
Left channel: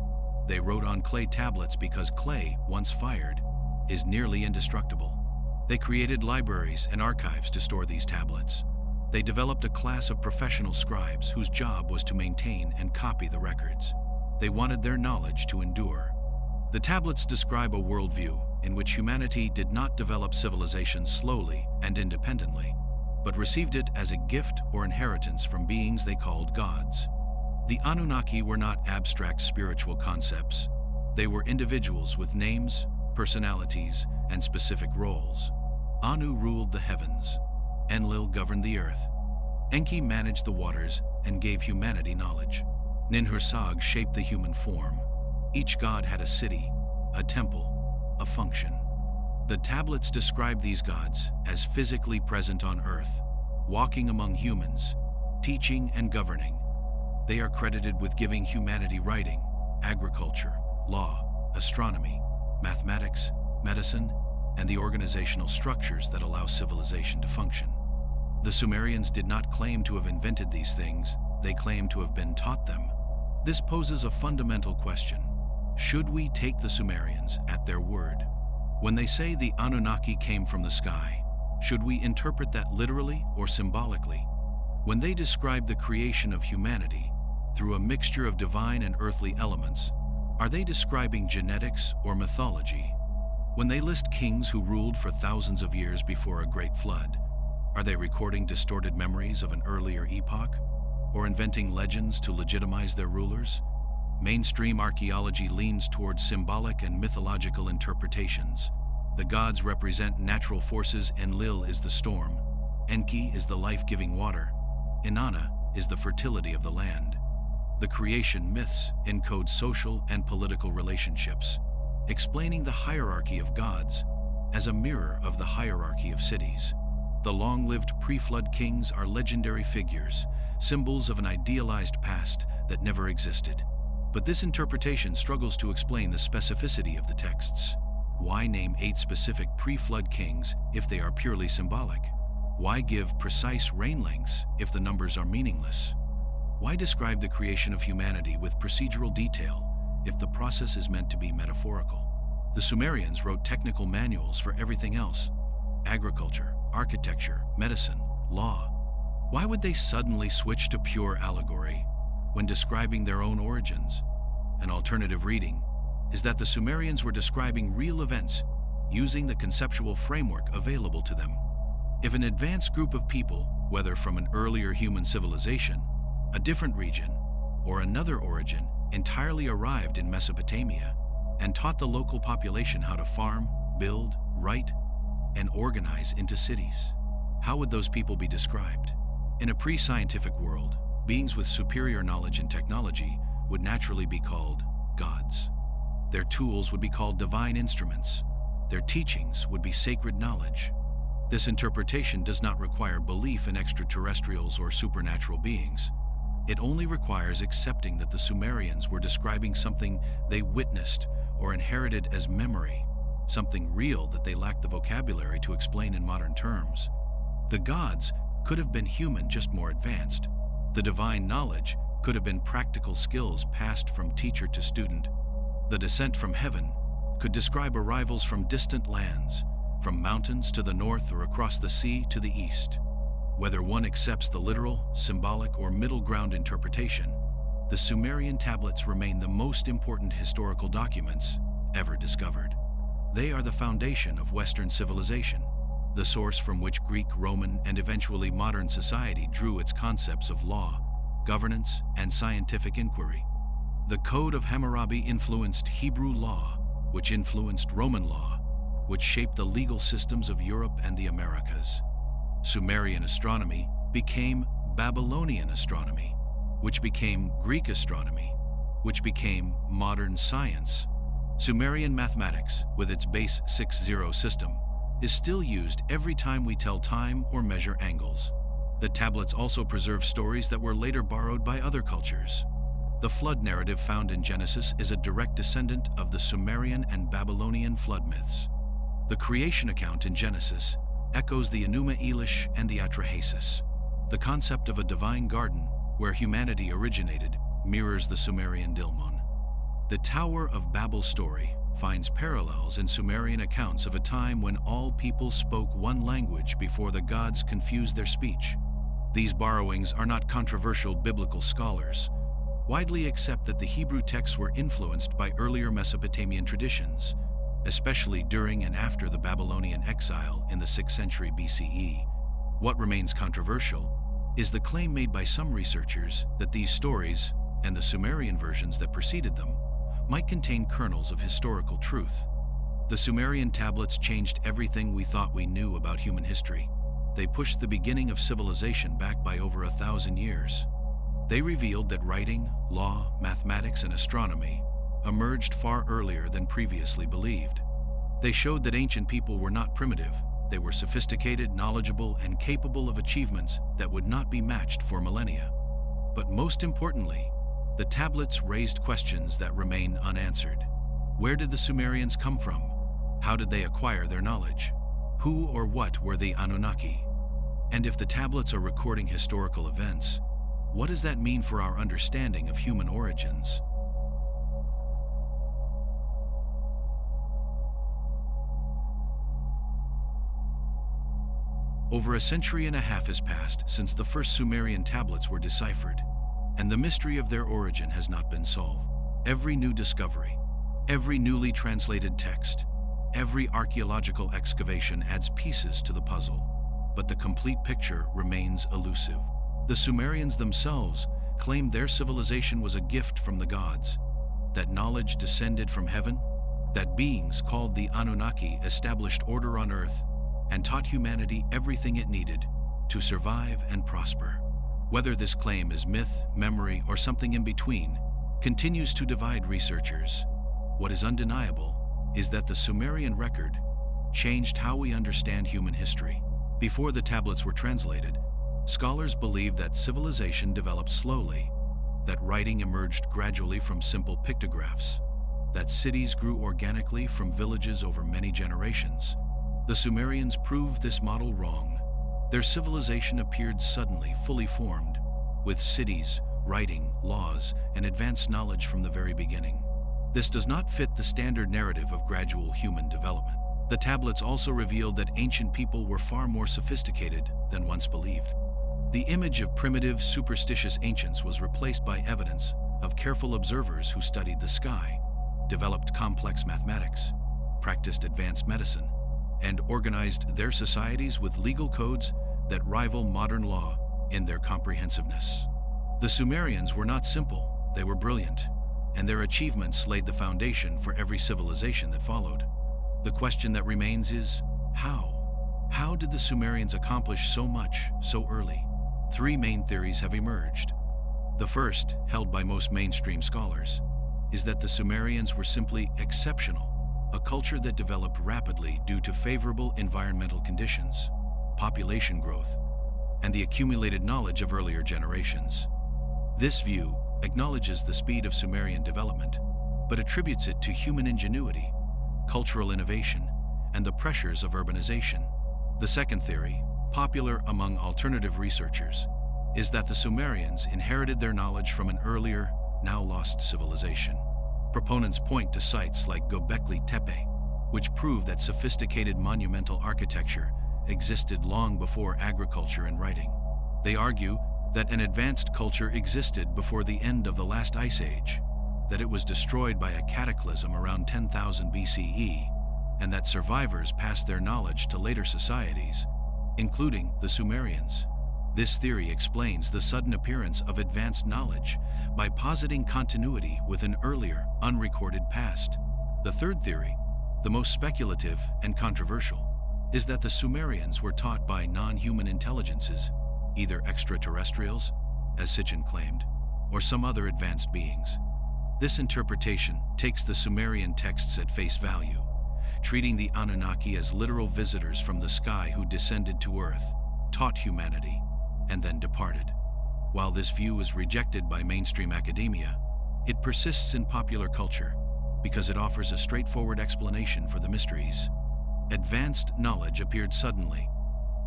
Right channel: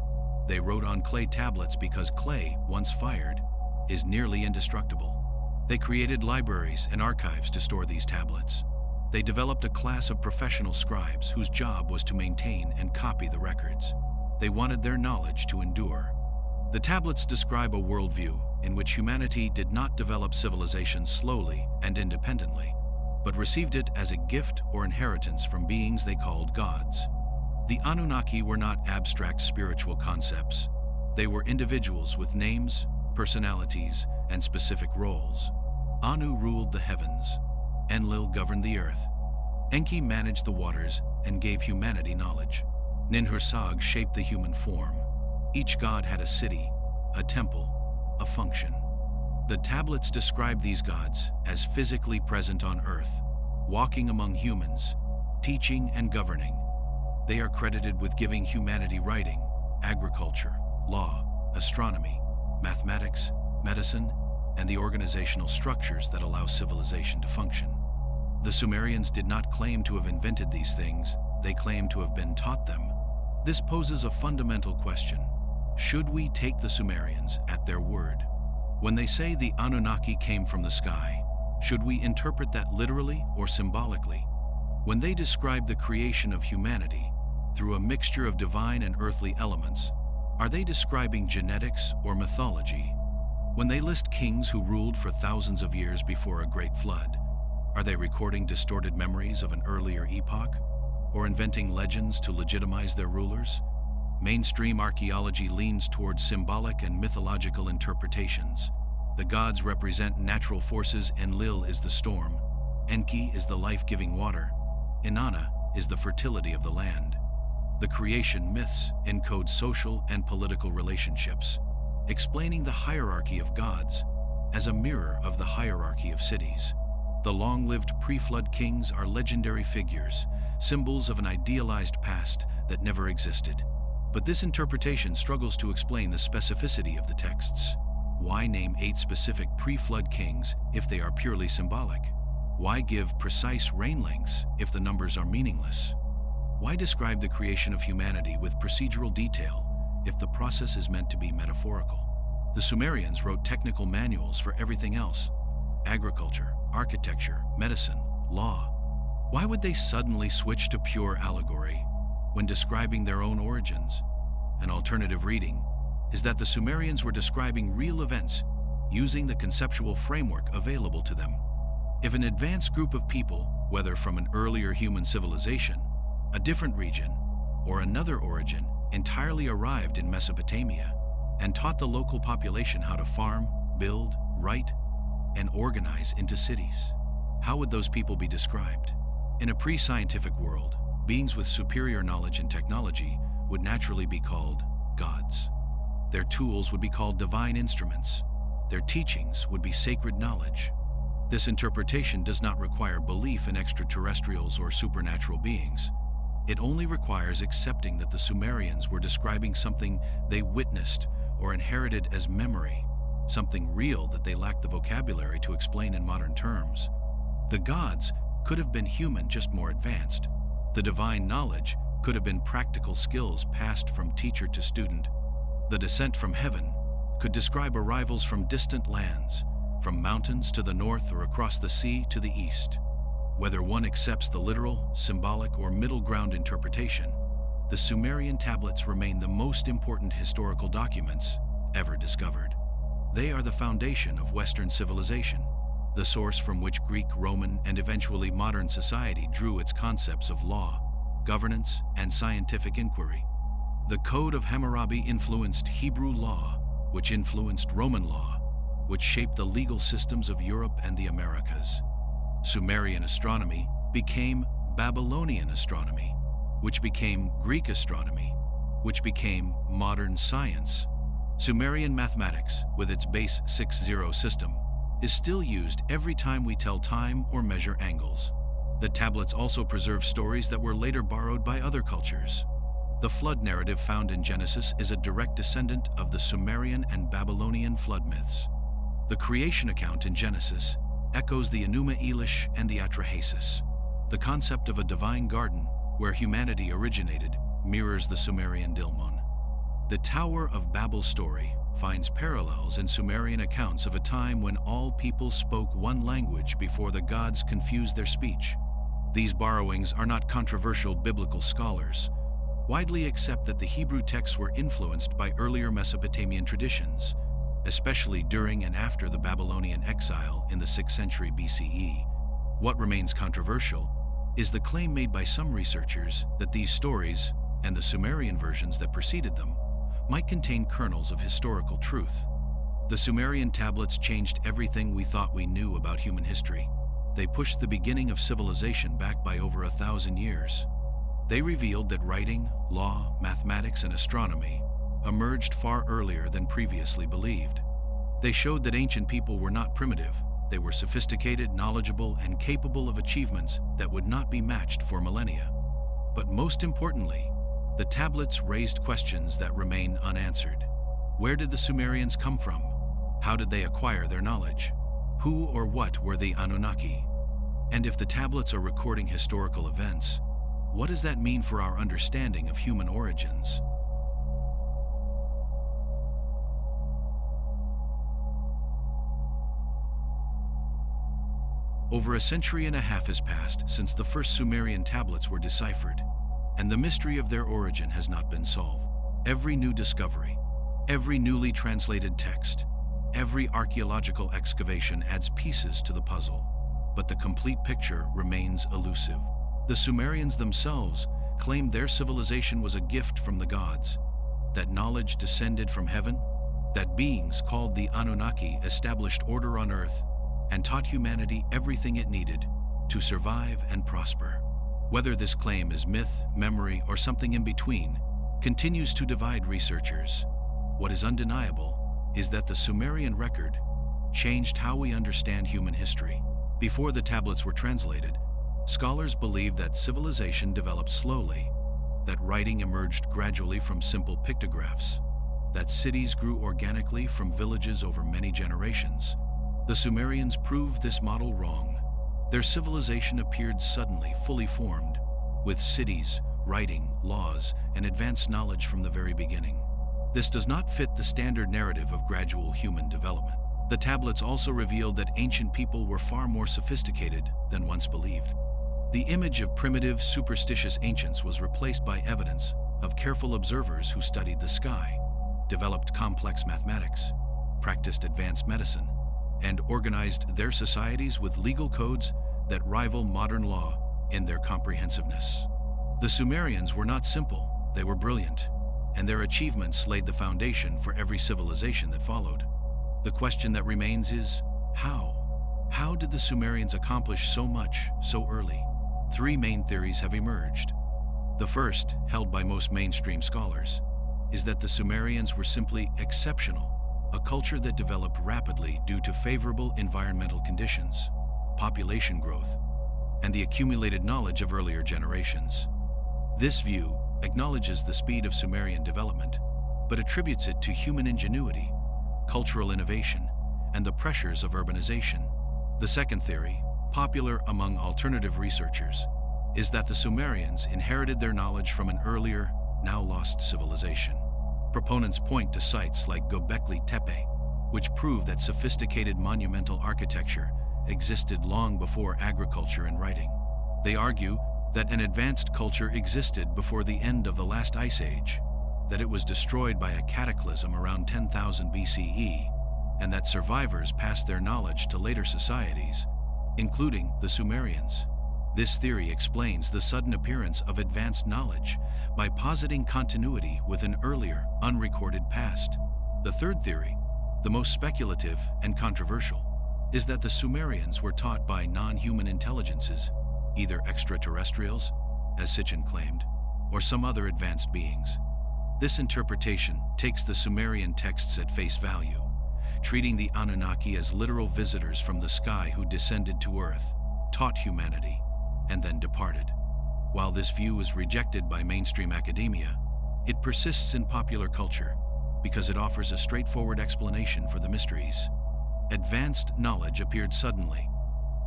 They wrote on clay tablets because clay, once fired, is nearly indestructible. They created libraries and archives to store these tablets. They developed a class of professional scribes whose job was to maintain and copy the records. They wanted their knowledge to endure. The tablets describe a worldview in which humanity did not develop civilization slowly and independently, but received it as a gift or inheritance from beings they called gods. The Anunnaki were not abstract spiritual concepts. They were individuals with names, personalities, and specific roles. Anu ruled the heavens. Enlil governed the earth. Enki managed the waters and gave humanity knowledge. Ninhursag shaped the human form. Each god had a city, a temple, a function. The tablets describe these gods as physically present on earth, walking among humans, teaching and governing. They are credited with giving humanity writing, agriculture, law, astronomy, mathematics, medicine, and the organizational structures that allow civilization to function. The Sumerians did not claim to have invented these things, they claim to have been taught them. This poses a fundamental question. Should we take the Sumerians at their word? When they say the Anunnaki came from the sky, should we interpret that literally or symbolically? When they describe the creation of humanity through a mixture of divine and earthly elements, are they describing genetics or mythology? When they list kings who ruled for thousands of years before a great flood, are they recording distorted memories of an earlier epoch, or inventing legends to legitimize their rulers? Mainstream archaeology leans towards symbolic and mythological interpretations. The gods represent natural forces. Enlil is the storm. Enki is the life-giving water. Inanna is the fertility of the land. The creation myths encode social and political relationships, explaining the hierarchy of gods as a mirror of the hierarchy of cities. The long-lived pre-flood kings are legendary figures, symbols of an idealized past that never existed. But this interpretation struggles to explain the specificity of the texts. Why name 8 specific pre-flood kings if they are purely symbolic? Why give precise reign lengths if the numbers are meaningless? Why describe the creation of humanity with procedural detail if the process is meant to be metaphorical? The Sumerians wrote technical manuals for everything else: agriculture, architecture, medicine, law. Why would they suddenly switch to pure allegory when describing their own origins? An alternative reading is that the Sumerians were describing real events using the conceptual framework available to them. If an advanced group of people, whether from an earlier human civilization, a different region, or another origin, entirely arrived in Mesopotamia, and taught the local population how to farm, build, write, and organize into cities. How would those people be described? In a pre-scientific world, beings with superior knowledge and technology would naturally be called gods. Their tools would be called divine instruments. Their teachings would be sacred knowledge. This interpretation does not require belief in extraterrestrials or supernatural beings. It only requires accepting that the Sumerians were describing something they witnessed or inherited as memory, something real that they lacked the vocabulary to explain in modern terms. The gods could have been human, just more advanced. The divine knowledge could have been practical skills passed from teacher to student. The descent from heaven could describe arrivals from distant lands, from mountains to the north or across the sea to the east. Whether one accepts the literal, symbolic, or middle ground interpretation, the Sumerian tablets remain the most important historical documents ever discovered. They are the foundation of Western civilization, the source from which Greek, Roman, and eventually modern society drew its concepts of law, governance, and scientific inquiry. The Code of Hammurabi influenced Hebrew law, which influenced Roman law, which shaped the legal systems of Europe and the Americas. Sumerian astronomy became Babylonian astronomy, which became Greek astronomy, which became modern science. Sumerian mathematics, with its base 6-0 system, is still used every time we tell time or measure angles. The tablets also preserve stories that were later borrowed by other cultures. The flood narrative found in Genesis is a direct descendant of the Sumerian and Babylonian flood myths. The creation account in Genesis echoes the Enuma Elish and the Atrahasis. The concept of a divine garden where humanity originated mirrors the Sumerian Dilmun. The Tower of Babel story finds parallels in Sumerian accounts of a time when all people spoke one language before the gods confused their speech. These borrowings are not controversial. Biblical scholars widely accept that the Hebrew texts were influenced by earlier Mesopotamian traditions, especially during and after the Babylonian exile in the 6th century BCE. What remains controversial is the claim made by some researchers that these stories, and the Sumerian versions that preceded them, might contain kernels of historical truth. The Sumerian tablets changed everything we thought we knew about human history. They pushed the beginning of civilization back by over 1,000 years. They revealed that writing, law, mathematics, and astronomy emerged far earlier than previously believed. They showed that ancient people were not primitive. They were sophisticated, knowledgeable, and capable of achievements that would not be matched for millennia. But most importantly, the tablets raised questions that remain unanswered. Where did the Sumerians come from? How did they acquire their knowledge? Who or what were the Anunnaki? And if the tablets are recording historical events, what does that mean for our understanding of human origins? Over a century and a half has passed since the first Sumerian tablets were deciphered, and the mystery of their origin has not been solved. Every new discovery, every newly translated text, every archaeological excavation adds pieces to the puzzle, but the complete picture remains elusive. The Sumerians themselves claimed their civilization was a gift from the gods, that knowledge descended from heaven, that beings called the Anunnaki established order on earth and taught humanity everything it needed to survive and prosper. Whether this claim is myth, memory, or something in between, continues to divide researchers. What is undeniable is that the Sumerian record changed how we understand human history. Before the tablets were translated, scholars believed that civilization developed slowly, that writing emerged gradually from simple pictographs, that cities grew organically from villages over many generations. The Sumerians proved this model wrong. Their civilization appeared suddenly, fully formed, with cities, writing, laws, and advanced knowledge from the very beginning. This does not fit the standard narrative of gradual human development. The tablets also revealed that ancient people were far more sophisticated than once believed. The image of primitive, superstitious ancients was replaced by evidence of careful observers who studied the sky, developed complex mathematics, practiced advanced medicine, and organized their societies with legal codes that rival modern law in their comprehensiveness. The Sumerians were not simple, they were brilliant. and their achievements laid the foundation for every civilization that followed. The question that remains is, how? How did the Sumerians accomplish so much so early? Three main theories have emerged. The first, held by most mainstream scholars, is that the Sumerians were simply exceptional, a culture that developed rapidly due to favorable environmental conditions, population growth, and the accumulated knowledge of earlier generations. This view acknowledges the speed of Sumerian development, but attributes it to human ingenuity, cultural innovation, and the pressures of urbanization. The second theory, popular among alternative researchers, is that the Sumerians inherited their knowledge from an earlier, now lost civilization. Proponents point to sites like Göbekli Tepe, which prove that sophisticated monumental architecture existed long before agriculture and writing. They argue that an advanced culture existed before the end of the last ice age, that it was destroyed by a cataclysm around 10,000 BCE, and that survivors passed their knowledge to later societies, including the Sumerians. This theory explains the sudden appearance of advanced knowledge by positing continuity with an earlier, unrecorded past. The third theory, the most speculative and controversial, is that the Sumerians were taught by non-human intelligences, either extraterrestrials, as Sitchin claimed, or some other advanced beings. This interpretation takes the Sumerian texts at face value, treating the Anunnaki as literal visitors from the sky who descended to Earth, taught humanity, and then departed. While this view is rejected by mainstream academia, it persists in popular culture because it offers a straightforward explanation for the mysteries. Advanced knowledge appeared suddenly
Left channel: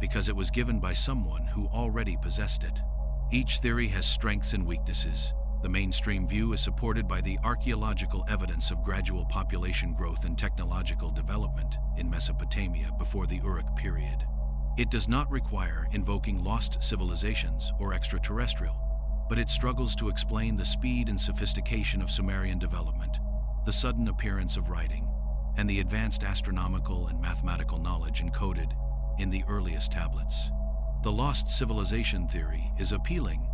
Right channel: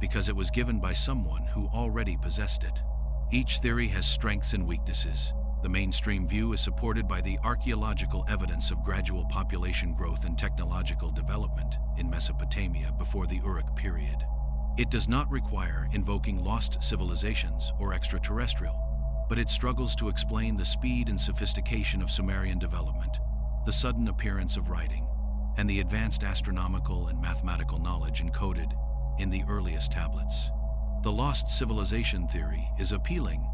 because it was given by someone who already possessed it. Each theory has strengths and weaknesses. The mainstream view is supported by the archaeological evidence of gradual population growth and technological development in Mesopotamia before the Uruk period. It does not require invoking lost civilizations or extraterrestrial, but it struggles to explain the speed and sophistication of Sumerian development, the sudden appearance of writing, and the advanced astronomical and mathematical knowledge encoded in the earliest tablets. The lost civilization theory is appealing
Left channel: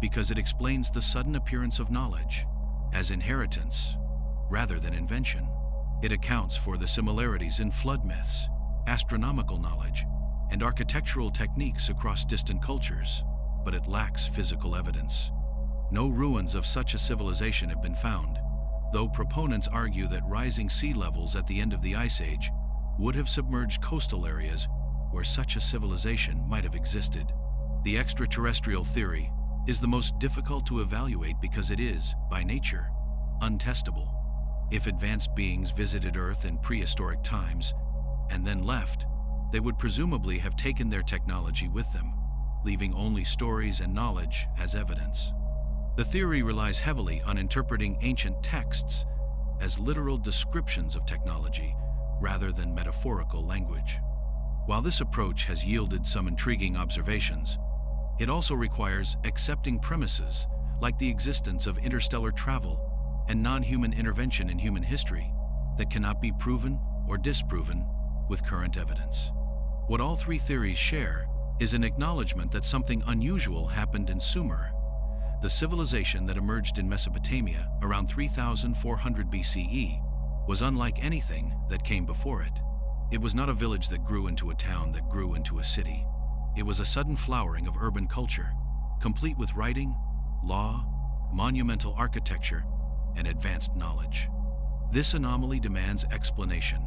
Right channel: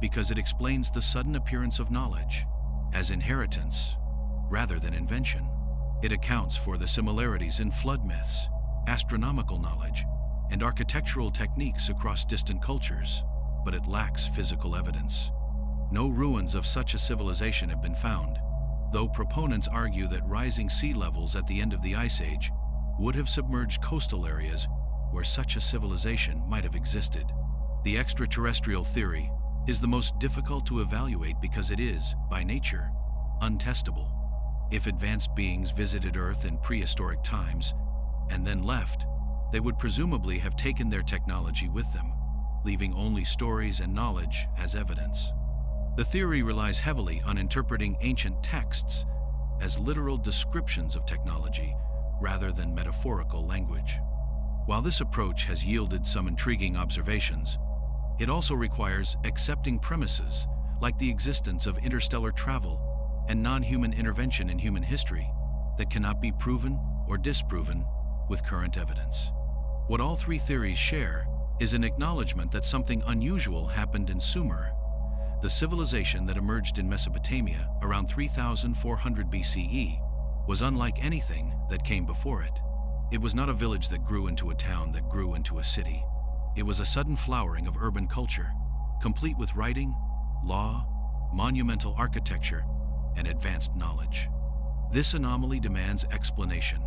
because it explains the sudden appearance of knowledge as inheritance rather than invention. It accounts for the similarities in flood myths, astronomical knowledge, and architectural techniques across distant cultures, but it lacks physical evidence. No ruins of such a civilization have been found, though proponents argue that rising sea levels at the end of the Ice Age would have submerged coastal areas where such a civilization might have existed. The extraterrestrial theory is the most difficult to evaluate because it is, by nature, untestable. If advanced beings visited Earth in prehistoric times and then left, they would presumably have taken their technology with them, leaving only stories and knowledge as evidence. The theory relies heavily on interpreting ancient texts as literal descriptions of technology rather than metaphorical language. While this approach has yielded some intriguing observations, it also requires accepting premises like the existence of interstellar travel and non-human intervention in human history that cannot be proven or disproven with current evidence. What all three theories share is an acknowledgement that something unusual happened in Sumer. The civilization that emerged in Mesopotamia around 3400 BCE was unlike anything that came before it. It was not a village that grew into a town that grew into a city. It was a sudden flowering of urban culture, complete with writing, law, monumental architecture, and advanced knowledge. This anomaly demands explanation,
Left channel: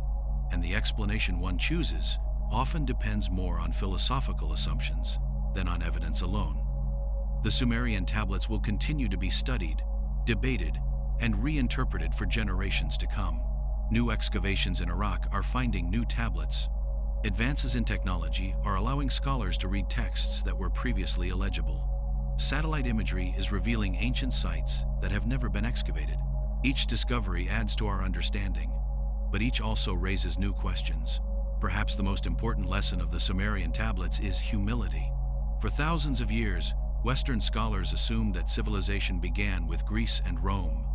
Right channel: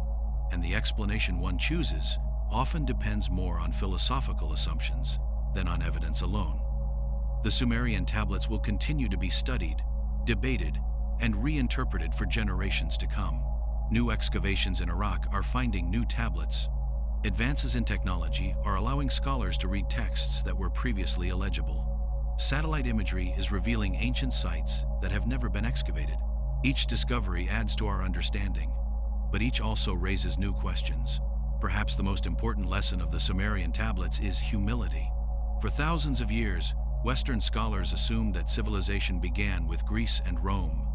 and the explanation one chooses often depends more on philosophical assumptions than on evidence alone. The Sumerian tablets will continue to be studied, debated, and reinterpreted for generations to come. New excavations in Iraq are finding new tablets. Advances in technology are allowing scholars to read texts that were previously illegible. Satellite imagery is revealing ancient sites that have never been excavated. Each discovery adds to our understanding, but each also raises new questions. Perhaps the most important lesson of the Sumerian tablets is humility. For thousands of years, Western scholars assumed that civilization began with Greece and Rome,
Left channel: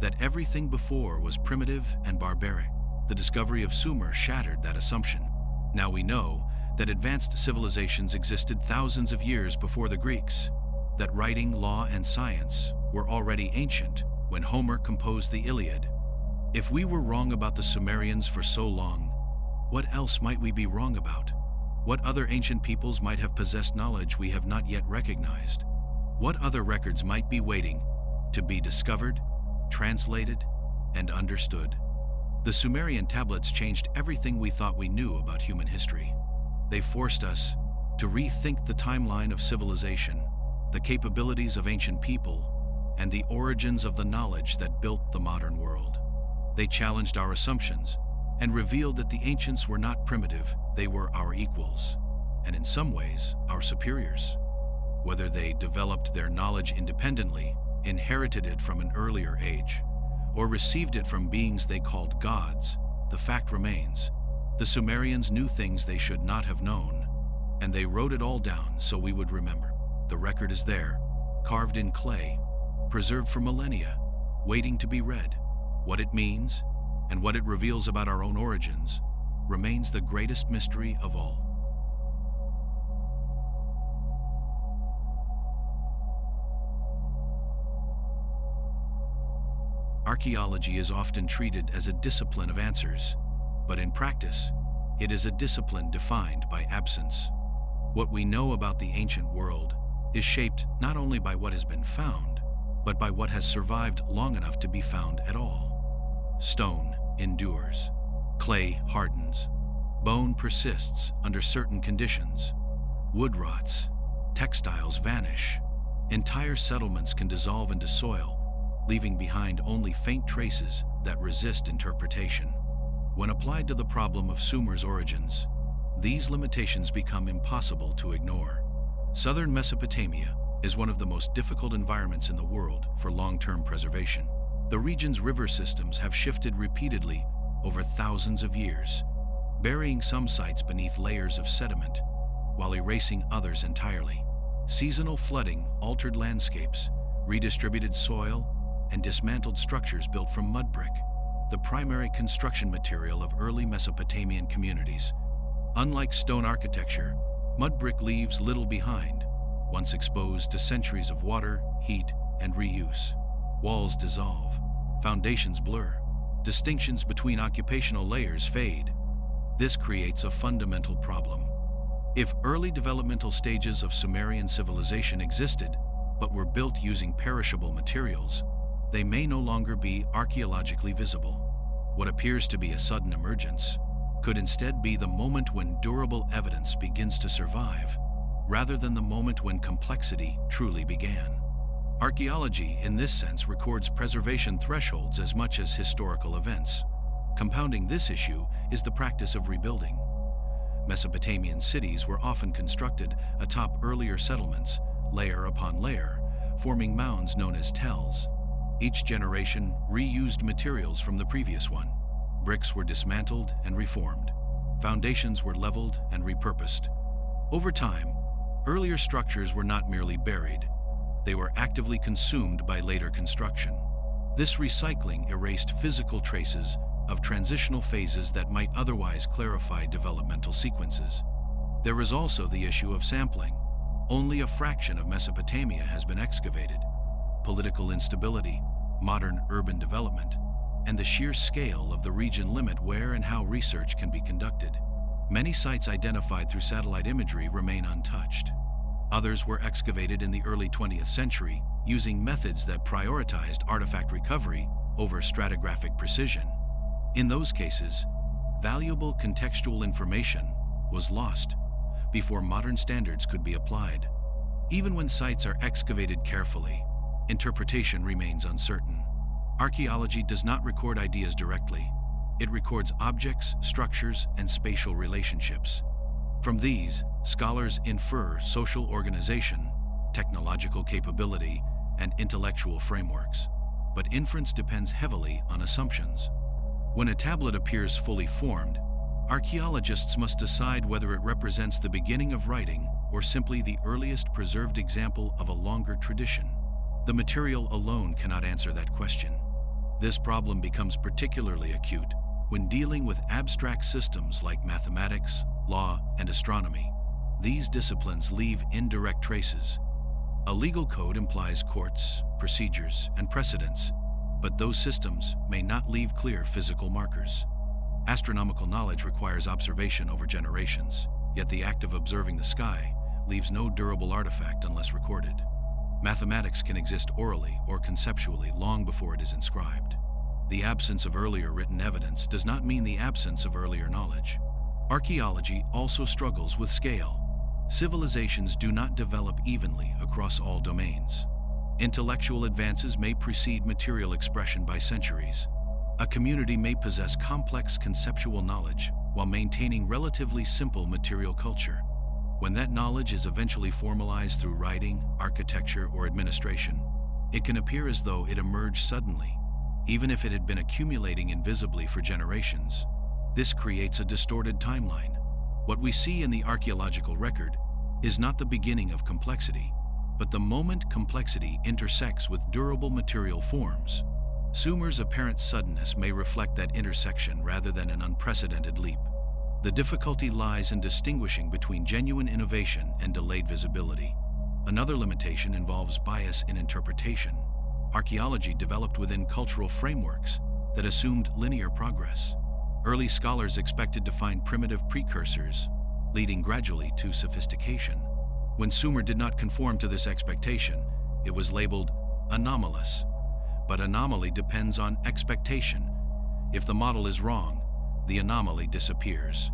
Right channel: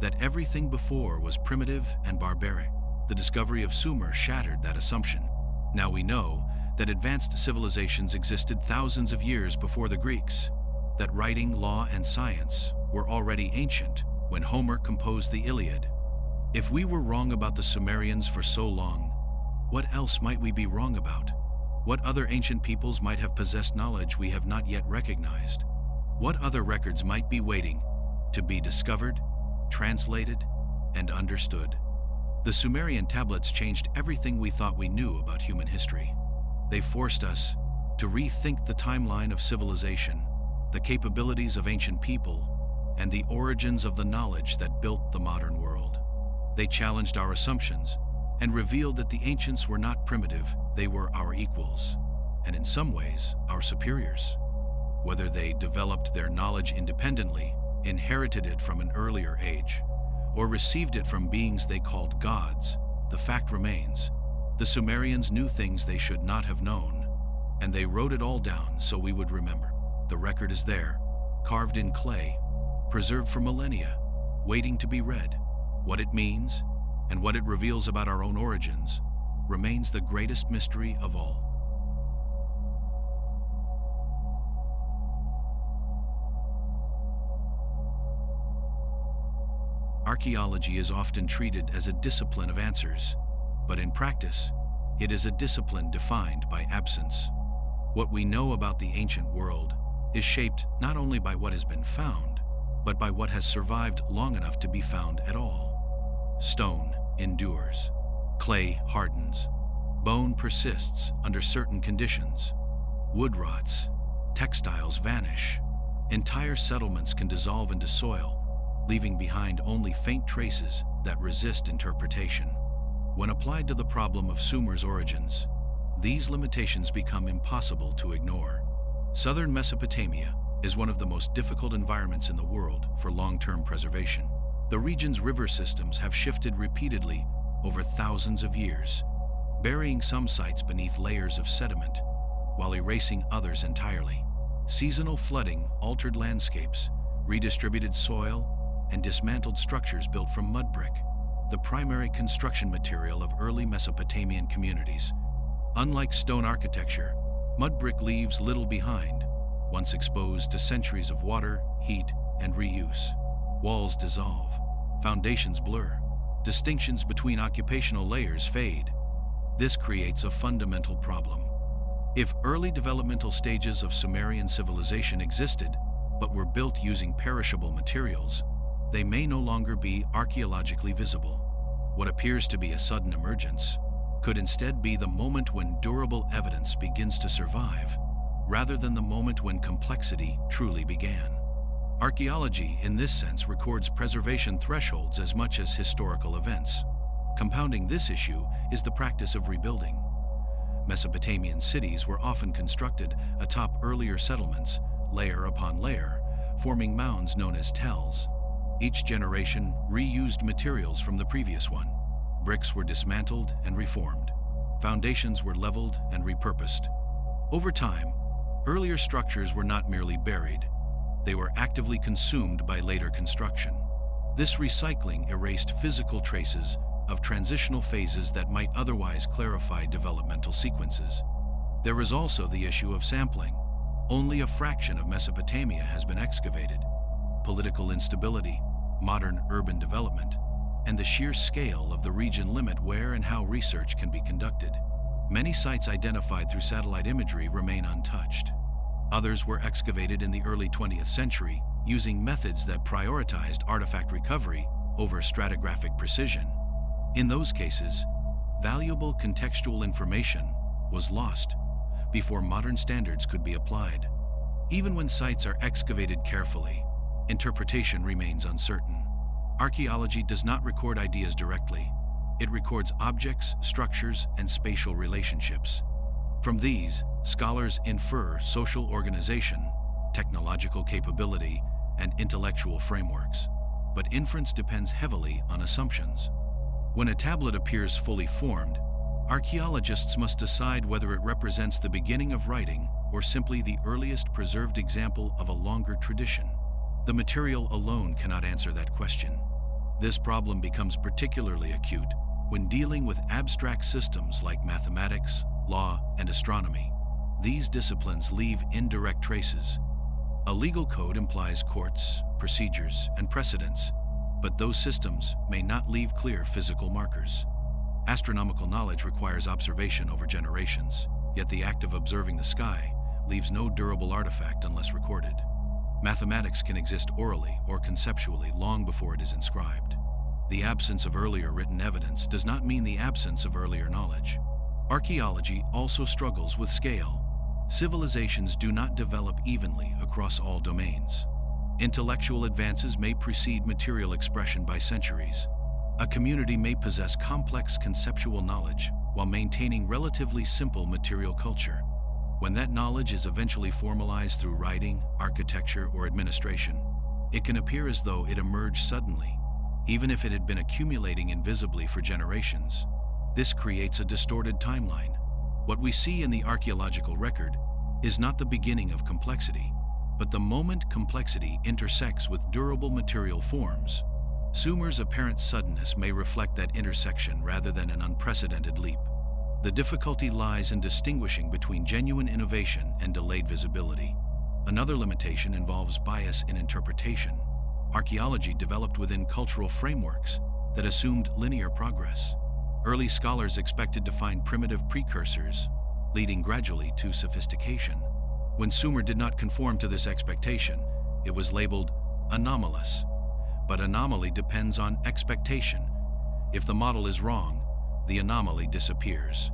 that everything before was primitive and barbaric. The discovery of Sumer shattered that assumption. Now we know that advanced civilizations existed thousands of years before the Greeks, that writing, law, and science were already ancient when Homer composed the Iliad. If we were wrong about the Sumerians for so long, what else might we be wrong about? What other ancient peoples might have possessed knowledge we have not yet recognized? What other records might be waiting to be discovered, translated, and understood? The Sumerian tablets changed everything we thought we knew about human history. They forced us to rethink the timeline of civilization, the capabilities of ancient people, and the origins of the knowledge that built the modern world. They challenged our assumptions and revealed that the ancients were not primitive, they were our equals, and in some ways, our superiors. Whether they developed their knowledge independently, inherited it from an earlier age, or received it from beings they called gods, the fact remains, the Sumerians knew things they should not have known, and they wrote it all down so we would remember. The record is there, carved in clay, preserved for millennia, waiting to be read. What it means, and what it reveals about our own origins, remains the greatest mystery of all. Archaeology is often treated as a discipline of answers, but in practice, it is a discipline defined by absence. What we know about the ancient world is shaped not only by what has been found, but by what has survived long enough to be found at all. Stone endures, clay hardens, bone persists under certain conditions, wood rots, textiles vanish, entire settlements can dissolve into soil, leaving behind only faint traces that resist interpretation. When applied to the problem of Sumer's origins, these limitations become impossible to ignore. Southern Mesopotamia is one of the most difficult environments in the world for long-term preservation. The region's river systems have shifted repeatedly over thousands of years, burying some sites beneath layers of sediment, while erasing others entirely. Seasonal flooding altered landscapes, redistributed soil, and dismantled structures built from mud brick, the primary construction material of early Mesopotamian communities. Unlike stone architecture, mud brick leaves little behind, once exposed to centuries of water, heat, and reuse. Walls dissolve, foundations blur, distinctions between occupational layers fade. This creates a fundamental problem. If early developmental stages of Sumerian civilization existed, but were built using perishable materials, they may no longer be archaeologically visible. What appears to be a sudden emergence could instead be the moment when durable evidence begins to survive, rather than the moment when complexity truly began. Archaeology, in this sense, records preservation thresholds as much as historical events. Compounding this issue is the practice of rebuilding. Mesopotamian cities were often constructed atop earlier settlements, layer upon layer, forming mounds known as tells. Each generation reused materials from the previous one. Bricks were dismantled and reformed. Foundations were leveled and repurposed. Over time, earlier structures were not merely buried, they were actively consumed by later construction. This recycling erased physical traces of transitional phases that might otherwise clarify developmental sequences. There is also the issue of sampling. Only a fraction of Mesopotamia has been excavated. Political instability, modern urban development, and the sheer scale of the region limit where and how research can be conducted. Many sites identified through satellite imagery remain untouched. Others were excavated in the early 20th century using methods that prioritized artifact recovery over stratigraphic precision. In those cases, valuable contextual information was lost before modern standards could be applied. Even when sites are excavated carefully, interpretation remains uncertain. Archaeology does not record ideas directly. It records objects, structures, and spatial relationships. From these, scholars infer social organization, technological capability, and intellectual frameworks. But inference depends heavily on assumptions. When a tablet appears fully formed, archaeologists must decide whether it represents the beginning of writing or simply the earliest preserved example of a longer tradition. The material alone cannot answer that question. This problem becomes particularly acute when dealing with abstract systems like mathematics, law, and astronomy. These disciplines leave indirect traces. A legal code implies courts, procedures, and precedents, but those systems may not leave clear physical markers. Astronomical knowledge requires observation over generations, yet the act of observing the sky leaves no durable artifact unless recorded. Mathematics can exist orally or conceptually long before it is inscribed. The absence of earlier written evidence does not mean the absence of earlier knowledge. Archaeology also struggles with scale. Civilizations do not develop evenly across all domains. Intellectual advances may precede material expression by centuries. A community may possess complex conceptual knowledge while maintaining relatively simple material culture. When that knowledge is eventually formalized through writing, architecture, or administration, it can appear as though it emerged suddenly, even if it had been accumulating invisibly for generations. This creates a distorted timeline. What we see in the archaeological record is not the beginning of complexity, but the moment complexity intersects with durable material forms. Sumer's apparent suddenness may reflect that intersection rather than an unprecedented leap. The difficulty lies in distinguishing between genuine innovation and delayed visibility. Another limitation involves bias in interpretation. Archaeology developed within cultural frameworks that assumed linear progress. Early scholars expected to find primitive precursors, leading gradually to sophistication. When Sumer did not conform to this expectation, it was labeled anomalous. But anomaly depends on expectation. If the model is wrong, the anomaly disappears.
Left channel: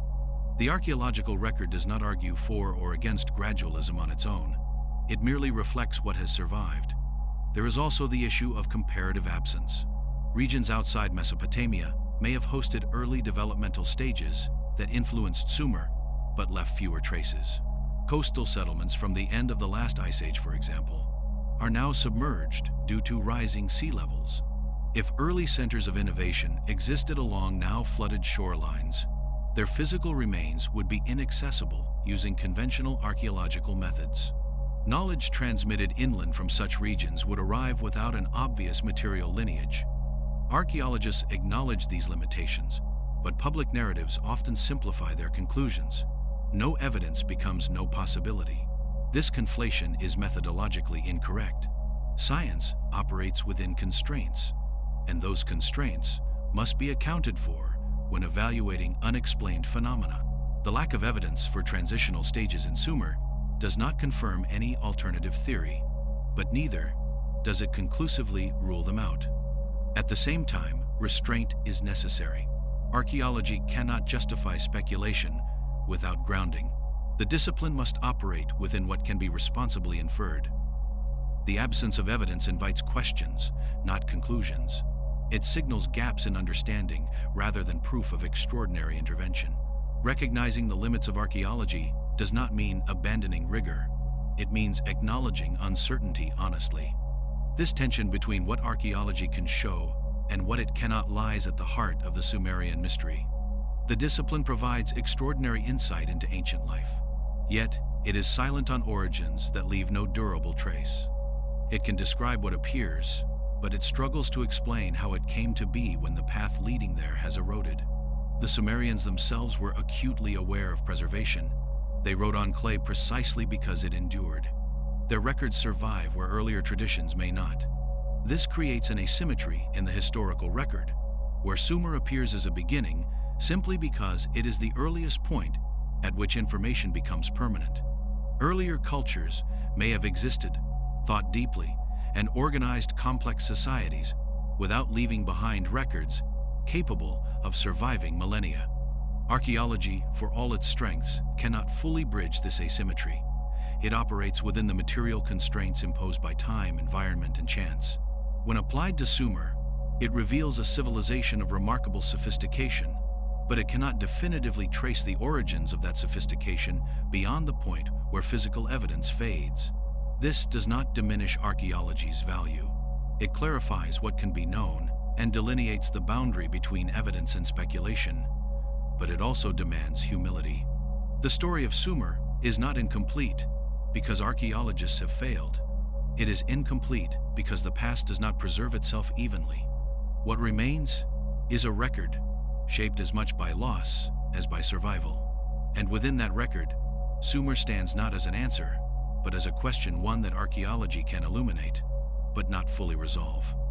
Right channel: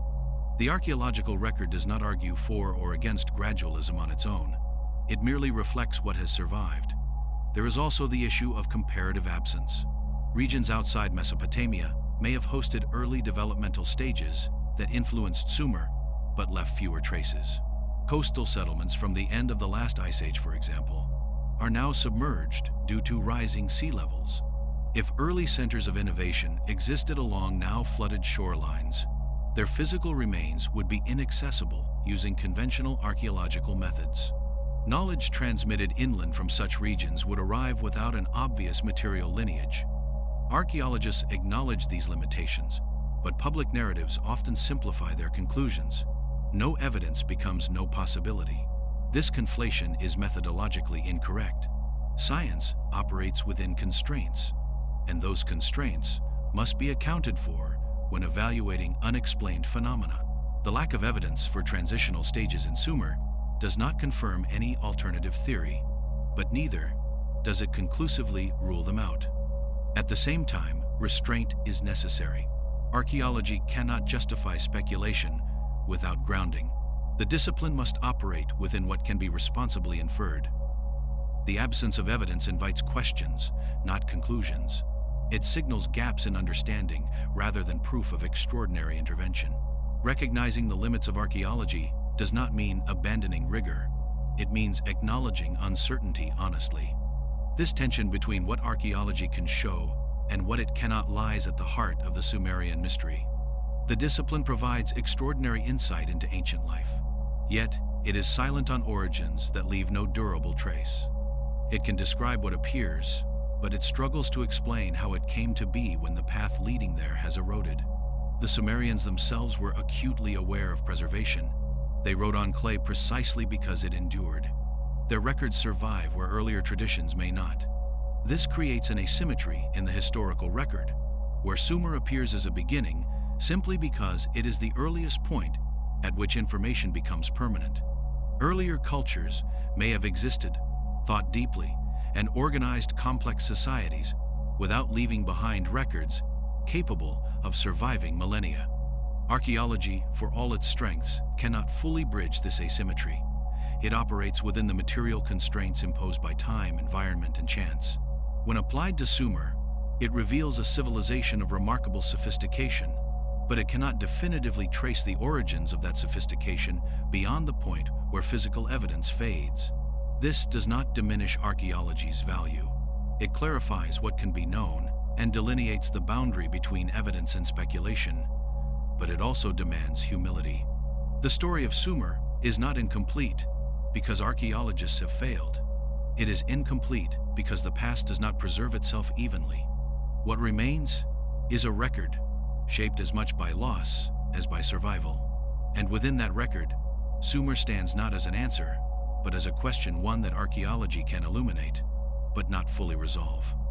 The archaeological record does not argue for or against gradualism on its own. It merely reflects what has survived. There is also the issue of comparative absence. Regions outside Mesopotamia may have hosted early developmental stages that influenced Sumer, but left fewer traces. Coastal settlements from the end of the last ice age, for example, are now submerged due to rising sea levels. If early centers of innovation existed along now flooded shorelines, their physical remains would be inaccessible using conventional archaeological methods. Knowledge transmitted inland from such regions would arrive without an obvious material lineage. Archaeologists acknowledge these limitations, but public narratives often simplify their conclusions. No evidence becomes no possibility. This conflation is methodologically incorrect. Science operates within constraints, and those constraints must be accounted for when evaluating unexplained phenomena. The lack of evidence for transitional stages in Sumer does not confirm any alternative theory, but neither does it conclusively rule them out. At the same time, restraint is necessary. Archaeology cannot justify speculation without grounding. The discipline must operate within what can be responsibly inferred. The absence of evidence invites questions, not conclusions. It signals gaps in understanding rather than proof of extraordinary intervention. Recognizing the limits of archaeology does not mean abandoning rigor. It means acknowledging uncertainty honestly. This tension between what archaeology can show and what it cannot lies at the heart of the Sumerian mystery. The discipline provides extraordinary insight into ancient life. Yet, it is silent on origins that leave no durable trace. It can describe what appears, but it struggles to explain how it came to be when the path leading there has eroded. The Sumerians themselves were acutely aware of preservation. They wrote on clay precisely because it endured. Their records survive where earlier traditions may not. This creates an asymmetry in the historical record, where Sumer appears as a beginning simply because it is the earliest point at which information becomes permanent. Earlier cultures may have existed, thought deeply, and organized complex societies without leaving behind records capable of surviving millennia. Archaeology, for all its strengths, cannot fully bridge this asymmetry. It operates within the material constraints imposed by time, environment, and chance. When applied to Sumer, it reveals a civilization of remarkable sophistication, but it cannot definitively trace the origins of that sophistication beyond the point where physical evidence fades. This does not diminish archaeology's value. It clarifies what can be known and delineates the boundary between evidence and speculation, but it also demands humility. The story of Sumer is not incomplete because archaeologists have failed. It is incomplete because the past does not preserve itself evenly. What remains is a record, shaped as much by loss as by survival. And within that record, Sumer stands not as an answer, but as a question, one that archaeology can illuminate, but not fully resolve.